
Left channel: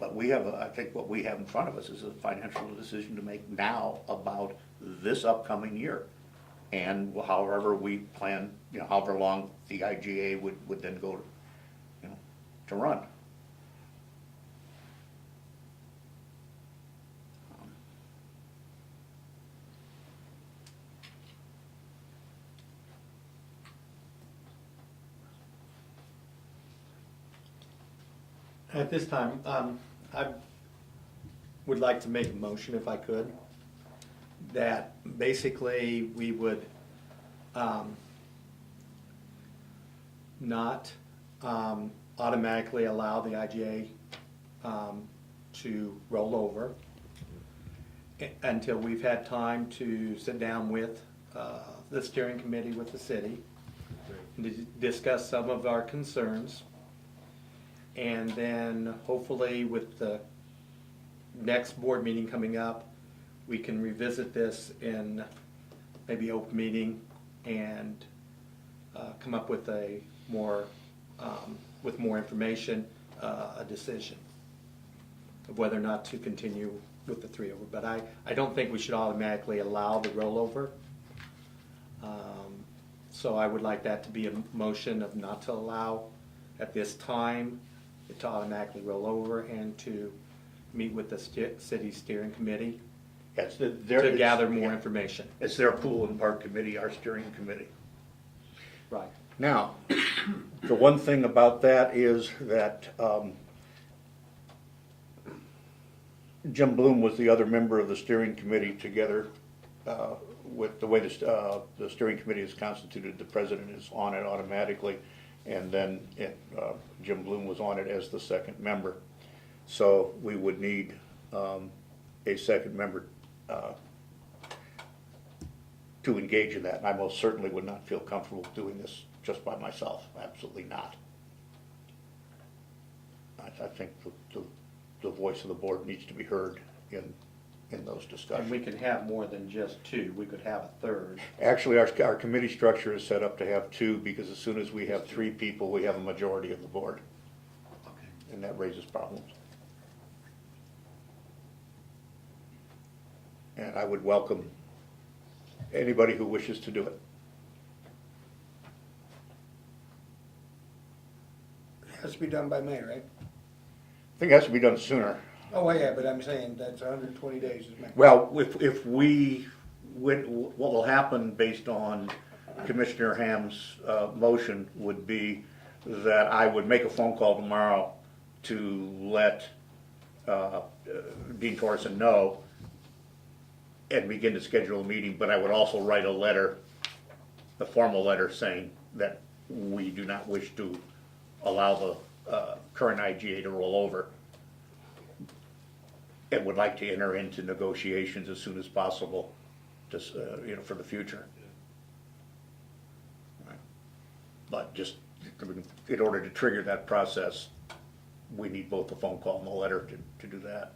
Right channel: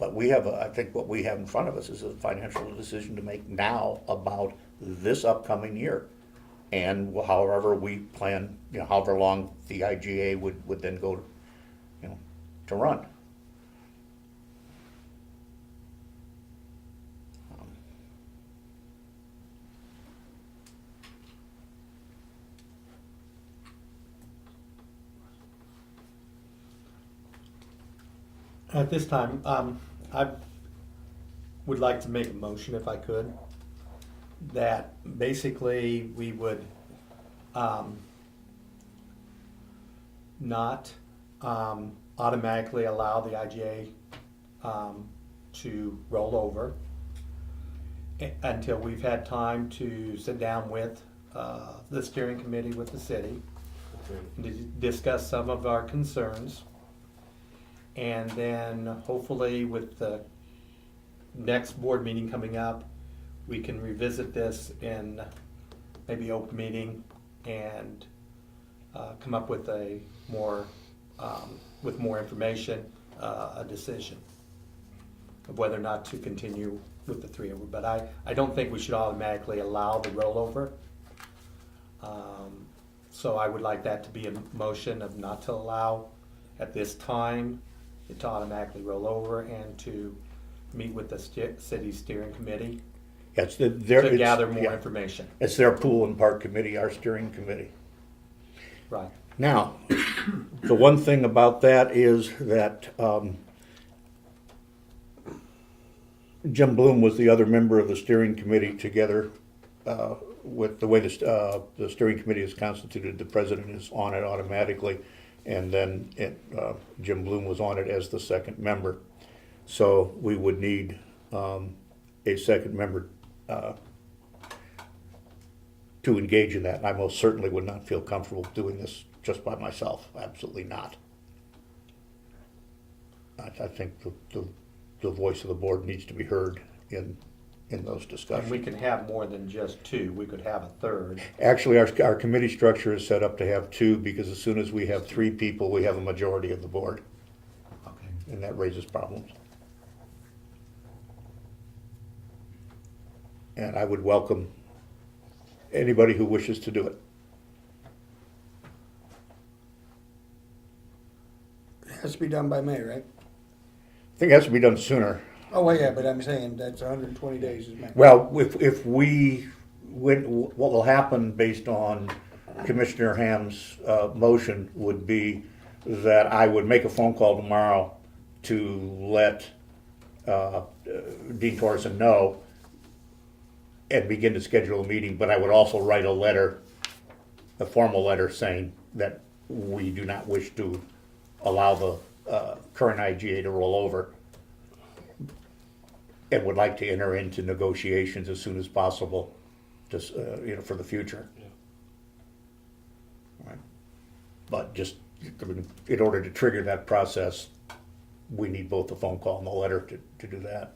But we have, I think what we have in front of us is a financial decision to make now about this upcoming year. And however we plan, however long the IGA would then go, to run. At this time, I would like to make a motion, if I could, that basically we would not automatically allow the IGA to roll over until we've had time to sit down with the steering committee with the city and to discuss some of our concerns. And then hopefully with the next board meeting coming up, we can revisit this in maybe open meeting and come up with a more, with more information, a decision of whether or not to continue with the 3 over. But I don't think we should automatically allow the rollover. So I would like that to be a motion of not to allow at this time to automatically roll over and to meet with the city steering committee Yes, to gather more information. It's their pool and park committee, our steering committee. Right. Now, the one thing about that is that Jim Bloom was the other member of the steering committee together with the way the steering committee is constituted. The president is on it automatically, and then Jim Bloom was on it as the second member. So we would need a second member to engage in that. And I most certainly would not feel comfortable doing this just by myself. Absolutely not. I think the voice of the board needs to be heard in those And discussions. we can have more than just 2. We could have a third. Actually, our committee structure is set up to have 2 because as soon as we have 3 people, we have a majority of the board, Okay. and that raises problems. And I would welcome anybody who wishes to do it. It has to be done by May, right? I think it has to be done sooner. Oh, well, yeah, but I'm saying that's 120 days is May. Well, if we, what will happen based on Commissioner Ham's motion would be that I would make a phone call tomorrow to let Dean Torreson know and begin to schedule a meeting, but I would also write a letter, a formal letter saying that we do not wish to allow the current IGA to roll over and would like to enter into negotiations as soon as possible, just, for the future. Right. But just in order to trigger that process, we need both the phone call and the letter to do that.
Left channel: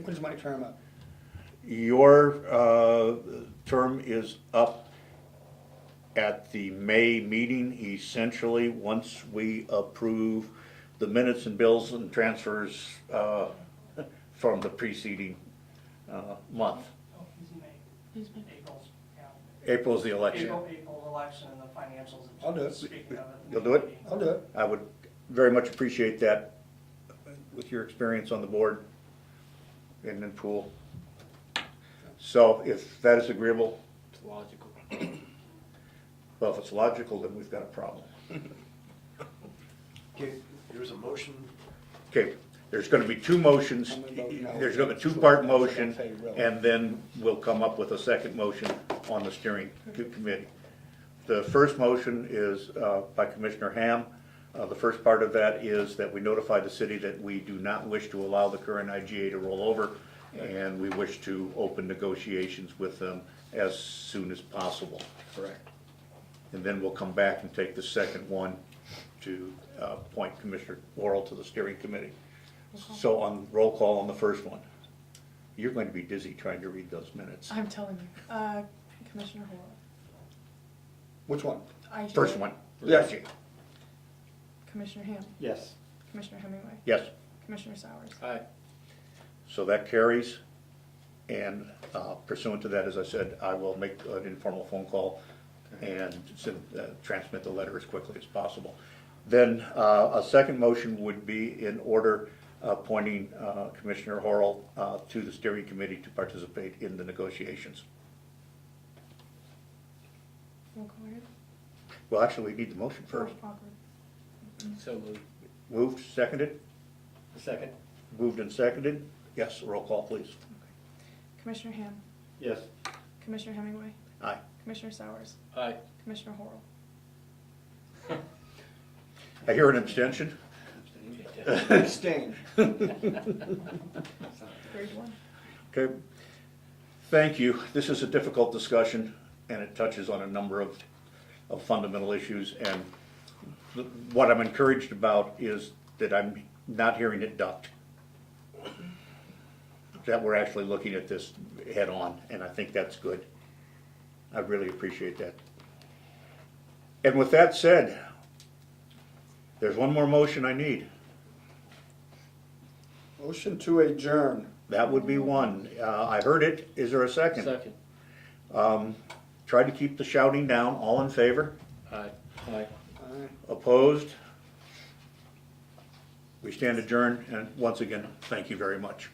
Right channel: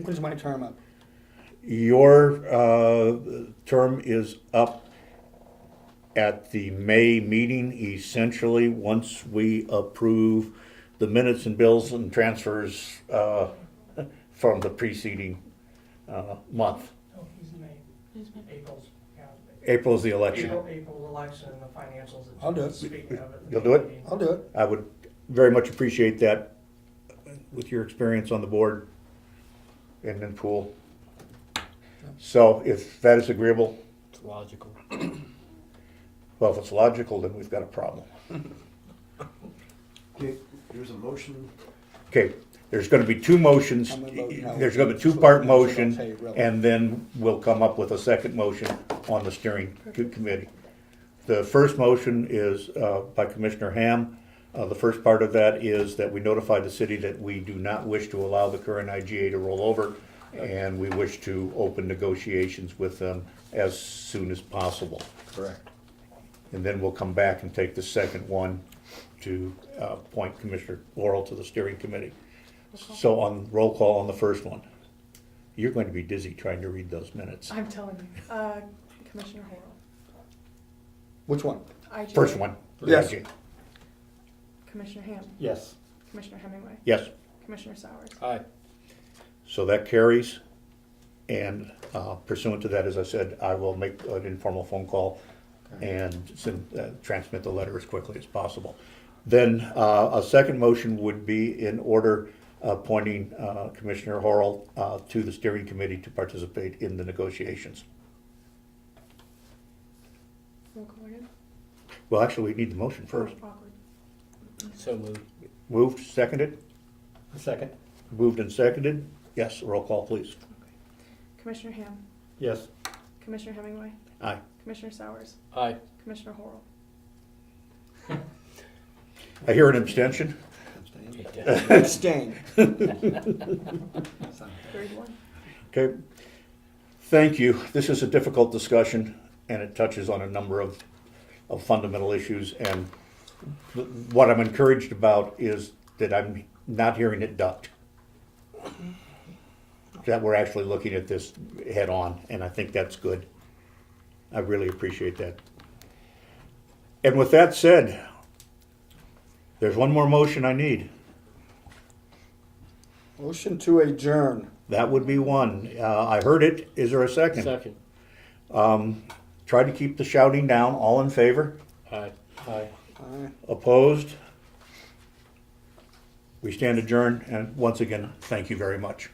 When's my term up? Your term is up at the May meeting, essentially, once we approve the minutes and bills and transfers from the preceding month. Oh, he's May. April's, yeah. April's the election. April election and the financials. I'll do it. Speaking of it. You'll do it? I'll do it. I would very much appreciate that with your experience on the board and in pool. So if that is agreeable, It's logical. well, if it's logical, then we've got a problem. Okay, here's a motion. Okay, there's gonna be 2 motions. I'm gonna vote no. There's gonna be a 2-part motion, I'll tell you really. and then we'll come up with a second motion on the steering committee. The first motion is by Commissioner Ham. The first part of that is that we notify the city that we do not wish to allow the current IGA to roll over, and we wish to open negotiations with them as soon as possible. Correct. And then we'll come back and take the second one to appoint Commissioner Laurel to the steering committee. So on roll call on the first one, you're going to be dizzy trying to read those minutes. I'm telling you. Commissioner Horrell. Which one? IGA. First one. Yes. IGA. Commissioner Ham. Yes. Commissioner Hemingway. Yes. Commissioner Sowers. Aye. So that carries, and pursuant to that, as I said, I will make an informal phone call and transmit the letter as quickly as possible. Then a second motion would be in order appointing Commissioner Horrell to the steering committee to participate in the negotiations. Roll call again. Well, actually, we need the motion first. Oh, awkward. So moved. Moved, seconded? A second. Moved and seconded? Yes, roll call, please. Commissioner Ham, Yes. Commissioner Hemingway, Aye. Commissioner Sowers, Aye. Commissioner Horrell. I hear an abstention. Abstain. Grade 1. Okay, thank you. This is a difficult discussion, and it touches on a number of fundamental issues. And what I'm encouraged about is that I'm not hearing it ducked. That we're actually looking at this head on, and I think that's good. I really appreciate that. And with that said, there's one more motion I need. Motion to adjourn. That would be one. I heard it. Is there a second? Second. Try to keep the shouting down. All in favor? Aye. Aye. Aye. Opposed? We stand adjourned, and once again, thank you very much.